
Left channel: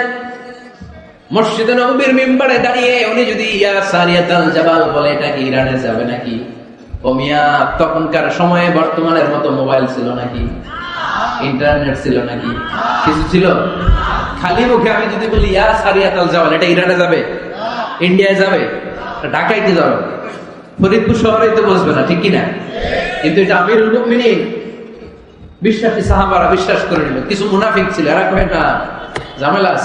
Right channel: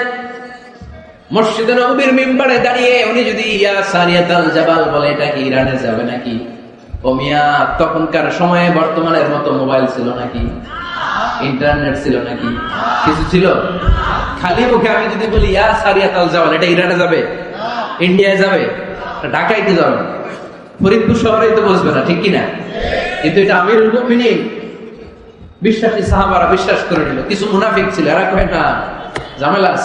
মসজিদে নববীর মিম্বারে দাঁড়িয়ে, উনি যদি ইয়া সারিয়াতুল জাবাল বলে, এটা কি ইরানে যাবে নাকি? তখনকার সময়ে বর্তমানের মতো মোবাইল ছিল নাকি? ইন্টারনেট ছিল নাকি? কিছু ছিল? খালি মুখে আমি যদি বলি ইয়া সারিয়াতুল জাবাল, এটা ইরানে যাবে, ইন্ডিয়ায় যাবে, ঢাকাইতে যাবে, ফরিদপুর শহরে তো বসবে না, ঠিক কিনা? কিন্তু এটা আমিরুল মুমিনিন বিশ্বাসী সাহাবারা বিশ্বাস করে নিল। কিছু মুনাফিক ছিল, আর এক মেয়েটা ঝামেলাস,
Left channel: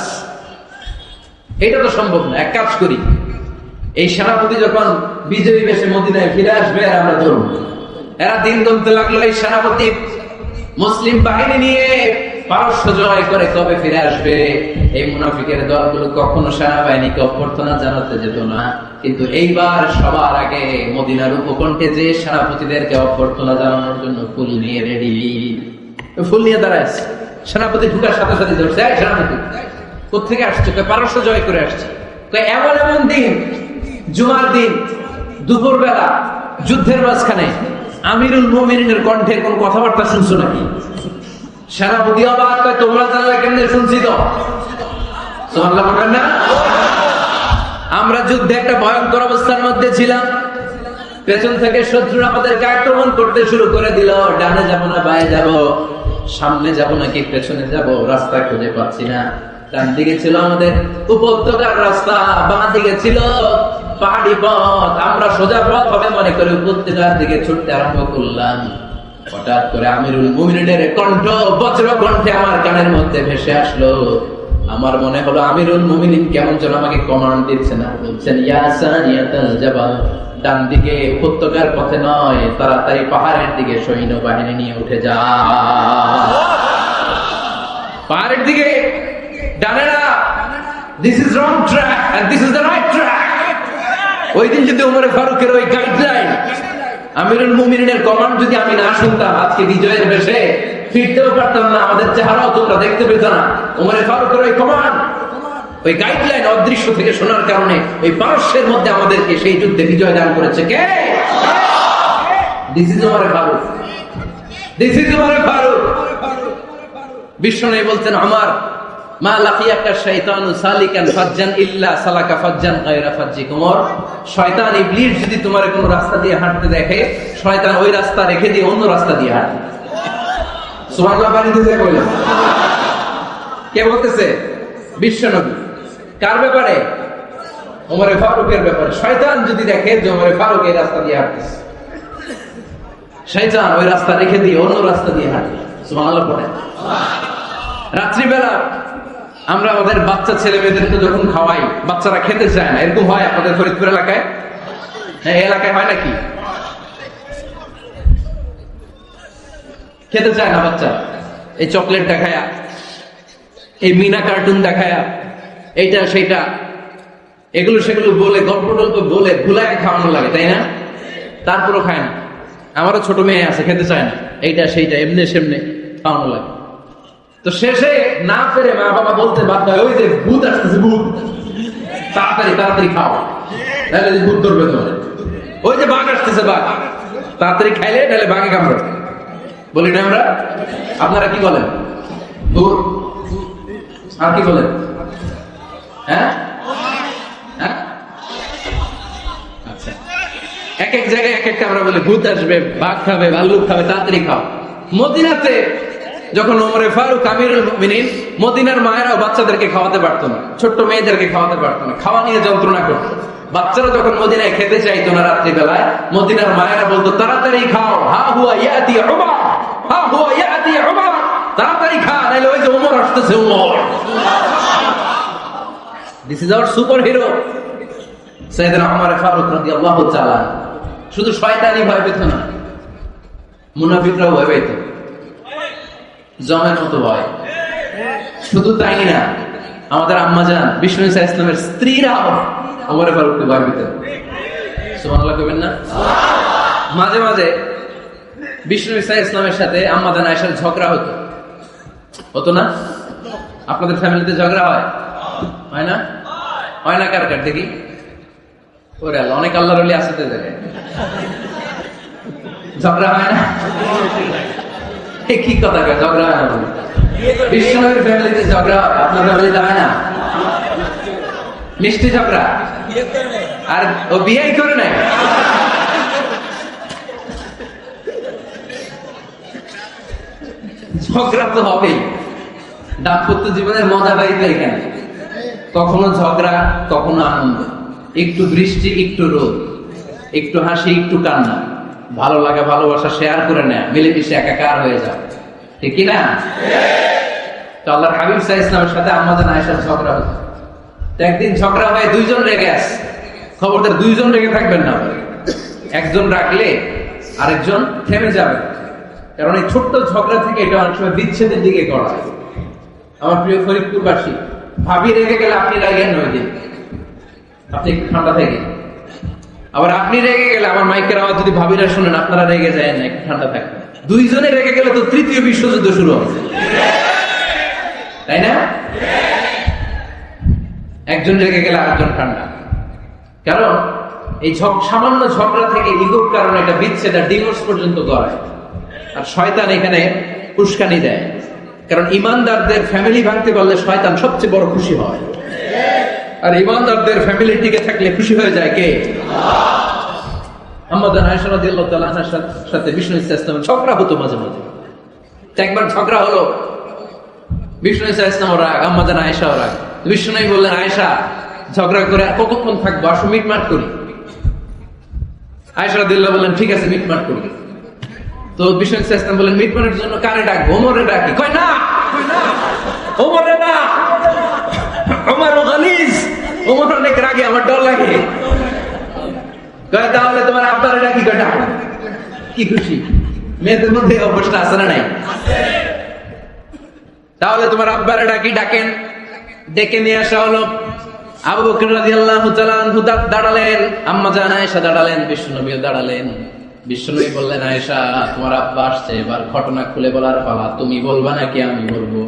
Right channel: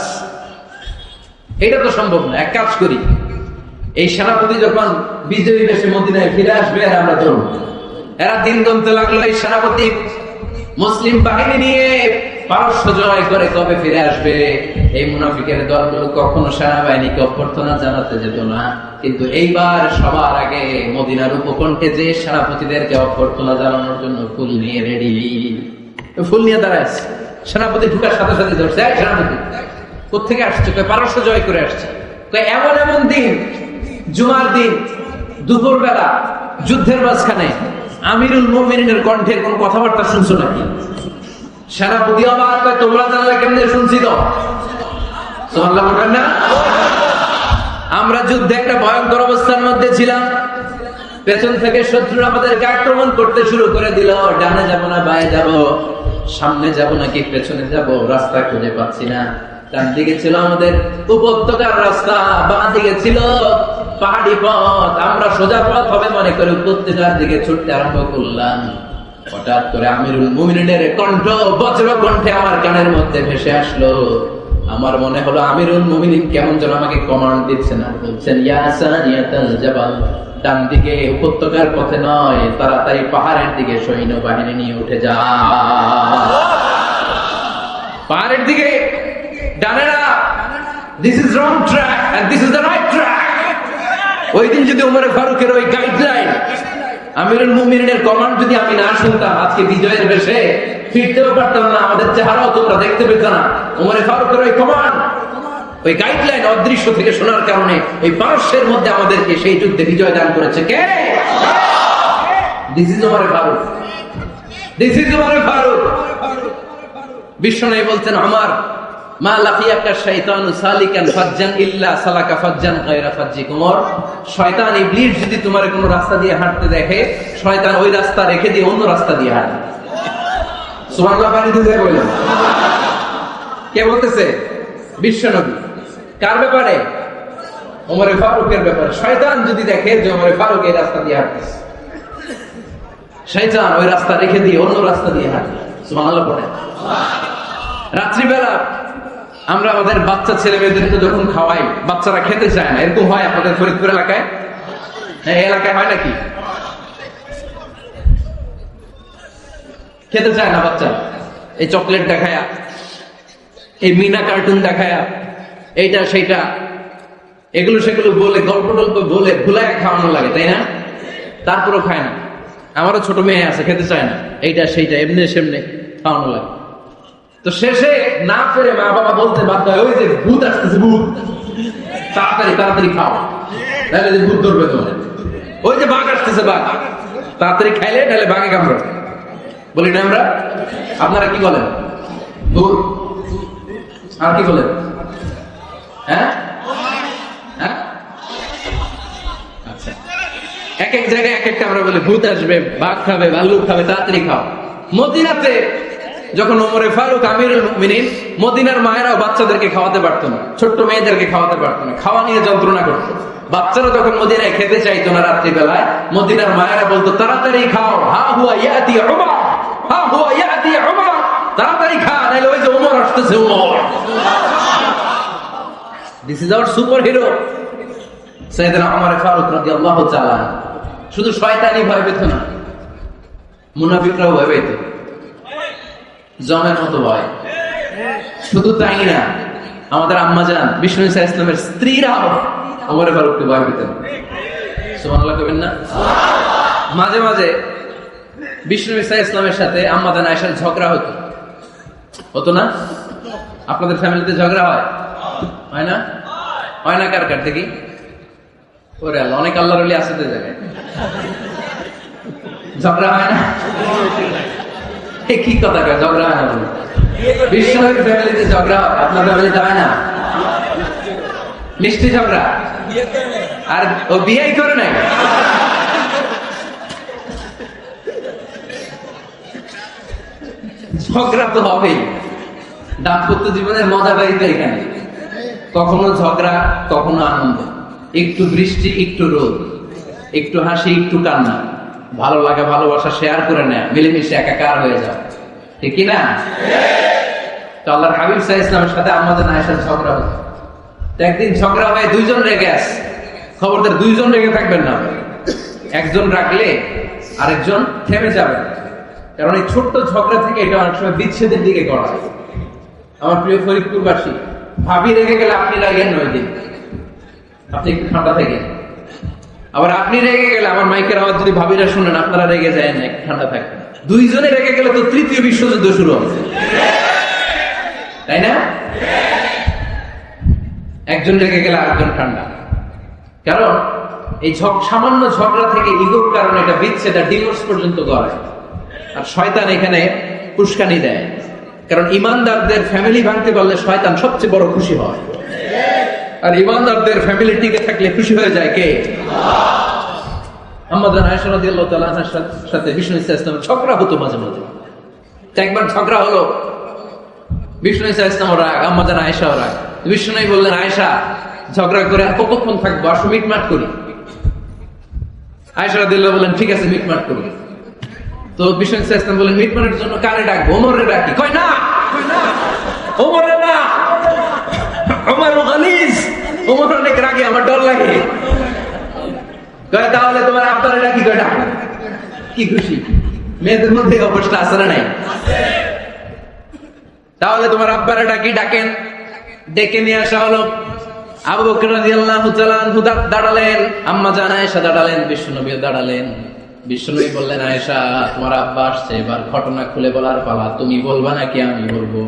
এটা তো সম্ভব না। এক কাজ করি, এই সেনাপতি যখন বিজয়ী দেশে মদিনায় ফিরে আসবে আমরা ধরব। এরা দিন দমতে লাগলো। এই সেনাপতি মুসলিম বাহিনী নিয়ে পারস্য জয় করে কবে ফিরে আসবে? এই মুনাফিকের দলগুলো কখনো সেনাবাহিনীকে অভ্যর্থনা জানাতে যেত না, কিন্তু এইবার সবার আগে মদিনার উপকণ্ঠে যে সেনাপতিদেরকে অভ্যর্থনা জানানোর জন্য ফুল নিয়ে রেডি, ফুল নিয়ে দাঁড়ায়। সেনাপতি ঢুকার সাথে সাথে ধরছে, সেনাপতি কোথেকে আসছে? পারস্য জয় করে আসছে। এমন এমন দিন, জুমার দিন, দুপুর বেলা, যুদ্ধের মাঝখানে আমিরুল মুমিনিনের কণ্ঠে কোন কথাবার্তা শুনছো নাকি? সেনাপতি তোমরা জানো কেমনে শুনছি তো? আমরা যুদ্ধে একটা ভয়ঙ্কর অবস্থার মধ্যে ছিলাম। পেছন থেকে শত্রুরা আমাদেরকে আক্রমণ করতে শুরু করে দিল। ডানে যাবো না বায়ে যাবো, সামনে যাবো নাকি পেছনে যাবো, রাস্তা খুঁজে পাচ্ছি না। ডান দিকে ছিল আমাদের উপত্যকার রাস্তা, বাম দিকে ছিল পাহাড়ি পথ। আমরা সোজা পথ হবে মনে করে উপত্যকার দিকে ছুটতে আরম্ভ করলাম। হঠাৎ করে আমিরুল মুমিনিনের কণ্ঠ বজ্র কণ্ঠে আমার কানের মধ্যে ভেসে আসলো। আমার মনে হলো আমিরুল মুমিনিন কেমন যেন আমাকে কমান্ড দিচ্ছেন, বলছেন ইয়া সানিয়াতাল জাবাল, ডান দিকে উপত্যকার পথে নয়, তাড়াতাড়ি পাহাড়ের দিকে সৈন্যবাহিনী নিয়ে উঠে যা। পাহাড়ের দিকে, ডানে না, this is wrong track and this is the right track. ওই দিন যদি ওমর ফারুকের ওই গাইডলাইন, আমিরুল মুমিনিনের কমান্ড যদি আমি না শুনতাম, আজকে বিজয়ের বেশে ফিরতেও পারতাম না, আমাদের চেহারাও তোমরা দেখতে পেত না। ওমর ফারুকের ওই কমান্ড, ওই গাইডলাইন অদৃশ্য থেকে শোনার কারণে এই পারস্যের মধ্যে আমাদেরকে সেই যুদ্ধে বিজয় দান করেছে কে? This is Omar Farooq, this is Omar Farooq. বিশ্বনবী বলতেন, আমার মা লাকিয়াকা শাইতানু সালিকাল ফাজ্জান ইল্লা সালাকা ফাজ্জান গায়রা ফাজ্জিক। ওমর, শয়তান ইবলিস যদি তোমার কোন রাস্তা দিয়ে হাঁটতে দেখে, শয়তান ওই রাস্তা রেখে দিয়ে অন্য রাস্তা দিয়ে হাঁটে। সুবহানাল্লাহ বলে বলেন। কে বলতেছে? বিশ্বনবী। কার ব্যাপারে? ওমর ফারুকের ব্যাপারে। শয়তান যদি দেখে যে ওমর ফারুক এই রাস্তা দিয়ে হাঁটছে, শয়তান ওই রাস্তা রেখে দিয়ে অন্য রাস্তা দিয়ে হাঁটে। সুবহানাল্লাহ বলেন। রাত্রিবেলা আমরা আমাদের বাচ্চা ছেলে মেয়েদেরকে যখন খাওয়াই, বাচ্চারা খেতে চায় না, এরকম হয় আপনাদের ফরিদপুর এলাকায়? এই এলাকায় হয় নাকি? খেতে চায় না বাচ্চা, এই চকলেট দেখায়া, এই মিনা কার্টুন দেখায়া, এইটা সেটা, এগুলো সেগুলো বলে, গল্প টল্প বলে ভুলাই খাওয়ানো লাগে, তাই না? তারপরও খায় না। আমারও ছোট মেয়ে আছে, খেতে চায় না, এইটা সেইটা এমনি সেমনি খাওয়ানো লাগে। তো শেষে না ফেরে মা বাবা বলতে বাধ্য হয়, ওই যে ভূত আসতেছে, ভূত, তাড়াতাড়ি তাড়াতাড়ি খাও, তাহলে ভূত ধরবে তোমার। ওই যে বাঘ আসতেছে, বাঘ, তাড়াতাড়ি খাইলে তাহলে বাঘে কামড়ে। বলি না আমরা? আপনারা কি বলেন? ভূত। আর কি বলেন? হ্যাঁ হ্যাঁ, আচ্ছা। এক এক জায়গায় এক একটা আমরা বলে, ভূত আসবে, বাঘ খাবে, ভাল্লুক খাবে, তাড়াতাড়ি খাও। মদিনাতে যখন ওমর ফারুক আমিরুল মুমিনিন, মদিনার মায়েরা বাচ্চাদেরকে খাওয়াতে পারত না, ছোট্ট মেয়েদেরকে খাওয়াতে পারত না, খাওয়া নিয়ে যন্ত্রণা করতো। বাচ্চারা যখন মদিনায় খেতে চাইতো না রাত্রিবেলায়, মদিনার মায়েরা বলতো তাড়াতাড়ি খাও, হা হুয়া ইয়াতি উমর, হা হুয়া ইয়াতি উমর, তাড়াতাড়ি খা, নাইলে ওই যে ওমর আসতেছে, Omar. This is our superhero সাইয়েদনা ওমর ফারুক রাদিয়াল্লাহু তাআলা। শুধু শয়তানি ভয় পেত না, মুনাফিকরাও ভয় পেত, জমের মতো ভয়। শুধু তাই না, আমাদের আম্মা জান বিষ্ণু ইসলামের স্ত্রীরাও ওমর ফারুককে ভয় পেতেন। সুবহানাল্লাহ কইবেন না? মাঝে মাঝে বিষ্ণু ইসলামের সাথে আম্মা জান আয়েশার ঝগড়া হতো, হতো না? আপনাদের ফ্যামিলিতে ঝগড়া হয়? হয় না? হয় না? কার কার দেখি? ওরে আল্লাহ, অনেক আল্লাহর ওলি আসতে যায়, ঝগড়া হয় না? কি কথা কয়, ঝগড়া হয় না? বিশ্বনবীর ফ্যামিলিতে ঝগড়া হয়, আপনাদের ফ্যামিলিতে হয় না? মিষ্টি ঝগড়া। আর ও বিয়েই করে নাই। ঝগড়া তো হবেই, দাম্পত্য জীবনের মজা বাড়িতে এখানে। কখনো ঝগড়া, কখনো আনন্দ, একটু বৃষ্টি, একটু রোদ, একটু হাসি, একটু কান্না, ভালো লাগা ভালোবাসা শেয়ার করে নেয়, মিলেমিশে একাকার হয়ে যায়, ঠিক কি না? তো আল্লাহর হাবিব সাল্লাল্লাহু আলাইহি ওয়াসাল্লামের সাথে আমাদের আয়েশার ঝগড়া হতো। একদিন ঝগড়া হয়ে দুইজন রেগে আসে। খবরদার দুইজন রেগে থাকবেন না, একজন রাখলে আরেকজন থেমে যাবে, কারণ এই ছোট্ট ঝগড়া থেকে এটা অনেক সময় বিচ্ছেদের দিকে গড়ায়। আমার প্রিয় ফরিদপুরবাসী, ভাবি রেগে গেলে আপনি রাগেন নয়, আপনি একটু ঠান্ডা থাকেন। আবার আপনি রেগে গেলে আমার মাইকের আওয়াজ যদি ভাবিরা শোনেন, আপনারা রেগে যায় না, একটু ঠান্ডা থাকেন। দুইজনে রেগে গেলে তো তৃতীয় বিশ্বযুদ্ধ শুরু হবে, তাই না? একজন রেগে গেলে আরেকজন ঠান্ডা। কারণ এই সামান্য ঝগড়া থেকে ইগোর কারণে এটা বিচ্ছেদ, ডিভোর্স পর্যন্ত গড়ায়। আর শয়তান এখানে উস্কানি দেয়। কারণ ইমানদারদের ফ্যামিলি ভাঙতে পারলে শয়তান সবচেয়ে বড় খুশি হয়, আর ইমানদারদের ফ্যামিলি টিকে থাকলে খুশি হয়ে যায় কে? আমাদের আয়েশা রাদিয়াল্লাহু তাআলা আনহার সাথে বিষ্ণু ইসলাম ঝগড়া হতো মাঝে মাঝে। একবার ঝগড়া হলো, বিষ্ণু ইসলাম ওরা আমাদের আয়েশা ওরা বিষ্ণু বললেন, আয়েশা ঝগড়া করে কতক্ষণ থাকবো, আসো মিটমাট করি। আয়েশা রাদিয়াল্লাহু বললেন, ঠিক আছে মিটমাট করি। তো বিষ্ণু ইসলাম বললেন, মিটমাটের জন্য কারে ডাকবো? ওমরে ডাকি। কই না, ওমরে না, ওমর গালিজ, ওমর অনেক রাগে, আমার ডর লাগে। কয় তাহলে তোমার আব্বারে ডাকি। কয় ডাকো। কি খুশি, মেয়েদের মধ্যে অবস্থা আছে না নাই? তাহলে তোমার আব্বারে ডাকি। ডাকেন, ডেকে নিয়ে আসা হলো। আবু বকর রাদিয়াল্লাহু তাআলা আনহু দাঁড়ালেন, আম্মা জান আয়েশা দাঁড়ালেন, বিশ্বনবী দাঁড়ালেন। বিশ্বনবী বললেন, আয়েশা তোমার আব্বা আসছে, এবার ঘটনা খুলে বলার পালা, তুমি বলবা নাকি আমি বলবো?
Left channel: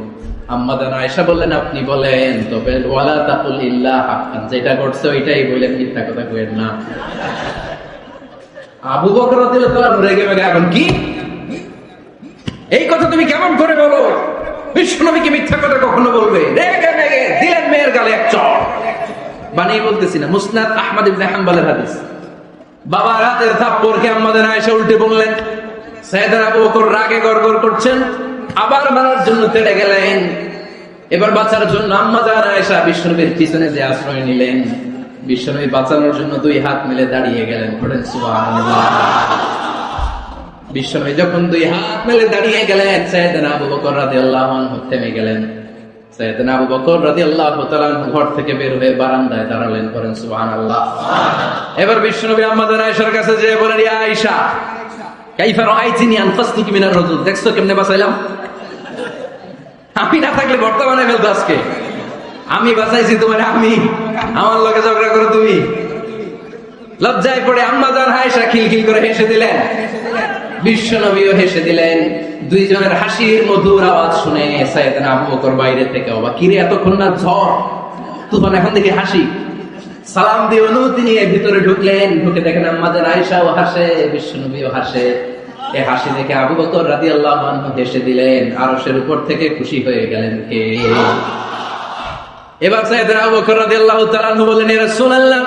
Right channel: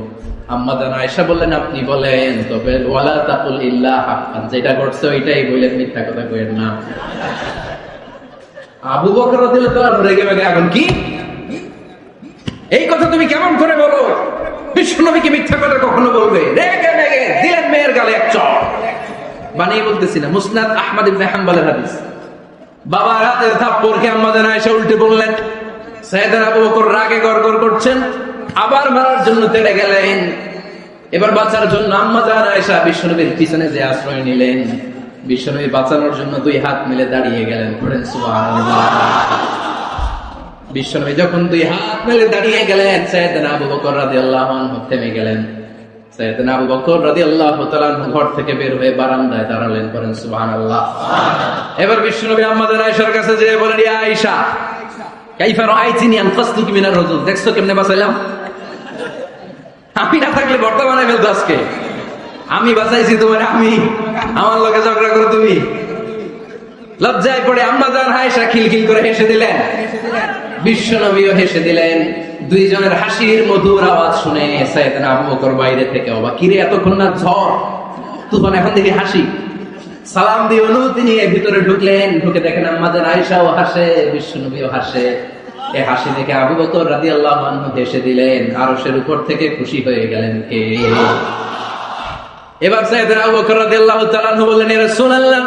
আম্মা জান আয়েশা বললেন, আপনি বলেন। তবে ওয়ালা তাকুল ইল্লা হাক্কান, যেটা করছে ওইটাই বলে, মিথ্যা কথা কইেন না। আবু বকর রাদিয়াল্লাহু তাআলা রেগে গেলেন, কি এই কথা তুমি কেমন করে বলো? বিশ্বনবী কি মিথ্যা কথা কখনো বলবে? রেগে দিলেন মেয়ের গালে এক চড়। বানিয়ে বলতেছি না, মুসনাদ আহমদ ইবনে হাম্বলের হাদিস। বাবা রাতের থাপ্পড়কে আম্মা জান আয়েশা উল্টে বললেন। সাইয়েদনা আবু বকর রাগে গড়গড় করছেন, আবার বেরোর জন্য তেড়ে গেলেন। এবার বাঁচার জন্য আম্মা জান আয়েশা বিশ্বনবীর পিছনে যে আশ্রয় নিলেন। বিশ্বনবী বাঁচানোর জন্য দুই হাত মিলে দাঁড়িয়ে গেলেন। পড়েন সুবহানাল্লাহ। বিশ্বনবী যখন দুই হাত মেলে দাঁড়িয়ে গেলেন, সাইয়েদনা আবু বকর রাদিয়াল্লাহু আনহু থেমে গেলেন। সাইয়েদনা আবু বকর রাদিয়াল্লাহু তাআলা ঘর থেকে বের হয়ে বারান্দায় দাঁড়ালেন। বলেন সুবহানাল্লাহ। এবার বিশ্বনবী আম্মা জান আয়েশার কাছে যেয়ে বলেন, ইয়া আয়েশা কাইফা রাআইতিনি আনকাসতুকি মিনার রাজুল, দেখছো কেমনে বাঁচাইলাম? আমি না থাকলে বর্তমানে ফেলতো আজকে। আমি বাঁচাইছি তোমার, আমি আমার লগে ঝগড়া করো তুমি। লজ্জায় পড়ে আম্মা জান আয়েশা খিলখিল করে হেসে দিলেন, বিশ্বনবীও হেসে দিলেন। দুইজনের হাসির মধুর আওয়াজ শুনে সাইয়েদনা আবু বকর বাইরে থেকে অবাক, কি রে এতক্ষণ না ঝড়, তখন এখন থেকে হাসি। সালাম দিয়ে অনুমতি নিয়ে ভিতরে ঢুকলেন। ঢুকে দেখেন আম্মা জান আয়েশাও হাসে, বিশ্বনবীও হাসে। এই হাসি দেখে আবু বকর রাদিয়াল্লাহু আনহু হেসে দিলেন। আরশের উপর থেকে খুশি হয়ে গেলেন কে? এবার সাইয়েদনা আবু বকর রাদিয়াল্লাহু তাআলা বললেন, ইয়া রাসূলুল্লাহ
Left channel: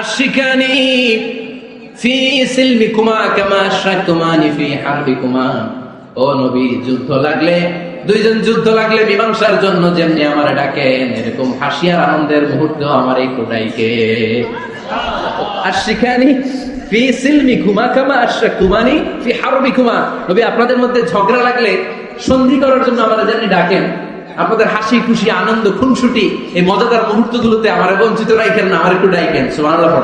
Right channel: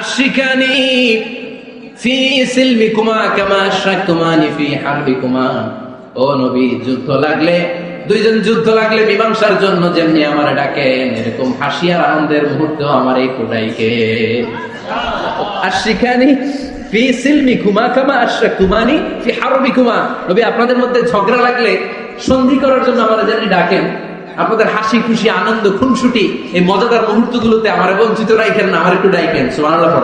আশরিকানি ফি সিলমিকুমা কামা আশরাকতুমানি ফি হারবিকুমা। ও নবী, যুদ্ধ লাগলে, দুইজন যুদ্ধ লাগলে মীমাংসার জন্য যেমনি আমারে ডাকেন, এরকম হাসি আর আনন্দের মুহূর্তে আমারে কোটাইকে। আশরিকানি ফি সিলমিকুমা কামা আশরাকতুমানি ফি হারবিকুমা। নবী, আপনাদের মধ্যে ঝগড়া লাগলে সন্ধি করার জন্য আমারে যেমনি ডাকেন, আপনাদের হাসি খুশি আনন্দ খুনসুটি এই মজাদার মুহূর্তগুলোতে আমারে বঞ্চিত রাখেন না, আমার একটু ডাকেন। সুবহানাল্লাহ।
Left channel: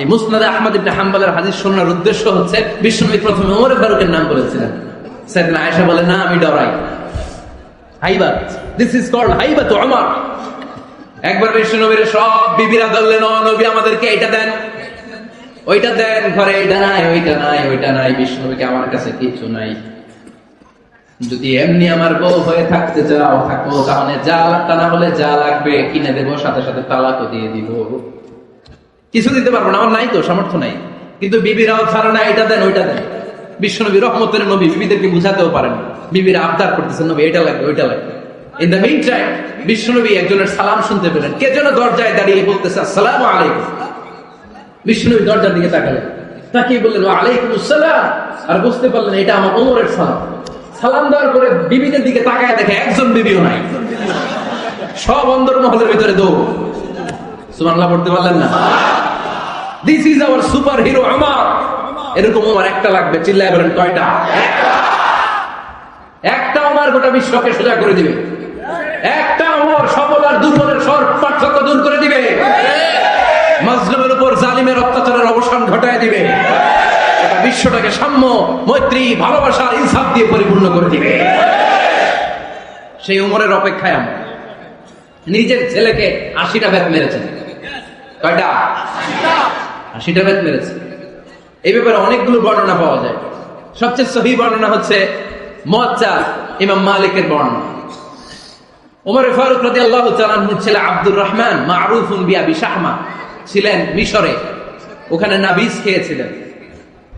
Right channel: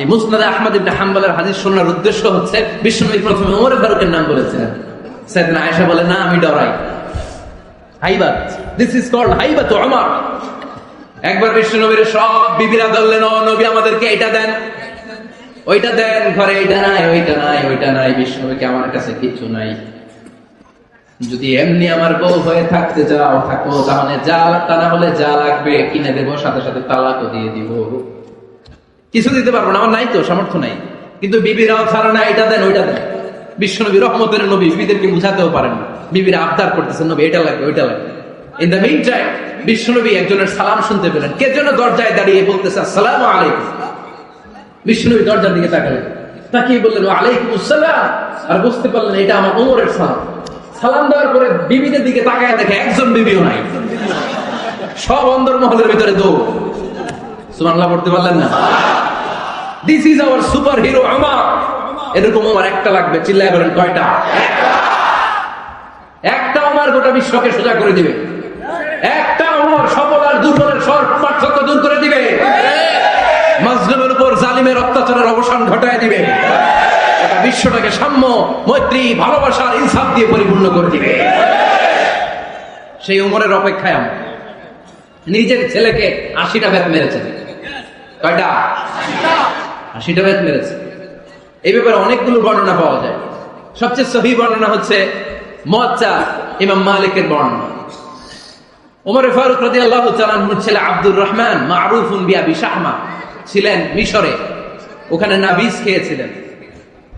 এই মুসনাদ আহমদ ইবনে হাম্বলের হাদিস শোনার উদ্দেশ্য হচ্ছে, বিশ্বনবী প্রথমে ওমর ফারুকের নাম বলেছিলেন। সাইয়েদনা আয়েশা বলেন, না আমি ডরাই। হাইবাত, দিস ইজ কল্ড হাইবাত ওমর। একবার বিশ্বনবীর সব বিবিরা বললেন, ও নবী আমাদেরকে এটা দেন, ওইটা দেন, ঘরে এটা নাই, ওইটা নাই, ওইটা নাই। বিশ্বনবীকে আমার কাছে কিছু নাই, যদি এমনি আমার বউ হয়ে থাকতে চাও থাকো, তাহলে যা তা না হলে যা লাগবে কিনে দেবো, সাথে সাথে তালাকও দিয়ে দিব। কিছু দিতে পারবো না, আমার নাই তো, সামর্থ্য নাই। কিন্তু বিবিরাও ছাড়া না, এটা দেন ওইটা দেন। বিশ্বনবী রহমতের নবী, বিবিদেরকে বুঝাতেও পারেন না। বিবিরা আবদার করতেছেন, নবী এটা লাগবে ওইটা লাগবে। ইন দ্য মিন টাইম বিশ্বনবী একজনের সালাম শুনতে পেলেন। কে যেন দরজায় দাঁড়িয়ে বলতেছে, আসসালামু আলাইকুম। বিশ্বনবী দরজার দিকে তাকালেন, তাকিয়ে বললেন, ওয়া আলাইকুমুস সালাম। আর বুঝতে পারলেন এটা আমার ওমরের সালাম। সালাম দেওয়ার পরে বিবিদের দিকে তাকায় দেখে একজন বিবিও নাই, সব অন্দর মহলের ভিতরে দৌড়। সুবহানাল্লাহ পড়তে পারলেন না? This is our super hero Omar. এরকম ওমর একটা লাগবে, চিল্লায় বলেন কয়টা? একটা ওমর গোটা বিশ্বকে সোজা করে দিবে। একটা ওমর সবল আর দুর্বলের সব পার্থক্য দূর করে দিবে। মাজলুমের উপর জালিমের অত্যাচারের অবসান ঘটায় দিবে। এটা বিশ্বটাকে সাম্য, মৈত্রী, ভালোবাসা, ইনসাফ দিয়ে পরিপূর্ণ করে দিবে। সেই উমরের অপেক্ষায় না, নিজের ছেলেকে 80টা বেত মেরেছেন। কয়টা? 80টা বেত মেরেছে। এই ব্যাপারে অনেকগুলো বর্ণনা পাওয়া যায়। সবচেয়ে সহিহ বর্ণনা হচ্ছে মুয়াত্তা ইমাম মালিকের বর্ণনা। ওমর ফারুক রাদিয়াল্লাহু তাআলা আনহু ছেলে আব্দুর রহমান মারুফুন বিআবি শাহমা ছিলেন মিশরে, ওখানে নাবিজ খেয়েছিলেন।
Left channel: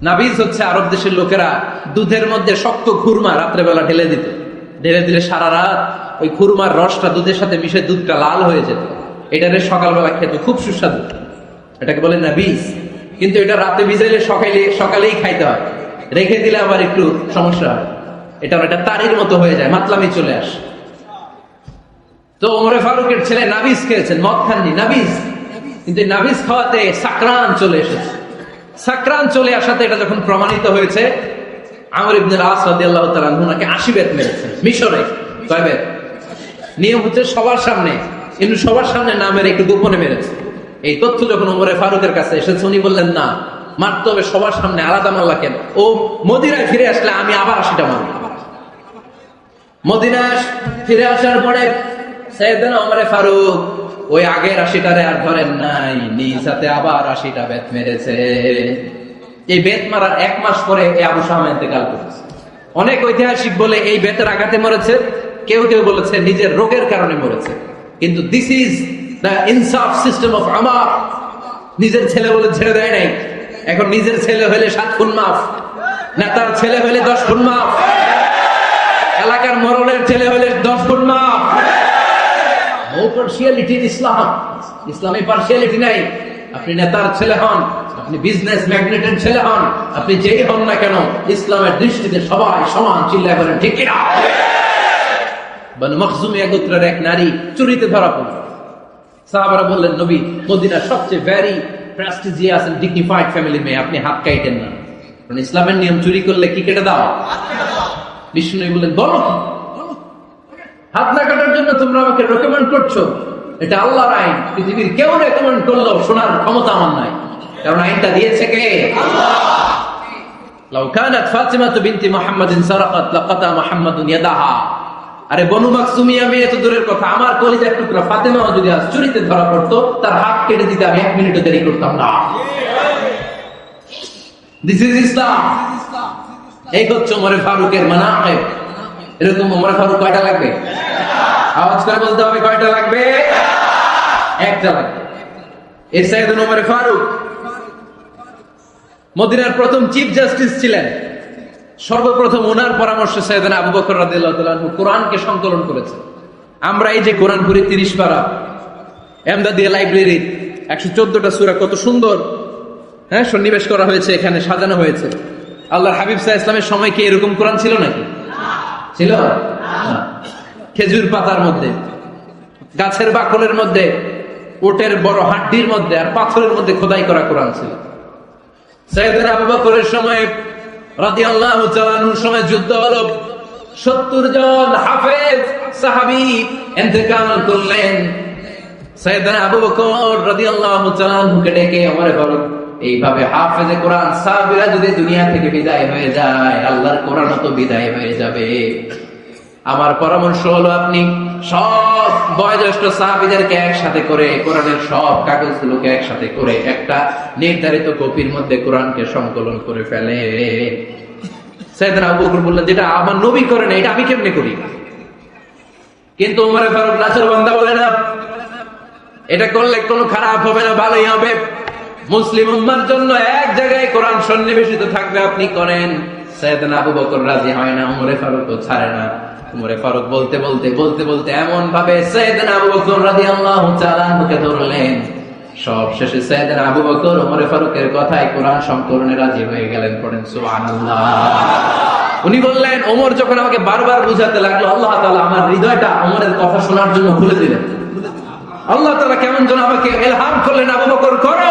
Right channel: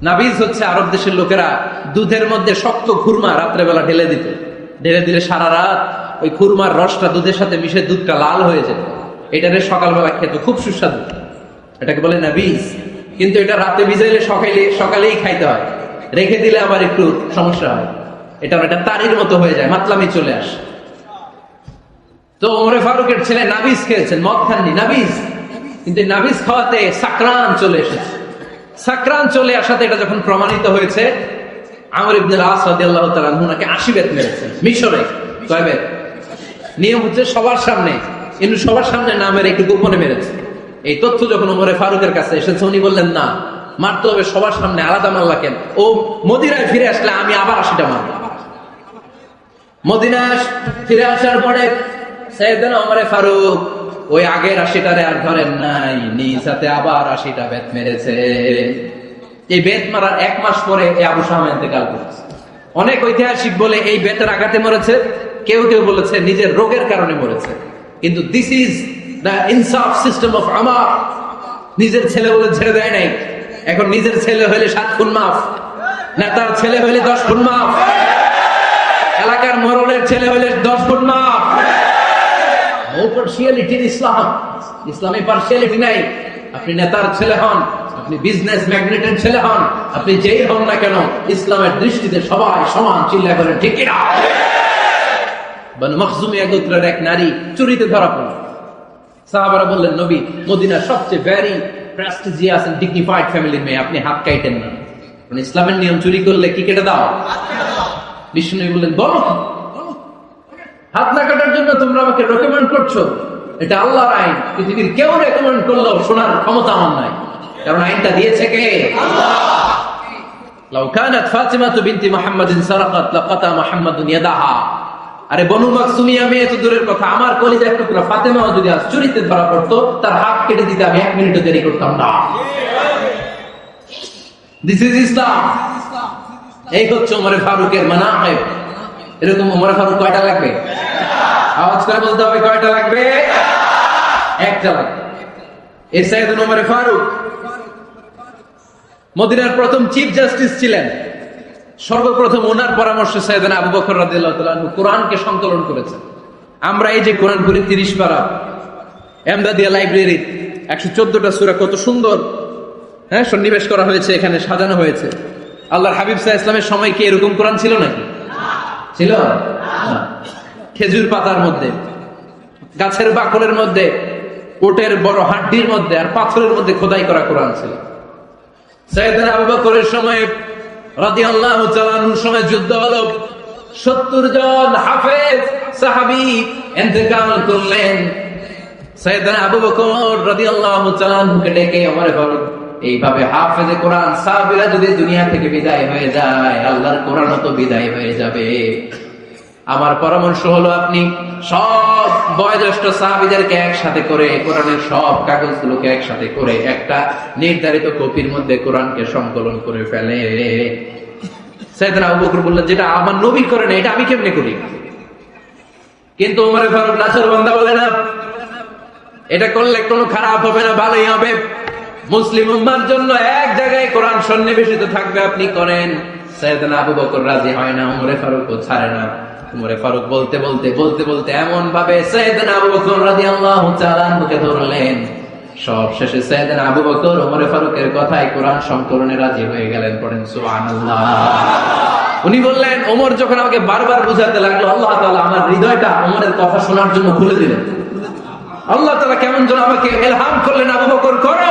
নাবিজ হচ্ছে আরব দেশের লোকেরা দুধের মধ্যে শক্ত খুরমা রাত্রেবেলা ঢেলে দিত, ঢেলে দিলে সারা রাত ওই খুরমার রসটা দুধের সাথে মিশে দুধটা লাল হয়ে যেত। এটারে সকালবেলা খেতে খুব সুস্বাদু, এটাকে বলে নাবিজ। কিন্তু এটা রাতে ভিজাইলে সকালেই খাইতে হয়, রেখে দিলে আবার একটু সমস্যা হয়, এটা তারির মতো হয়ে যায়, মাতলামি চলে আসে। তো ওমর ফারুকের ছেলে নাবিজ খেয়েছেন, মদ খাননি, নাবিজ। কিন্তু নাবিজ খাওয়াতে সাকরান চলে এসেছে। সাকরান চলে আসাতে এটা যখন প্রমাণিত হয়েছে, আমর ইবনে আস রাদিয়াল্লাহু তাআলা আনহু নাকি 80 বেত মেরেছেন মিশরে। কয় বেত? নিয়ম হচ্ছে সবার সামনে, কিন্তু সবার সামনে না মেরে একটু গোপনে মেরেছে। এই তথ্য যখন ওমর ফারুকের কাছে এসেছে, উনি বললেন না, মারতে হবে সবার সামনে, আলাদা মাল্লা কেন? ও মদিনায় ফিরে আসলে আমি আবার 80টা মারব। মদিনায় ফিরে আসার পরে সাইয়েদনা ওমর ফারুক ওই আগের 80টারে আর ধরেন নাই, নিজ হাতে আবার 80টা বেত মেরেছে। এই বেত মারার 1 মাস পরে আবু শামা ইন্তেকাল করেছে। অনেক ঐতিহাসিক বলে এই বেতের আঘাতে মরেছে, কেউ কেউ বলেছে নিজের রোগের কারণে মরেছে। কিন্তু দিস ইজ দ্য ইনসাফ সিস্টেম অফ আমার। নিজের ছেলে বলে ছেড়ে দেয় নাই, এখন নিজের ছেলে হলে 7 খুন মাফ, নেতার ছেলে হলে 10 খুন মাফ, এলাকার মরলের ছেলে হলে 10 খুন মাফ। ও পার্সিয়ালিটি ইন ইসলাম, ইসলামে পার্সিয়ালিটি নাই। আপনি নেতার ছেলে হন, আপনি বিজনেস ম্যাগনেটের ছেলে হন, আপনি যেই হন না কেন, ইসলামের দৃষ্টিতে সবাই সমান। চিল্লায় বলেন ঠিক কিনা? বনু মাখজুমের গোত্রের এক নারী চুরিতে ধরা পড়ল। সাহাবারা বললেন, নবী, মদিনার সবচেয়ে very prestigious and dignified family মেয়ে, আপনি হাত কাটেন না। কারণ ইসলামের নিয়ম, চুরি করলে কি কেটে দাও? বিষ্ণু বললেন, বলো হাত না কাটার জন্য তোমরা আমাকে রেকমেন্ড করছো? এটা আল্লাহর আইন, পৃথিবীর কেউ রেকমেন্ড করলেও শোনার ক্ষমতা আমার নাই, কারণ আইনটা দিয়েছে কে? আল্লাহ। লাউ কানাত ফাতিমাতু বিনতি মুহাম্মাদিন সারাকাত লাকাতা মুহাম্মাদুন ইয়াদাহা। আরে বনু মাখজুমিয়া মেয়ে তো দূরের কথা, আমার কলিজা একটু ফাতেমাও যদি আজ চুরিতে ধরা পড়তো, তার হাত কেটে দিতে আমি 1 মিনিটও দেরি করতাম না। দিস ইজ ইসলাম। এই হচ্ছে ওমর ফারুকের মানাকিব। এরকম ওমর ফারুক কয়টা লাগবে? আওয়াজ করে বলতে হবে, কয়টা লাগবে? 1টা লাগবে। এই সাইয়েদনা ওমর ফারুক মদিনার প্রথম চিফ জাস্টিস ছিলেন। সর্বপ্রথম ওনার পরামর্শে সাইয়েদনা আবু বকর রাদিয়াল্লাহু তাআলা কোরআনকে সংকলন করেছেন। আমরা এই যে কোরআন পড়ি 30 পারা, এমদাদিয়া লাইব্রেরি 114টা সূরা, কত সুন্দর সন্নিবেশ করা হয়েছে, এখানে সাজানো হয়েছে। আল্লাহর হাবিব সাল্লাল্লাহু আলাইহি ওয়াসাল্লামের সময় কি এরকম কোরআন ছিল নাকি? ছিল? খেজুর পাতার মধ্যে, গাছের বাকলের মধ্যে, ওটের বড় হাড্ডির মধ্যে আর পাথরের মধ্যে খোদাই করা কোরআন ছিল। সাইয়েদনা আবু বকরের সময় রাদিয়াল্লাহু তাআলা আনহুর সময় যুদ্ধ হলো, 70 জন হাফেজ সাহাবী ইন্তেকাল করলেন। সাইয়েদনা আবু বকর রাদিয়াল্লাহু তাআলা আনহুকে ডেকে আমারে বলেন, এইভাবে হাফেজে কোরআন সাহাবীরা যদি দুনিয়া থেকে বিদায় হয়ে যায়, আল্লাহর কোরআনও তো বিদায় হয়ে যাবে। আমার পরামর্শ হলো, আপনি সব বয়োজ্যেষ্ঠ সাহাবীদেরকে একসাথে করে কোরআনের সব কাগজগুলোকে একসাথে করে একটা নির্ধারিত কপির মধ্যে কোরআনকে সংকলন করে ফেলে। সাইয়েদনা আবু বকর বললেন, যেটা আমার নবী করেন এটা আমি কেমনে করি? কিন্তু ওমর ফারুক লাসের বান্দা বলে না, এটা করলে কোনো খারাপ হবে না, ভালোই হবে। মুসলিম উম্মার জন্য এক জায়গায় কোরআন সন্নিবেশিত থাকবে, আপনি করেন। সাইয়েদনা আবু বকর রাজি হয় না, ওমর ফারুকও ছাড়ে না। ওমর ফারুক বলতে বলতে এমন ভাবে সাইয়েদনা আবু বকর রাদিয়াল্লাহু তাআলা মুখে ধরলেন, সব শেষে সাইয়েদনা আবু বকর ওমর ফারুকের কথায় কোরআন সংকলনে রাজি হয়ে গেলেন। পড়েন সুবহানাল্লাহ। উনি বললেন, ওমর যখন আমাকে বারবার বুঝাতে লাগলেন, আল্লাহ তাআলা আমার হৃদয়টা ওমরের কথা শোনার জন্য খুলে দিলেন। আল্লাহ তাআলা কেমন যেন আমাকে ইলহাম করলেন, আবু বকর করো,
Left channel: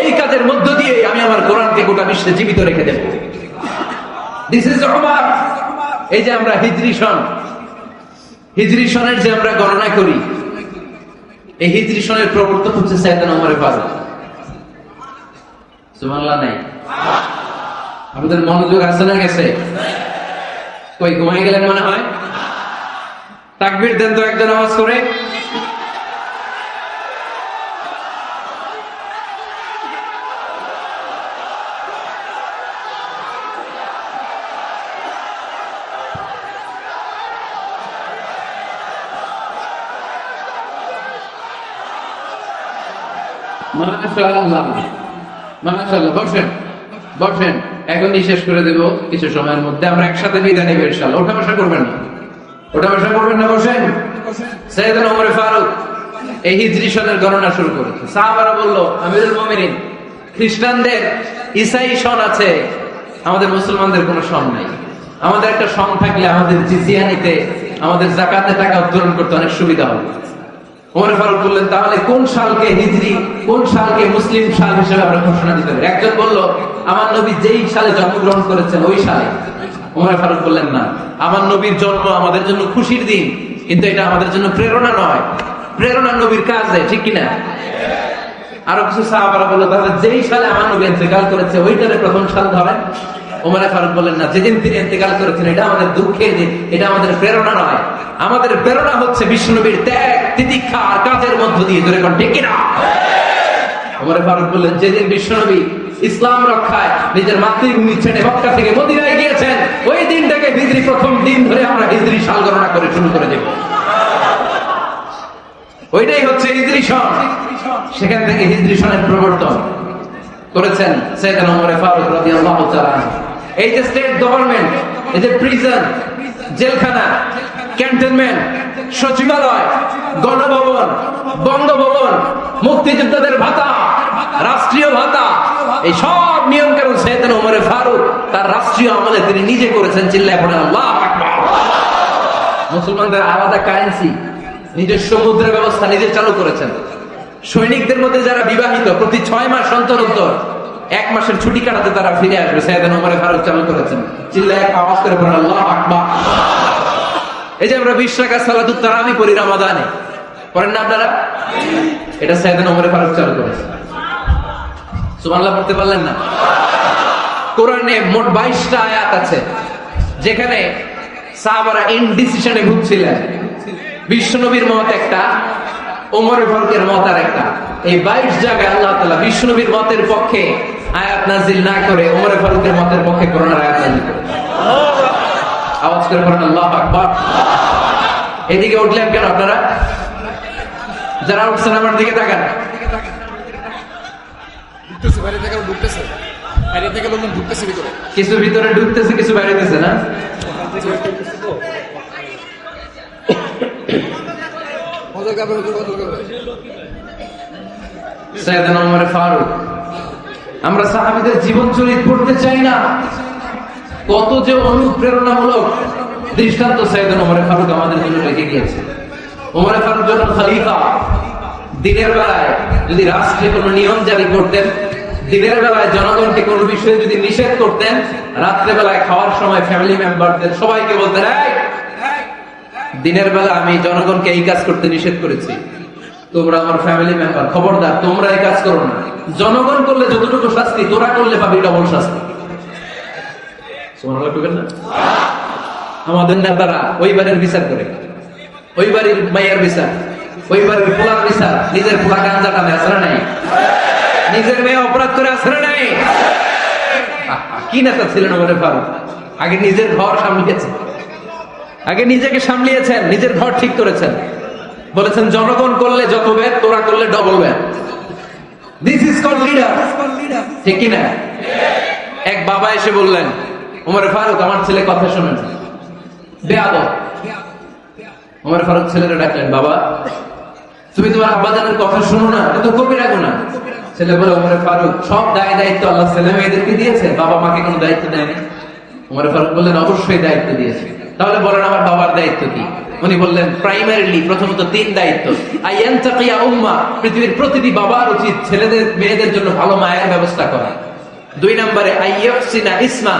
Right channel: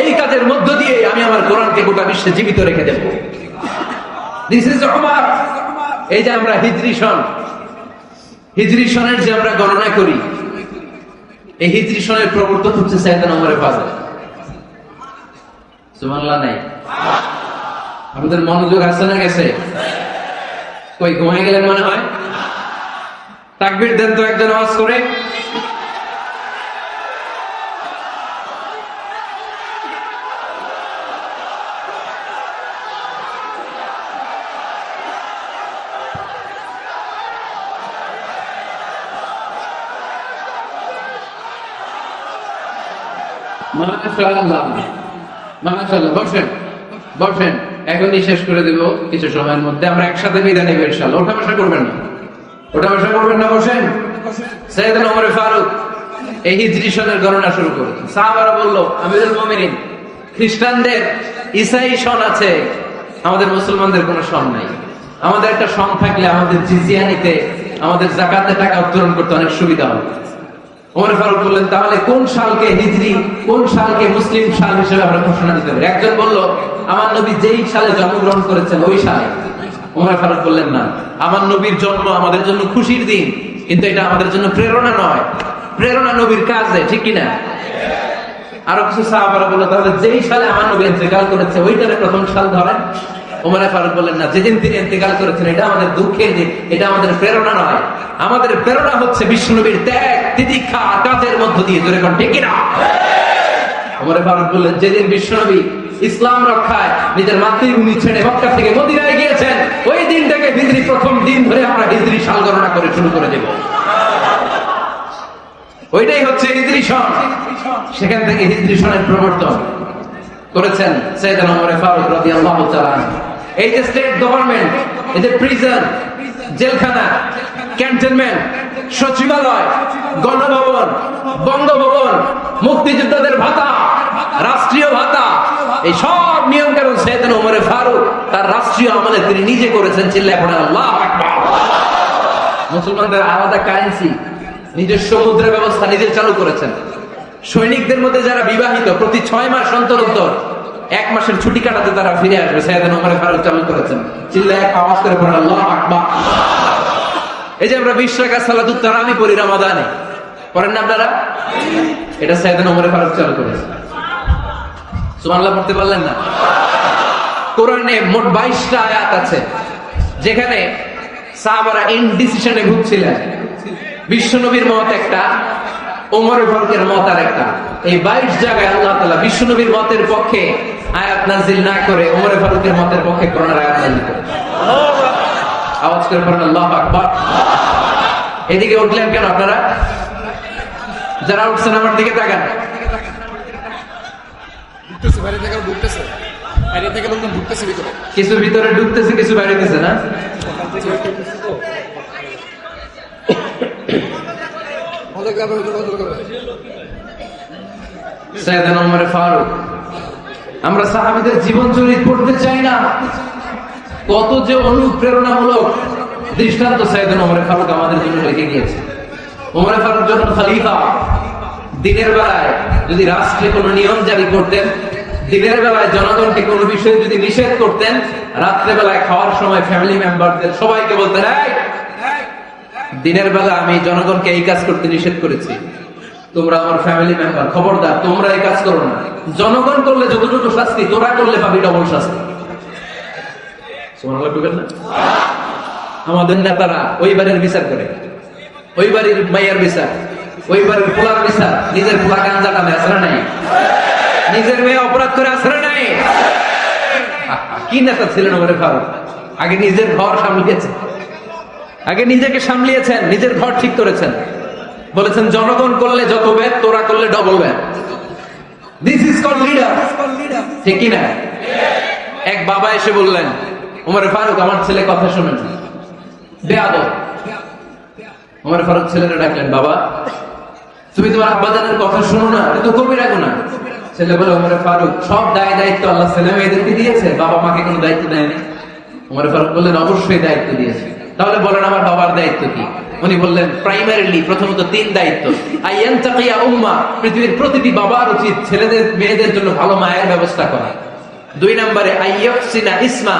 এই কাজের মধ্য দিয়ে আমি আমার কোরআনকে গোটা বিশ্বে জীবিত রেখে দেব। This is Omar. এই যে আমরা হিজরি সনের যে আমরা গণনা করি, এই হিজরি সনের প্রবর্তক হচ্ছে সাইয়েদনা ওমর ফারুক। সুবহানাল্লাহ নাই? আমাদের মনোযোগ আসে না গেছে? কই ঘুমিয়ে গেলেন মনে হয়? তাকবীর দেন তো একজন আওয়াজ করে। বসেন বসেন, এখনই শেষ করে দেব কিছু সময়ের মধ্যে। আমরা একসাথে বিদায় নেব ইনশাআল্লাহ। ওঠা বসা করবেন না, ওঠা বসা করবেন না, বসেন। সাইয়েদনা ওমর ফারুক এই হিজরি সনের গণনা শুরু করেছেন। সাহাবারা বলল, আমিরুল মুমিনিন, খ্রিস্টানদের ঈসাই সন আছে, আমাদের মুসলমানদের কোনো সন নেই। আমাদের একটা সন থাকলে আমাদের জিজিয়া নিতে, আমাদের যাকাতের টাকা উত্তোলন করতে অনেক সুবিধা হবে। ওমর ফারুক বললেন, তাহলে কোন সালকে হিজরি, কোন সালকে মুসলিম সাল হিসেবে আমরা ঘোষণা দিতে পারি? একজন বলল, আমার নবী যেই সালে জন্মগ্রহণ করেছেন ওই সালে। ওমর ফারুক বললেন, না, আমার নবীর জন্ম আমাদের জন্য খুশির দিন, কিন্তু এটা আমাদের জন্য প্রেরণা নয়। প্রেরণা নবীর কাজ নেই, ঠিক কিনা? আরো কিছু সাহাবারা বলল, তাহলে যেই সালে আমার নবী ইন্তেকাল করেছে ওইখানে প্রথম সাল ধরে। ওমর ফারুক বললেন, না, যেদিন তিনি ইন্তেকাল করেছেন এটা আমাদের দুঃখের দিন, এটা আমাদের প্রেরণা নয়। আমাদের প্রেরণা হচ্ছে বিশ্বনবীর ত্যাগ, তিতিক্ষা, কাজের মধ্য দিয়ে, ঠিক কিনা? ওমর ফারুক বললেন, যেদিন বিশ্বনবী ইসলাম রক্ষায় নিজের মাতৃভূমি ছেড়ে মক্কা থেকে মদিনায় গিয়েছেন, ওই দিনটাকে হিজরি প্রথম দিন ধরে আমরা হিজরি সাল গণনা করে শুরু করে দেব। ওইটাই হচ্ছে হিজরি সন। সেখান থেকে হিজরি সনের প্রবর্তন করেছেন সাইয়েদনা ওমর ফারুক রাদিয়াল্লাহু তাআলা। এই যে স্টেট গভর্নমেন্ট, এই যে প্রিজন, জেলখানা, ক্যান্টনমেন্ট, সচিবালয়, গণভবন, বঙ্গভবন, মুক্তিযোদ্ধাদের ভাতা, রাষ্ট্রীয় ভাতা, এই সব নিয়ম কানুন সাইয়েদনা ওমর ফারুক তার রাষ্ট্রীয় আমলে তিনি নিজে করেছেন। চিল্লায় পড়েন আল্লাহু আকবার। মুসলমানদের আলাদা কারেন্সি, নিজস্ব মুদ্রা ব্যবস্থা নিজে চালু করেছেন। সৈনিকদের মধ্যে যারা বিবাহিত, প্রতি 6 মাস সন্তানোত্তর 1 মাসের ছুটি কাটাতে তারা ফিরে আসবে, সাইয়েদনা ওমর ফারুক চালু করেছেন। চিল্লায় একটা আওয়াজ করে পড়েন আল্লাহু আকবার। এই যে আমরা 20 টাকা সালাতুত তারাবি পড়ি রমাদানে, পড়েন না আপনারা? এটা সাইয়েদনা ওমর ফারুক চালু করেছেন। সুবহানাল্লাহ পড়তে পারলেন না? কোরআনে মোট 22টা আয়াত আছে যেখানে সাহাবারা ইনডিসিশনে ভুগছিলেন। বিশ্বনবীর মত একটা, ওমর ফারুকের মত আরেকটা। এই 22 জায়গায় আল্লাহ তাআলা বিশ্বনবীর মতের পক্ষে আয়াত নাযিল না করে ওমর ফারুকের মতের পক্ষে কোরআনের আয়াত নাযিল করেছেন। আওয়াজ করে বলেন আল্লাহু আকবার। এদিকে উঠলেন কেন আপনারা? যারা উঠছেন আমার দিকে তাকান। উঠতেছে, বাইরে থেকে উঠতেছে, বাইরে থেকে ঢুকতেছে ভিতরে, কিছু ভিতরে ঢুকতেছে, কিছু বাইরে গেছে না। সাইয়েদনা ওমর ফারুক, আমরা সাহাবাদের জীবন চরিত্র পড়তে চাই না? কত যে অনুপ্রেরণামূলক দৃষ্টান্ত সাইয়েদনা ওমর ফারুক আমাদের জন্য রেখে গিয়েছে। ওমর ফারুক যখন খলিফা, দিনের বেলায় যদি রাষ্ট্রীয় কোনো নিয়ম জারি করতেন, দিনের বেলায় জনগণকে কোনো বিষয়ে যদি নিষেধ করতেন, রাত্রে বেলায় খাওয়ার সময় ফ্যামিলি মেম্বারদের সবাইকে বলতেন, দিনের বেলা আমি জনগণকে এই কাজ করতে নিষেধ করেছি, তোমরা আমার ফ্যামিলি মেম্বার, খবরদার তোমরা এই কাজ করো না। জনগণ করলে যতটুকু শাস্তি, তোরা করলে পাবি ডবল শাস্তি। আমাদের নেতারা ওই বাড়ির বিচার করে, ওই বাড়ির মায়ের বিচার, ওই বাড়ির পোলার বিচার, নিজের পোলা গাঁজা কামে আসরে নাই, নিজের মেয়ে অপরাধ করে আসরে নাই। কি নেতা ছিলেন আমাদের ফারুক? আগে নিজের ঘর সামলিয়েছেন, আগে নিজেকে সামলিয়েছেন, নিজের ঘর ঠিক করেছেন। বলেছেন জনগণ করলে যত ব্যাট, তোরা করলে double bat. This is called leader, ঠিক কি না? এক বাবা এসে বললেন, ওমর ফারুক আমার ছেলে কথা শোনেন, বেয়াদব। ওমর ফারুক ছেলেরা ডাকলেন, বাবা তুমি তোমার আব্বাজানের কথা শোনো না, এটা তো কবিরা গুনাহ। ছেলে বলে, ওমর ফারুক সব দায় দায়িত্ব আল্লাহ ছেলে মেয়েদেরকে দিয়েছে, বাবা মাকে কোনো দায়িত্ব দেয়নি। ওমর ফারুক বললেন, অবশ্যই দায়িত্ব দিয়েছে। তাহলে বলেন আমার বাবার দায়িত্ব কি? উনি বললেন, প্রাইমারিলি প্রথমত 3 দায়িত্ব। আইয়ানতাকিয়া উম্মাহ, পৃথিবীর প্রতিটি বাবার উচিত ছেলেদের মেয়েদের জন্য ভালো মায়ের ব্যবস্থা করা। 2 নম্বরে আইয়াহসিনা ইসমা,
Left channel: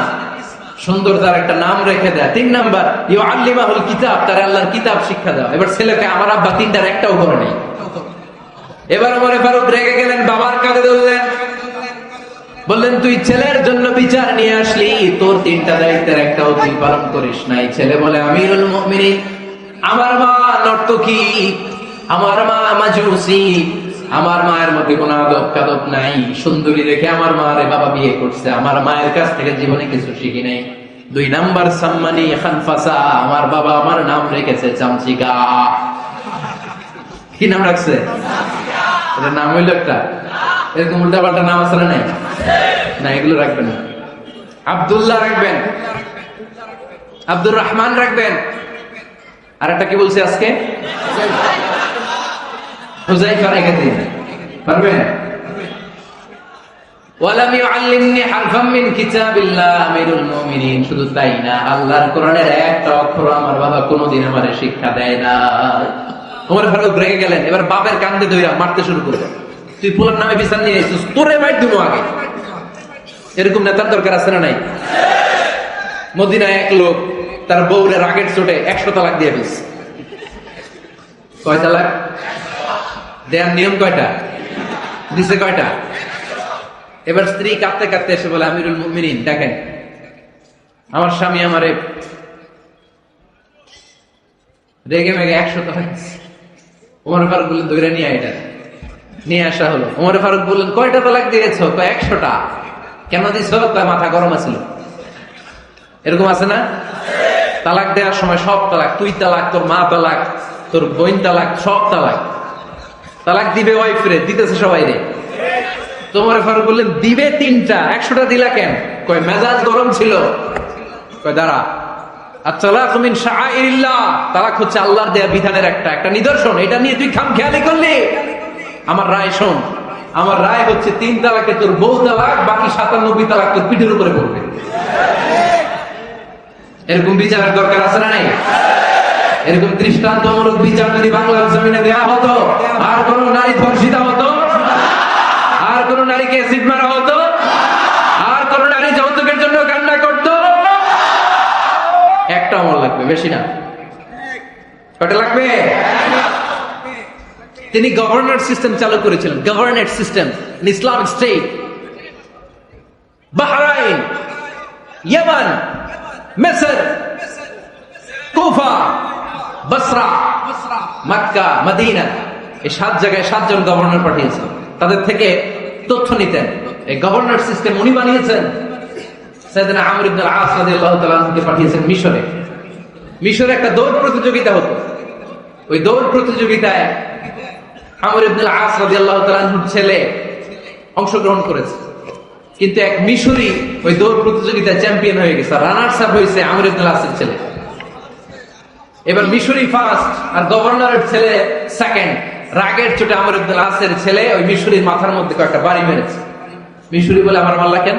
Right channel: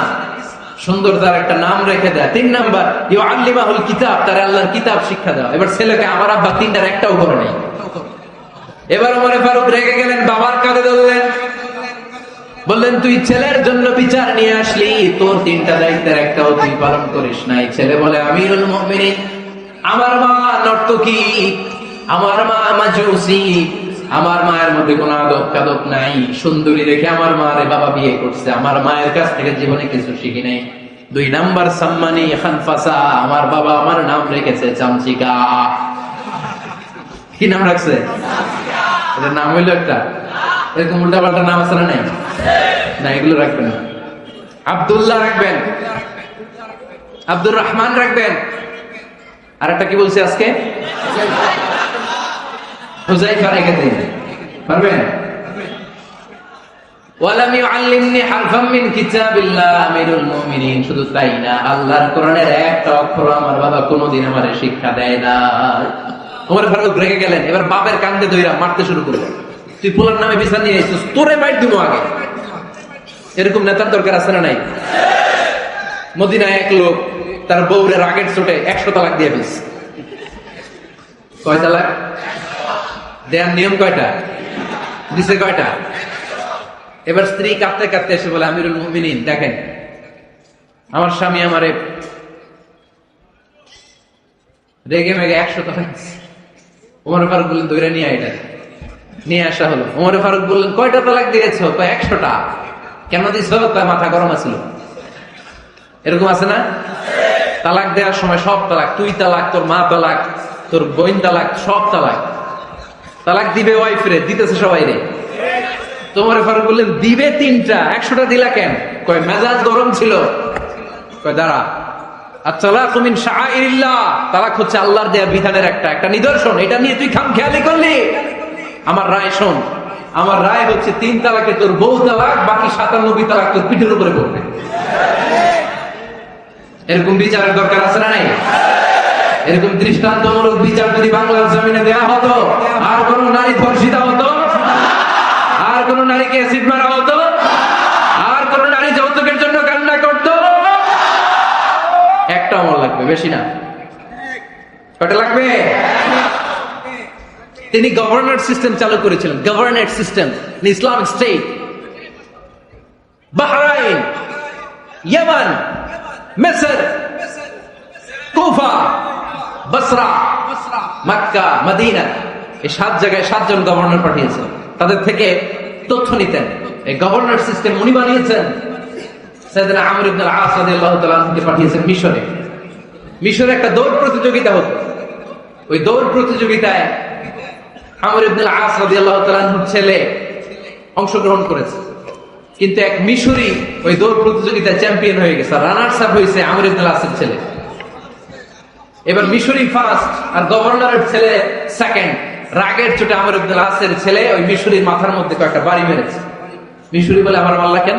সুন্দর তার একটা নাম রেখে দেয়। 3 নাম্বার ইউআল্লিমাহুল কিতাব, তার আল্লাহর কিতাব শিক্ষা দেওয়া। এবার ছেলেকে আমার আব্বা 3টার একটাও করে নেই। এবার ওমর ফারুক রেগে গেলেন, বাবার কানে ধরলেন, বললেন তুই ছেলের জন্য বিচার নিয়ে আসলি, তোর 3টা দায়িত্বের একটাও তুই পালন করিস নাই। ছেলে বলে, আমিরুল মুমিনিন আমার মা নর্তকী, আমার মা মাজুসি, আমার মায়ের মধ্যে কোনো আদব কাদব নাই। সুন্দরী দেখে আমার মারে বাবা বিয়ে করছে, আমার মায়ের কাছ থেকে জীবনে কিছু শিখি নেই। 2 নাম্বার সম্মানী খানফাসা, আমার বাবা আমার নাম রেখেছে চামচিকা। কি নাম রাখছে? এটার নাম হইল একটা, এরকম উল্টা পাল্টা নাম আছে না? না, এগুলো রাখবেন না। আব্দুল্লাহ রাখবেন, আব্দুর রহমান রাখবেন। আর একটা কি বলছে আজকে? হুযায়ফা রেখে দিন, পারবেন? ওয়ালাম ইউআল্লিমনি হারফাম মিন কিতাবিল্লাহ আমিরুল মুমিনিন। শুধু তাই না, আল্লাহর কোরআনের একটা অক্ষর আমার বাবা কোনোদিন আমারে শিক্ষা দেয় না। ওমর ফারুক রেগে গেলেন, এবার বাপের কান্দে ধইরা মারতে শুরু করলেন। তুই পুরার নামে বিচার নিয়ে আইছিস, তোরে মাইর দেবো আগে। এরকম নেতার দরকার আছে না নাই? মদিনায় এক লোক তার বউরে রাগের চোটে 100 তালাক দিয়ে দিয়েছে। কয় তালাক দেয়ার নিয়ম কয়টা? দিছে কয়টা? এবার স্ত্রী কাঁদতে কাঁদতে এসে বলে, আমিরুল মুমিনিন দেখেন, আমার স্বামী আমারে রেগে মেগে 100 তালাক দিছে। ওমর ফারুক বললেন, ধরে নিয়ে এটা নিয়ে আসা হলো। ওমর ফারুক বললেন, কয়টা তালাক দিয়েছ? 100টা। কেন দিছ? তার মাথা গরম আছিল। এরকম আছে না? তালাক দেওয়ার সময় সব তালাক, তুই তালাক, তোর মা তালাক, তোর বোন তালাক, সব তালাক। তালাক দিবে ওয়াইফরে, দিতেছে সবাই রে। তোমার ফারুক বললেন, দিবে 3টা, 100টা দিলা কেন? কয় মেজাজ গরম ছিল। কয় দাঁড়া, আত-তালাকু মিন শাআইরিল্লাহ, তালাক হচ্ছে আল্লাহর দেয়া বিধানের একটা নিদর্শন। এটা নিয়ে তুই খামখেয়ালি করলি? আমার রায় শোন, আমার রায় হচ্ছে 3 তালাকে তোর বউ তালাক, বাকি 97 তালাক তোর পিঠের উপরে পড়বে। এরকম বিচারের দরকার আছে না নাই? এরকম দৃষ্টান্তমূলক বিচার যদি বাংলার জমিনে দেওয়া হতো, আর কোন নারী ধর্ষিতা হতো, আর কোন নারীকে অ্যাসিড মারা হতো, আর কোন নারী যৌতুকের জন্য কান্না করতো, একটা মন লাগবে, বেশি না। কয়টা লাগবে? তিনি গভর্নর সিস্টেম চালু করেছিলেন, governor system, Islamic state. Bahrain, Yemen, মিসর, কুফা, বসরা, মক্কা, মদিনা, এই 7 জায়গায় 7 জন গভর্নর পাঠিয়েছেন। তাদের থেকে তথ্য নিতেন। এই গভর্নর সিস্টেম উনি বানিয়েছেন। সাইয়েদনা আমর ইবনে আল-আস রাদিয়াল্লাহু তাআলা আনহু পাঠিয়েছেন মিশরে। মিশরে একটা দৌড় প্রতিযোগিতা হতো। ওই দৌড় প্রতিযোগিতায় আমর ইবনে আল-আস রাদিয়াল্লাহু তাআলা আনহুর ছেলে অংশগ্রহণ করেছে। কিন্তু এক মিশরি ওই দৌড় প্রতিযোগিতায় চ্যাম্পিয়ন হয়ে গেছে, রানার্স আপ হয়েছে আমর ইবনে আল-আসের ছেলে। এবার মিশরি ফার্স্ট আর গভর্নরের ছেলে সেকেন্ড। রাগের চোটে আমর ইবনে আল-আসের ছেলে ওই মিশরির মাথার মধ্যে কয়েকটা বাড়ি মেরেছে। মিশরি বলে, আমার মারলা কেন?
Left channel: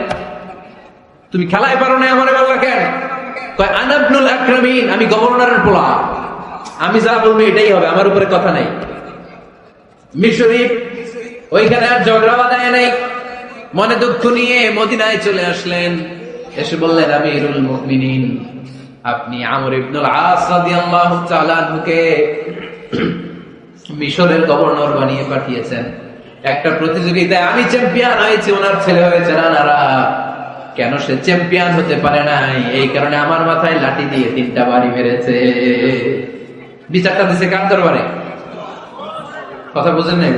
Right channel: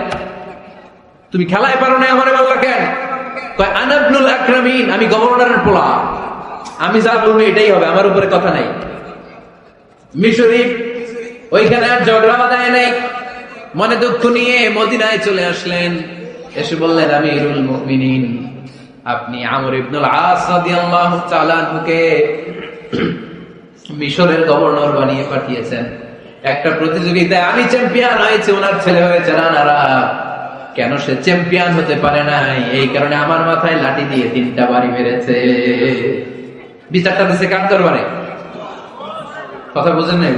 তুমি খেলায় পারো না, আমার মারলা কেন? কয়, আনা ইবনুল আকরামিন, আমি গভর্নরের পোলা, আমি যা বলবি এটাই হবে, আমার উপরে কথা নাই। মিশরি ওইখানে আর ঝগড়া বাঁধায় নাই, মনে দুঃখ নিয়ে মদিনায় চলে আসলেন। এসে বললেন, আমিরুল মুমিনিন, আপনি আমর ইবনুল আস রাদিয়াল্লাহু তাআলা আনহুকে মিশরের গভর্নর বানিয়ে পাঠিয়েছেন। একটা প্রতিযোগিতায় আমি চ্যাম্পিয়ন হয়েছি, ওনার ছেলে হয়েছে রানার আপ। কেন সে চ্যাম্পিয়ন হতে পারে নাই? এই কারণে আমার মাথায় লাঠি দিয়ে 3টা বাড়ি মেরেছে। বিচারটা দিছে কার দরবারে? কথা বুঝেন নাই?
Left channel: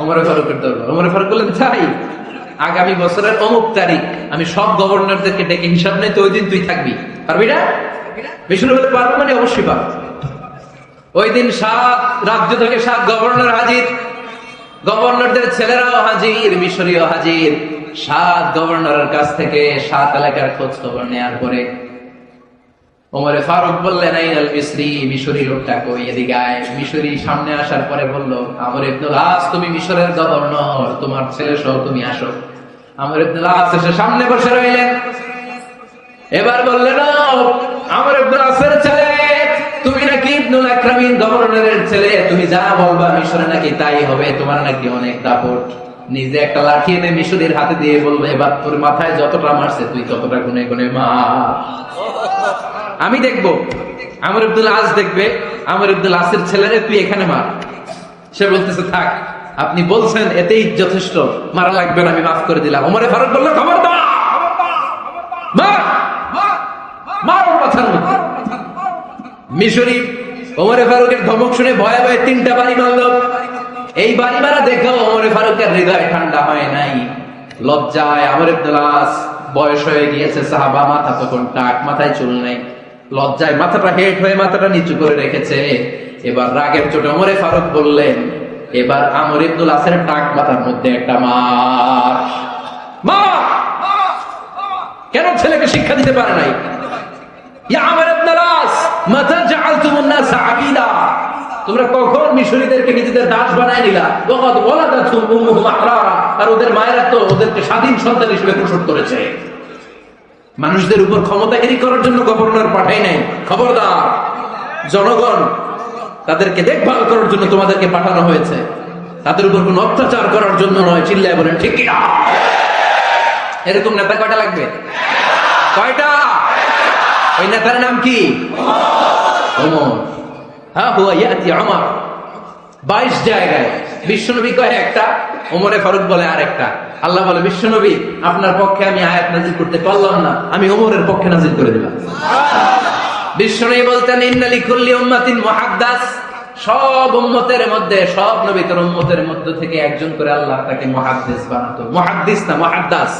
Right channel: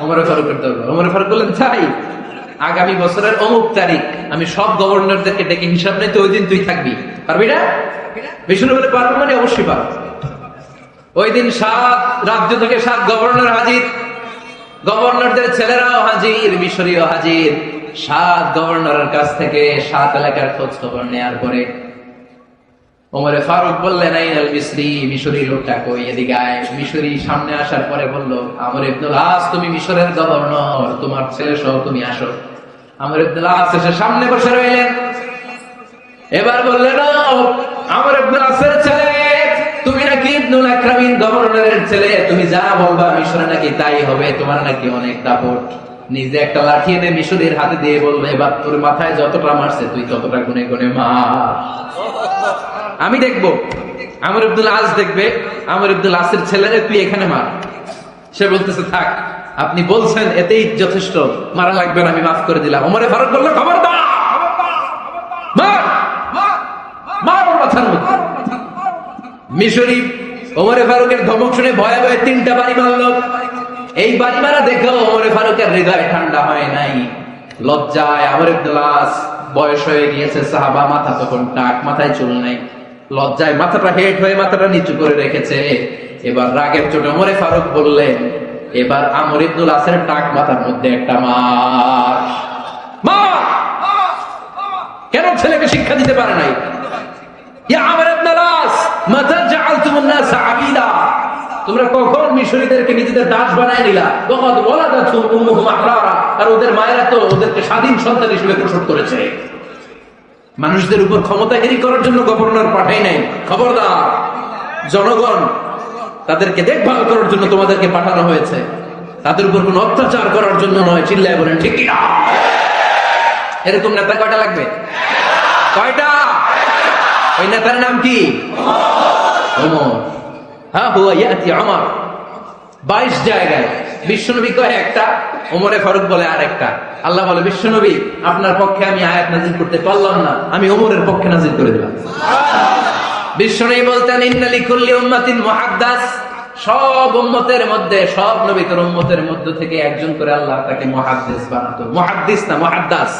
ওমর ফারুকের দরবারে। ওমর ফারুক বললেন, চাই আগামী বছরের অমুক তারিখ আমি সব গভর্নরদেরকে ডেকে হিসাব নেই, তো ওই দিন তুই থাকবি। পারবি না? মিশর বলে, পারবে না, অবশ্যই পারবে। ওই দিন 7 রাজ্য থেকে 7 গভর্নর হাজির, গভর্নরদের ছেলেরাও হাজির, মিশরীয় হাজির। 7 গভর্নরের কাছ থেকে 7 এলাকার খোঁজ খবর নেয়ার পরে ওমর ফারুক বললেন, আইনাল মিসরি, মিশরী লোকটা কই, এদিকে আয়। মিশরী সামনে আসার পরে বলল, আমর ইবনুল আস, তুমি মিশরের গভর্নর, তোমার ছেলে সহ তুমি আসো। আমর ইবনুল আস এসে সামনে বসে রইলেন। এবার বললেন, আমর ইবনুল আসের ছেলে, তুমি নাকি ইবনুল আকরামিন গভর্নরের ছেলে, তুমি যা বলবা মিশরে নাকি তাই হবে, তোমার নাকি অনেক দাপট। নিজে একটা লাঠি এনে মিশরের হাতে দিয়ে বললে, এবার তোর মাথায় যতটা মারছে তুই ততটা গুনে গুনে মার, আমি দেখবো। আমর ইবনুল আস দেখবে, আমর ইবনুল আসের ছেলেরে তুই এখানে মার। সে বলতেছে, থাক, আপনি বলছেন এতেই যথেষ্ট, মারা লাগবে না, আমি মাফ করে দিলাম। ওমর ফারুক বলল, খবরদার, মার, মার ওর মাথার মধ্যে। মিশরি ওমরে ফারুকের ধমক শুনে ভয়ে ভয়ে 3টা বাড়ি মারলো। এই বাড়ি মারা দেখলো ওমরে ফারুকের হৃদয় ঠান্ডা হয় নাই। লজ্জায় আমর ইবনুল আস, বয়স হয়ে গিয়েছে সাহাবা, মাথা তখন টাক, মাথায় চুল নেই, লজ্জায় মাথাটা হেট হয়ে মাথাটা নিচু করে রেখেছে। এবার রাগের চোটে ওমরে ফারুক বললেন, এবার আমর ইবনুল আসের টাক মাথার মধ্যে একটা মার। কেন ছেলেকে শিক্ষা দিতে পারে নাই? তোমরা কখন মিশরীয়দেরকে নিজেদের দাস বানায় নিলা? আর ওদের মায়েরা তো ওদেরকে স্বাধীন সন্তান হিসেবে প্রসব করেছে। মানুষদের উপর ক্ষমতাগিরি করার জন্য গভর্নর পাঠাই নাই। খবরদার, জনগণ তাদেরকে দেখভাল করার জন্য তোমাদেরকে পাঠানো হয়েছে, তাদের উপর কোন অত্যাচার করার জন্য নয়। চিল্লায় বলেন ঠিক কিনা? এরকম নেতা কয়টা লাগবে? কয়টা? ওই নেতার নাম কি? হ্যাঁ, 22 জায়গায় বিশ্বনবী কয় একটা, ওমরে ফারুক বলে আরেকটা। আল্লাহ বলে, বিশ্বনবী আপনার পক্ষে আমি আয়াত নাযিল করতে পারলাম না, আমি ওমরের পক্ষে নাযিল করে দিলাম। বিশ্বনবী বলতেন, ইন্না লিকুল্লি উম্মাতিন মুহাদ্দাস, সব উম্মতের মধ্যে, সব নবীর উম্মতের মধ্যে থেকে একজন করে আল্লাহ তাকে মুহাদ্দিস বানাতো। মুহাদ্দিস না, মুহাদ্দাস।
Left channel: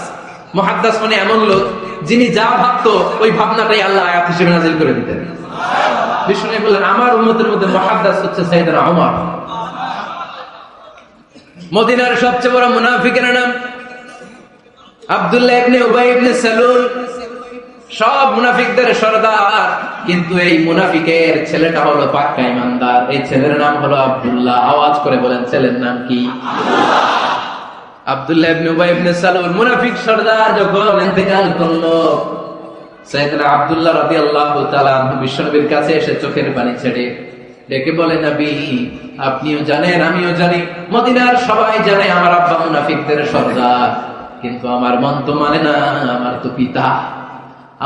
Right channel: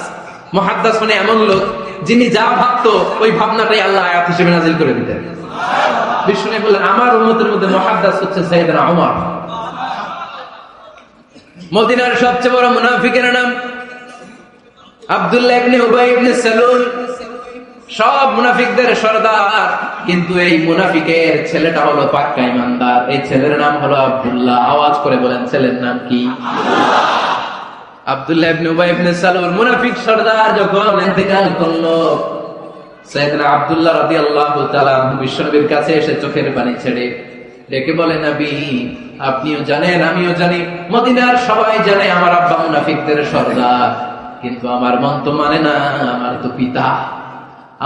মুহাদ্দাস মানে এমন লোক যিনি যা ভাবতো ওই ভাবনাটাই আল্লাহ আয়াত হিসেবে নাযিল করে দিতেন। বিশ্বনবী বলেন, আমার উম্মতের মধ্যে মুহাদ্দাস হচ্ছে সাইয়েদনা ওমর। মদিনার সবচেয়ে বড় মুনাফিকের নাম আব্দুল্লাহ ইবনে উবাই ইবনে সালুল। সব মুনাফিকদের সরদার, কিন্তু এই মুনাফিকের ছেলেটা হলো পাক্কা ঈমানদার। এই ছেলের নাম হলো আব্দুল্লাহ। আওয়াজ করে বলেন, ছেলের নাম কি? আব্দুল্লাহ ইবনে উবাই ইবনে সালুল। মুনাফিক সরদার যখন ইন্তেকাল করলো, সাইয়েদনা আব্দুল্লাহ রাদিয়াল্লাহু তাআলা বিশ্বনবীর কাছে এসে চোখের পানি ছেড়ে ডেকে বলে, নবী আপনিও জানেন, আমিও জানি, মদিনার সবাই জানে আমার আব্বা মুনাফিকদের সরদার, কিন্তু আমার মন তো মানে না। আমার তো পিতা,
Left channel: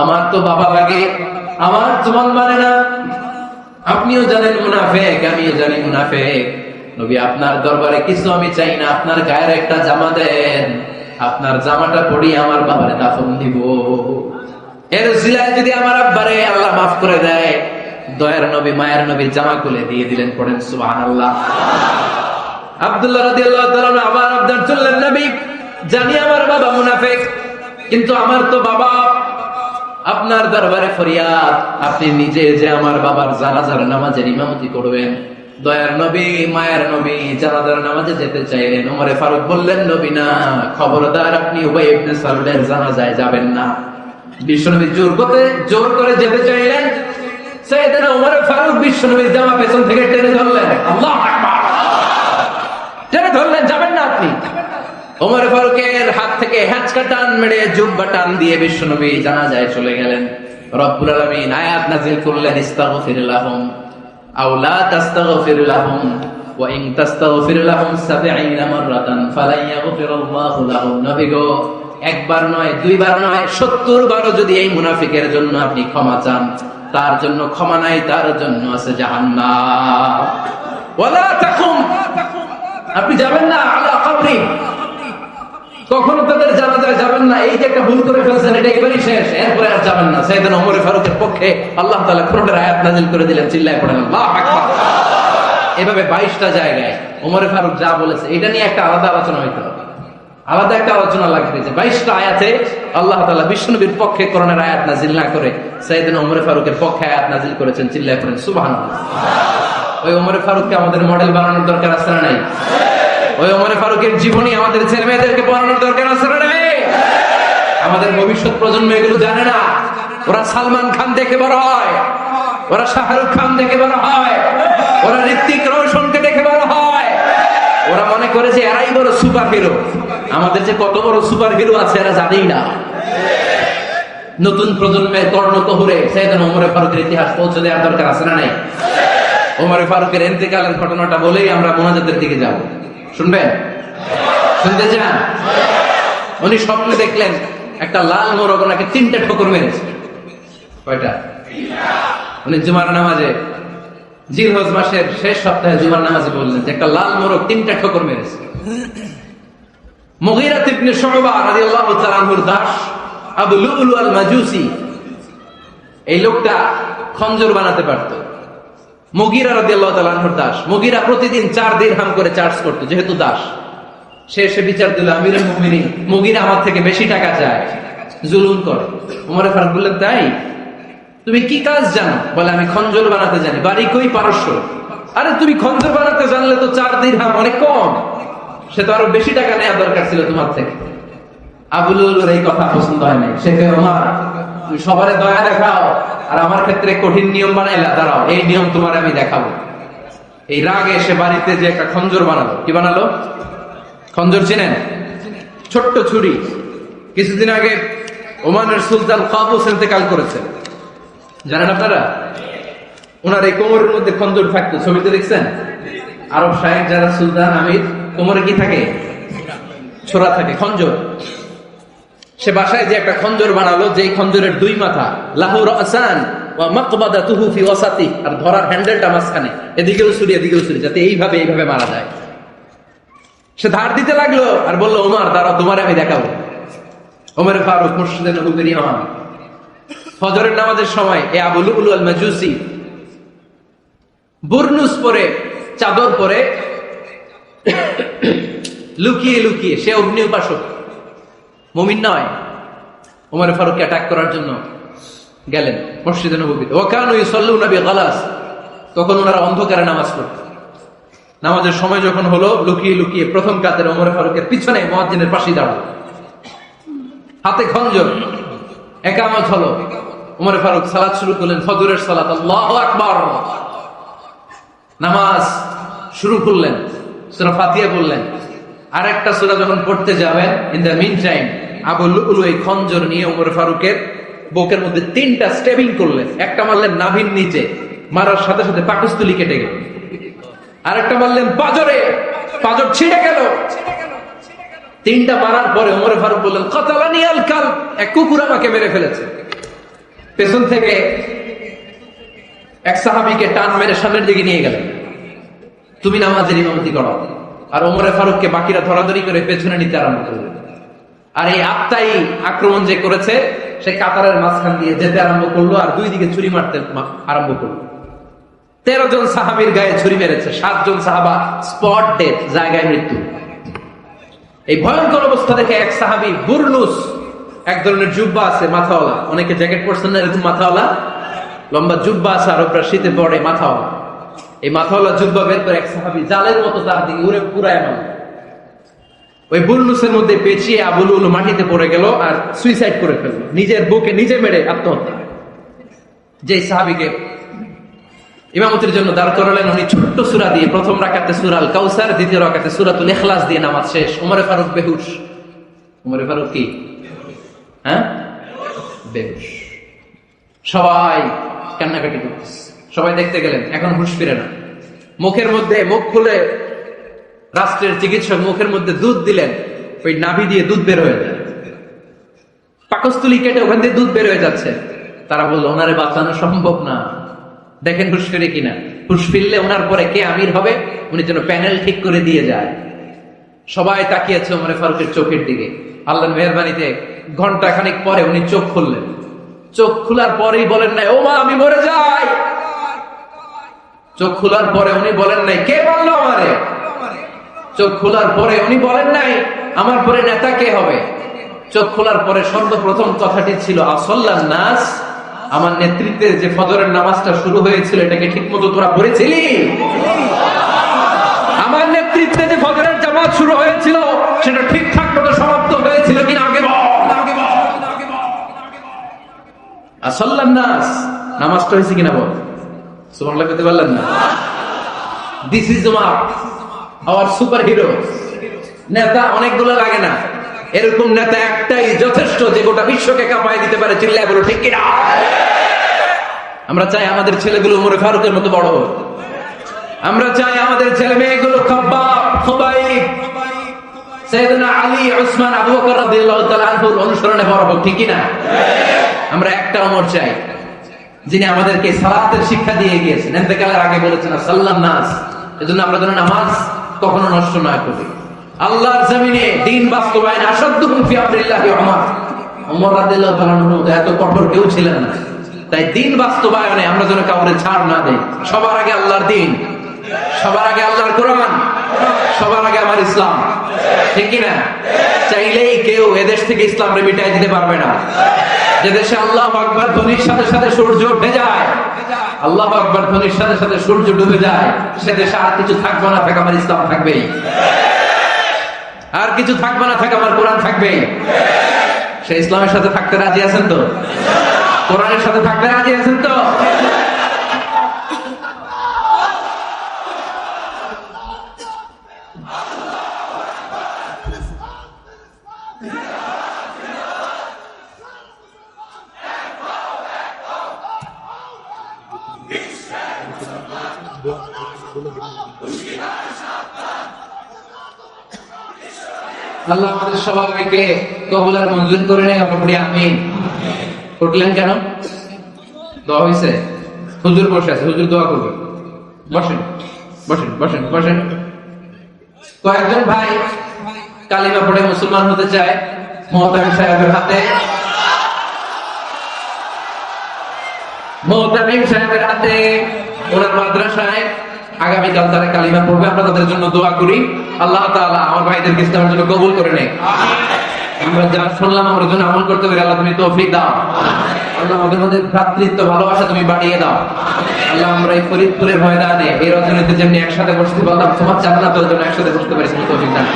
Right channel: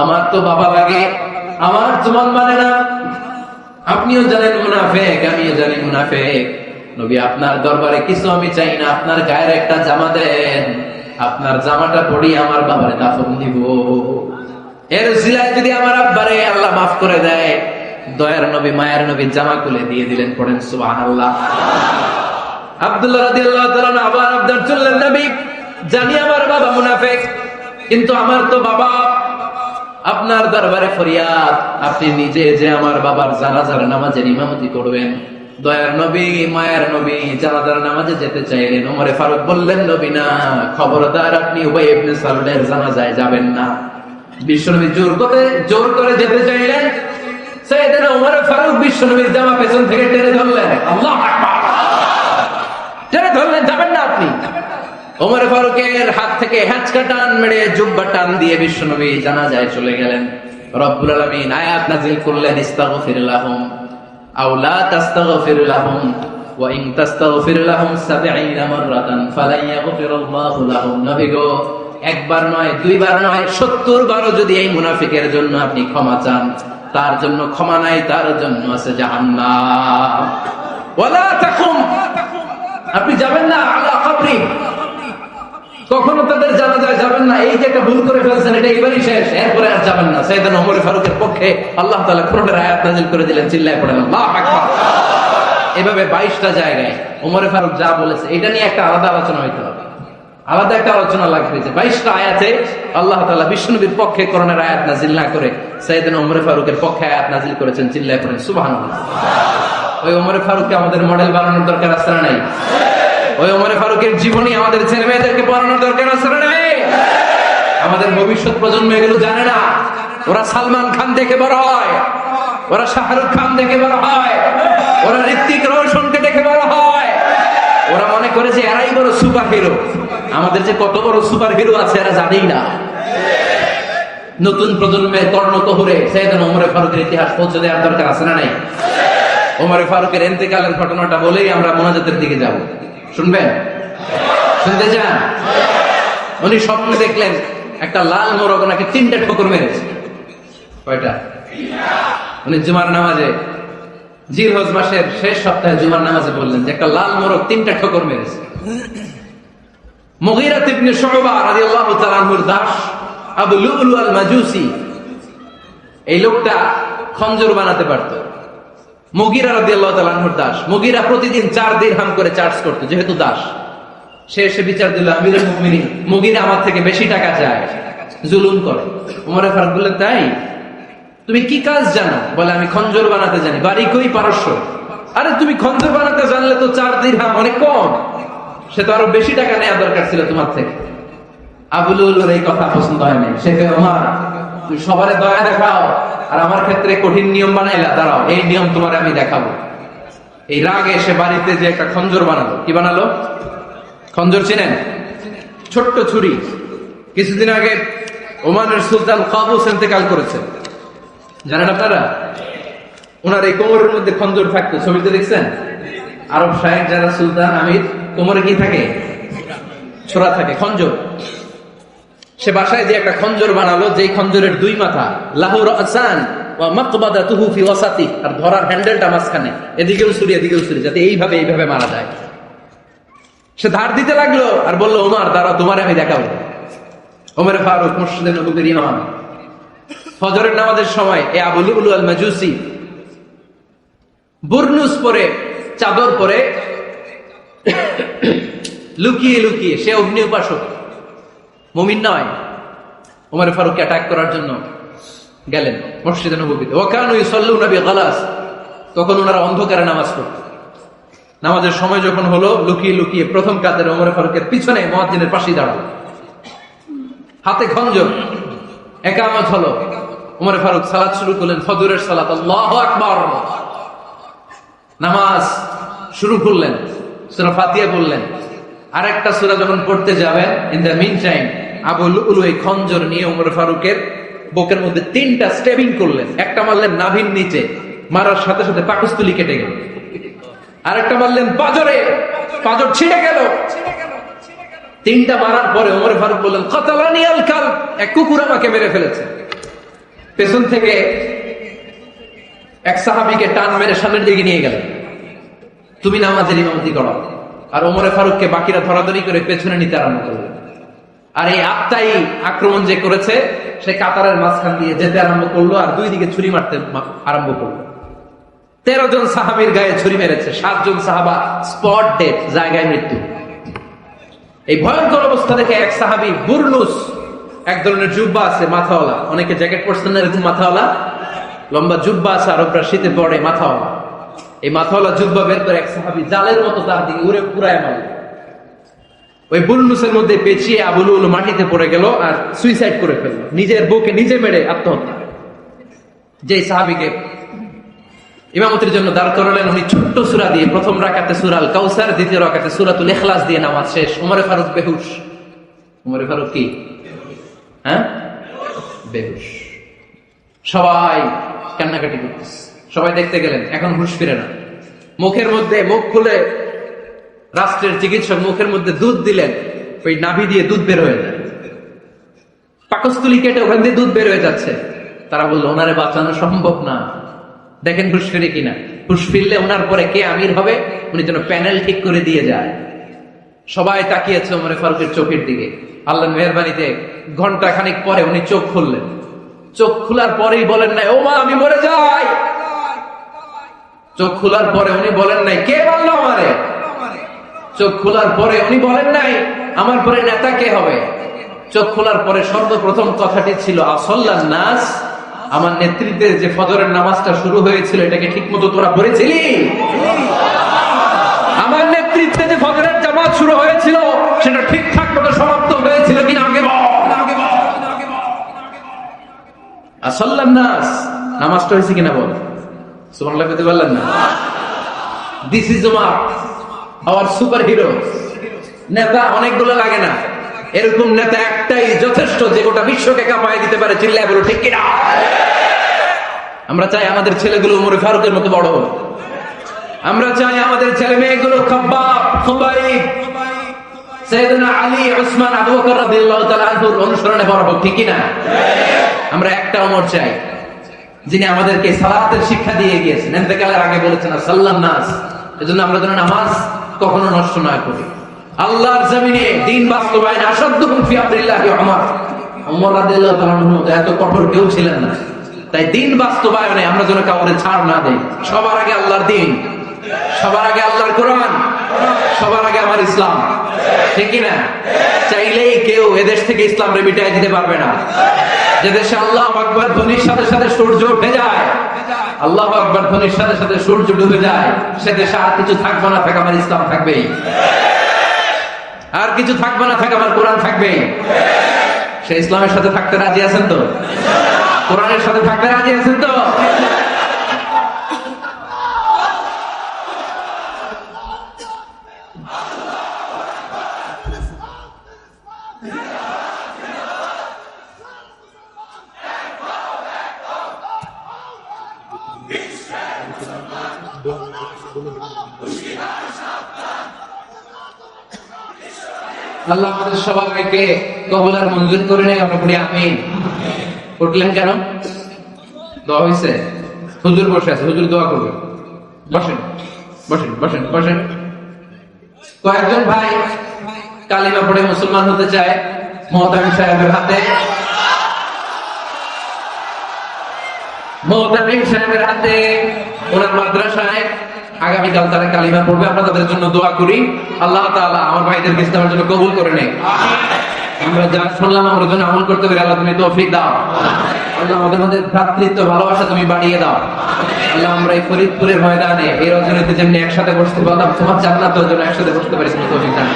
আমার তো বাবা লাগে, আমার তো মন মানে না। আপনিও জানেন মুনাফিক, আমিও জানি মুনাফিক। নবী আপনার দরবারে কিছু আমি চাই না, আপনার গায়ের একটা জামা দেন, আপনার জামাটা পরিয়ে আমার বাবারে দাফন দিব। এর উসিলায় যদি আমার আব্বারে আল্লাহ মাফ করে দেয়, দয়ার নবী মায়ের নবী জামা খুলে দিয়ে দিলেন। পড়েন সুবহানাল্লাহ। আব্দুল্লাহ রাদিয়াল্লাহু তাআলা আমার আব্দার চললেন, নবী জানি আমার বাবা মুনাফিক, কিন্তু আমার তো বাবা। আপনার দরবারে ফরিয়াদ, আপনি নিজে যে আমার বাবার জানাজার নামাজের ইমামতি করবেন। দয়ার নবী মায়ের নবী জানাজার নামাজে যেতে চাইলেন। ওমরে ফারুক বললেন, নবী না, খবরদার আপনি উবাই ইবনে সালুলের জানাজায় যাবেন না। বিশ্বনবী জোর করে যেতে চাইলেন। সাইয়েদনা ওমর ফারুক বিশ্বনবীর জামা পেছন থেকে টেনে ধরলেন। আল্লাহু আকবার। টেনে ধরলেন, যাবেন না আপনি। ওমর ফারুকের হাত থেকে হ্যাঁচকা টান মেরে জুব্বা টান দিয়ে বিশ্বনবী জানাজায় চলে গেলেন। রব্বুল আলামিন আয়াত নাযিল করলেন, ইস্তাগফির লাহুম আও লা তাস্তাগফির লাহুম ওয়া ইন তাস্তাগফির লাহুম ৭০ মাররাতান ফালান ইয়াগফিরাল্লাহু লাহুম। নবী গো, একবার নয়, দুইবার নয়, ৭০ বারও যদি এই মুনাফিকের জন্য আপনি ক্ষমা চান, তার জন্য ক্ষমা নাই, তার জন্য আছে জাহান্নাম। ওয়ালা তাকুম, আপনি যাবেন না আলা কবরি, কখনো তাদের জানাজায় যাবেন না। এই যে একটা ভুল করে ফেলেছেন, এটা এবারই শেষ, এরপরে আর যাবেন না। সাইয়েদনা ওমর ফারুকের পক্ষে আল্লাহ তাআলা কোরআনের আয়াত নাযিল করে দিলেন। চিল্লায় পড়েন আল্লাহু আকবার। এভাবে 22টা জায়গায় ওমর ফারুক যা বলেছে, এটা নিয়ে একটা আলাদা আলোচনা হইতে হবে, আলাদা একটা আলোচনা লাগিয়েছে। 22টা আয়াতে আল্লাহ তাআলা বিশ্বনবীর পক্ষে কোরআনের আয়াত নাযিল না করে সাইয়েদনা ওমর ফারুকের পক্ষে আয়াত নাযিল করেছেন। চিল্লায় পড়েন সুবহানাল্লাহ। ওই ওমর ফারুককে আমাদের মডেল বানানোর দরকার আছে না নাই? ওই ওমর ফারুকের জীবনী আমাদের ছেলে মেয়েদেরকে পড়ানোর দরকার আছে না নাই? আমাদের ভবিষ্যৎ প্রজন্ম এগুলো জানে না। ওরা সালমান খান দেখে বড় হয়, ওরা শাহরুখ খান দেখে বড় হয়, ওরা ঋত্বিক রোশনকে দেখে বড় হয়। ওরা মনে করেছে এরাই বড় সুপার হিরো। আমাদের যে কত বড় সুপার হিরো আছে এরা জানেই না। নতুন প্রজন্মের কর্ণকহরে সাইয়েদনা ওমর ফারুকের ইতিহাস পৌঁছে দেওয়ার দরকার আছে না নাই? ওমর ফারুকের ইন্তেকালের ঘটনাটা বলেই আমরা মোনাজাতের দিকে যাব। শুনবেন? শুনতে চান? উনি স্বপ্নে দেখলেন একটা লাল মোরগ ওনাকে 3টে ঠোকর মেরেছে। কয়টা? উনি জুমার নামাজে, জিলহজ মাসের শেষ সপ্তাহে জুমার নামাজে বললেন একটা লাল মোরগ 3টে ঠোকর মেরেছে। মুগীরা ইবনে শুবা রাদিয়াল্লাহু তাআলা আনহুর দাস আবু লুলু আল মাজুসি, এই লোকটা খঞ্জর বানাতে পারতো। মুগীরা রাদিয়াল্লাহু তাআলা আনহুর দাস। মুগীরা প্রতিদিন 4 দিরহাম করে চার্জ করতো, যেহেতু দাস। সে এসে বিচার দিল, আমিরুল মুমিনিন, মুগীরা আমার থেকে বেশি টাকা চায়, জুলুম করে। ওমর ফারুক বললেন, তাই? তুমি কি কাজ জানো? বলে, আমি খঞ্জর বানাতে জানি। বাড়ি কই? পারস্য। আরে তুমি খঞ্জর বানাতে জানলে তো 4 দিরহাম অনেক কম, সে তো আরো বেশি টাকা নেওয়া দরকার ছিল তোমার থেকে। আবু লুলুর এই কথা পছন্দ হয় নাই। সে ওমর, তুমি সবারে দয়া দেখাও, আর আমার ক্ষেত্রে কঠিন নিয়ম বানাইলা, দাঁড়াও, এই নিয়ম তোমার আমি দেখাবো। এই রাগে সে বাড়িতে যে একটা খঞ্জর বানালো। কি বানালো? খঞ্জর চিনেন? ছোট্ট ছুরি। কিছুদিন আগে ওমানের সুলতান কাবুস ইন্তেকাল করেছেন, জানেন আপনারা? ওনার এই কোমরের মধ্যে খঞ্জর থাকতো, ছবিতে দেখছেন? আরব শাহেক যারা সুলতান আমির, কোমরে কি থাকে? ছোরা থাকে, খঞ্জর। সে বাসায় যে একটা খঞ্জর বানালো, যেই খঞ্জরের 2 মাথা, লাহুর আসান ওয়া মাকবাদাতুহু ফি ওয়াসাতি, আর ধরার হ্যান্ডেলটা মাঝখানে, এদিকেও ছুরি এদিকেও ছুরি, যাতে এইভাবে মারা যায়। সে ধার দিতে লাগলো আর বলল, ওমর দাঁড়াও, তোমার আমি দেখাবো। ওমর ফারুক মসজিদে নববীর ইমাম, ফজরের নামাজের সময় এ আবু লুলু আল মাজুসি বুরনুস পরে, চাদর পরে, লুকিয়ে লুকিয়ে, সে অগ্নি উপাসক, মুমিন নয়। ওমর ফারুককে অ্যাটাক করার জন্য গেলেন মসজিদে নববীতে। ও কানু ইউসাল্লুনা বিগালাস, তখন ওনারা অন্ধকারে নামাজ পড়তেন। নামাজের সময় যখন হলো, লুকিয়ে লুকিয়ে প্রথম কাতারে ওমর ফারুকের পিছনে মুয়াজ্জিনের পাশে দাঁড়ালো, হাতে খঞ্জর। ইকামত হলো, ওমর ফারুক সালাত শুরু করলেন, ফজরের সালাত, আল্লাহু আকবার। নামাজ শুরু করলেন, সূরা ফাতিহা বললেন। আর একটা সূরা যখন পড়তে যাবেন, ইন দ্য মিন টাইম আবু লুলু এই খঞ্জর নিয়ে ওমর ফারুকের বুকের মধ্যে 3টা স্টেবিং করলেন। একটা মারলেন নাভির নিচে, মারার সাথে সাথে পাকস্থলী কেটে গেল। আরেকটা মারলেন পাজরে, পাজর ছিঁড়ে গেল। 3টা মারার পরে ওমর ফারুক বললেন, কাতালানি আল কালব, এক কুকুর আমাকে মেরে ফেলেছে। পেছন থেকে এক সাহাবীকে টান মেরে সামনের দিকে নিয়ে গেলেন, তুমি নামাজের ইমামতি করো। আর ওমর ফারুককে বাকিরা ধরাধরি করে পেছনে নিতে আরম্ভ করল। আর এই আত্মাই আক্রমণ যে করেছে, সে কাতারের মাঝখান দিয়ে যেতে আরম্ভ করলো, আর 2 দিকে ছুরি মারতে আরম্ভ করলো। 13 জন সাহাবীর গায়ে ছুরি মেরেছে, 7 জন সাহাবা স্পট ডেথ, জায়গায় মৃত্যু। এই ভয়ঙ্কর অবস্থা দেখে এক সাহাবী বুরনুস, এক ধরনের জুব্বা আছে মাথাওয়ালা, অনেকে জ্যাকেট পরছেন না এরকম মাথাওয়ালা, লম্বা জুব্বা আছে, আর ওটা শীতে পড়ে মাথাওয়ালা। এই মাথাওয়ালা জুব্বা বেরতো এক সাহাবী, জালের মতো তার দিকে উড়ে পুরায় মারল। ওই বুরনুসের মধ্যে পেঁচিয়ে আবু লুলু মাটিতে পড়ে গেল আর সুইসাইড করে ফেলল, নিজের বুকে নিজে মেরে আত্মহত্যা। যেই সাহাবীকে ইমামতির জন্য দাঁড় করালেন, উনি ছোট্ট সূরা দিয়ে, প্রথম রাকাতে সূরা আল কাউসার, দ্বিতীয় রাকাতে সূরাতুল ইখলাস দিয়ে নামাজ শেষ। ওমর ফারুক বেহুশ। ওমর ফারুক কি? বেহুশ। সবাই কান্নাকাটি করতেছে, সবাই দেখতে গেলেন, এখন হুঁশ ফিরে না। মুখের মধ্যে, মুখ খুলে রাষ্ট্রের চিকিৎসক মুখের মধ্যে দুধ দিলেন, ওই নাভি দিয়ে দুধ বের হয়ে যায়, পাকস্থলী কেটে ওখান দিয়ে দুধ বের হয়ে যাচ্ছে। তারা বলল, ওনারে বাঁচানো সম্ভব না, দেখেন হুঁশ ফিরে কিনা। হুঁশ ফিরলে ওনার পরে কে আমির হবে, উনি যেন প্যানেল ঠিক করে দিয়ে যায়। সবাই তাকিয়েছে ওমর ফারুকের চোখের দিকে। আল্লাহর মেহেরবানিতে ঘন্টা খানিক পরে উনি চোখ খুললেন। চোখ খোলার পরেই বলেন নাই, ওমা আমি মরে যাই। চোখ খোলার পরে উনি বলেন নাই, কে বললো আমারে। চোখ খোলার পরে উনি বলেন নাই, আমার পরে নেতা কে হবে। চোখ খোলার পরে সর্বপ্রথম কথাটি ছিল, আসল্লান নাস, আমার নেতৃত্বে যে ফজরের নামাজটা শুরু হয়েছিল, এটাকে ঠিক মতো তোরা পড়েছিলি? আমার নেতৃত্বে যে ফজরের জামাত শুরু হয়েছিল, সেটা ঠিকঠাক মতো সমাপ্ত হয়েছিল কিনা আগে বল। আসল্লান নাস, নামাজটা হয়েছে কিনা বল। সুবহানাল্লাহ কইতে পারলেন না? This is our super hero. নেতা অনেকগুলো লাগে না, এরকম নেতা একটাই যথেষ্ট, যে গোটা বিশ্বকে কাঁপায় দিতে পারে। চিল্লায় বলো ঠিক কিনা? আমরা চাই আমাদের ছেলেগুলো ওমর ফারুকের মতো বড় হোক। আমরা চাই আমাদের ছেলে মেয়েগুলো খাব্বাব, খুবাইব, সাইয়েদনা আলী, উসমান, আবু বকর রাদিয়াল্লাহু তাআলা আনহুর অনুসরণে বড় হোক, ঠিক কিনা? আমরা একটা ওমর চাই, যিনি আমাদেরকে সালাতের শিক্ষা দিয়ে গিয়েছেন, ইন্তেকালের আগে বলেছেন সাল্লাল্লাহু নাস। এজন্য আমরা যেন নামাজ কখনো নষ্ট না করি। আল্লাহর জমিনে দ্বীন বাস্তবায়ন আসাদুকুম ফি আমরিল্লাহি ওমর। ওমর রাদিয়াল্লাহু তাআলা এত কঠোর কেউ ছিলেন না। তাই দিন বাস্তবায়নে আমরা যেন কাউকে ছাড় না দেই। সবার আগে আল্লাহর দিন, সবার আগে আল্লাহর কোরআন, সবার আগে আমার ইসলাম, ঠিক কিনা? চাইলে কেউ এদেশ থেকে ইসলামকে মিটাই দিতে পারবে না। যে দেশে আল্লাহু আকবার ধ্বনির সাথে সাথে সূর্য ডুবে যায়, আল্লাহু আকবার ধ্বনির সাথে সাথে সূর্য ডুবে যায়, সে দেশে আর কিছু থাকবে না, থাকে আমার ইসলাম থাকবেই। আর কিছু থাকবে না, থাকে আমার কোরআন থাকবে। সে ইসলামের সাথে থাকতে রাজি আছেন তো? কোরআনের সাথে থাকতে রাজি আছেন তো? আল্লাহ আমাদের সবাইকে কবুল আর মঞ্জুর করে নেয়। আপনি আমিন। উঠলেন কেন? দোয়া হয়েছে? হুজুর বসে আছে, হুজুর দোয়া করবেন। বসেন বসেন বসেন বসেন। কয়েকজন ভাই কালিমা পড়ে মুসলমান হতে চায়। মহতামিম সাহেবের হাতে, মহতামিম সাহেবের হাতে ওরা মাদ্রাসায় আগামীকাল তারা কালিমা পড়বে। আমরা তাদের জন্য দোয়া করি। আল্লাহ তাআলা আমার ভাইদেরকে ইসলামের জন্য কবুল করে নেয়। আমরা যা শুনলাম আমরা জন্য আমল করতে পারি। আল্লাহ তুমি তৌফিক দাও। আল্লাহ আমাদের মধ্যে ভ্রাতৃত্ব ভালোবাসা তুমি বাড়িয়ে দাও। আল্লাহ আমরা এই ফরিদপুরের ময়দানে এই রজনীতে যেমনি একসাথে বসতে পারলাম, তোমার জান্নাতেও যেন একসাথে বসতে পারি, তুমি তৌফিক দাও।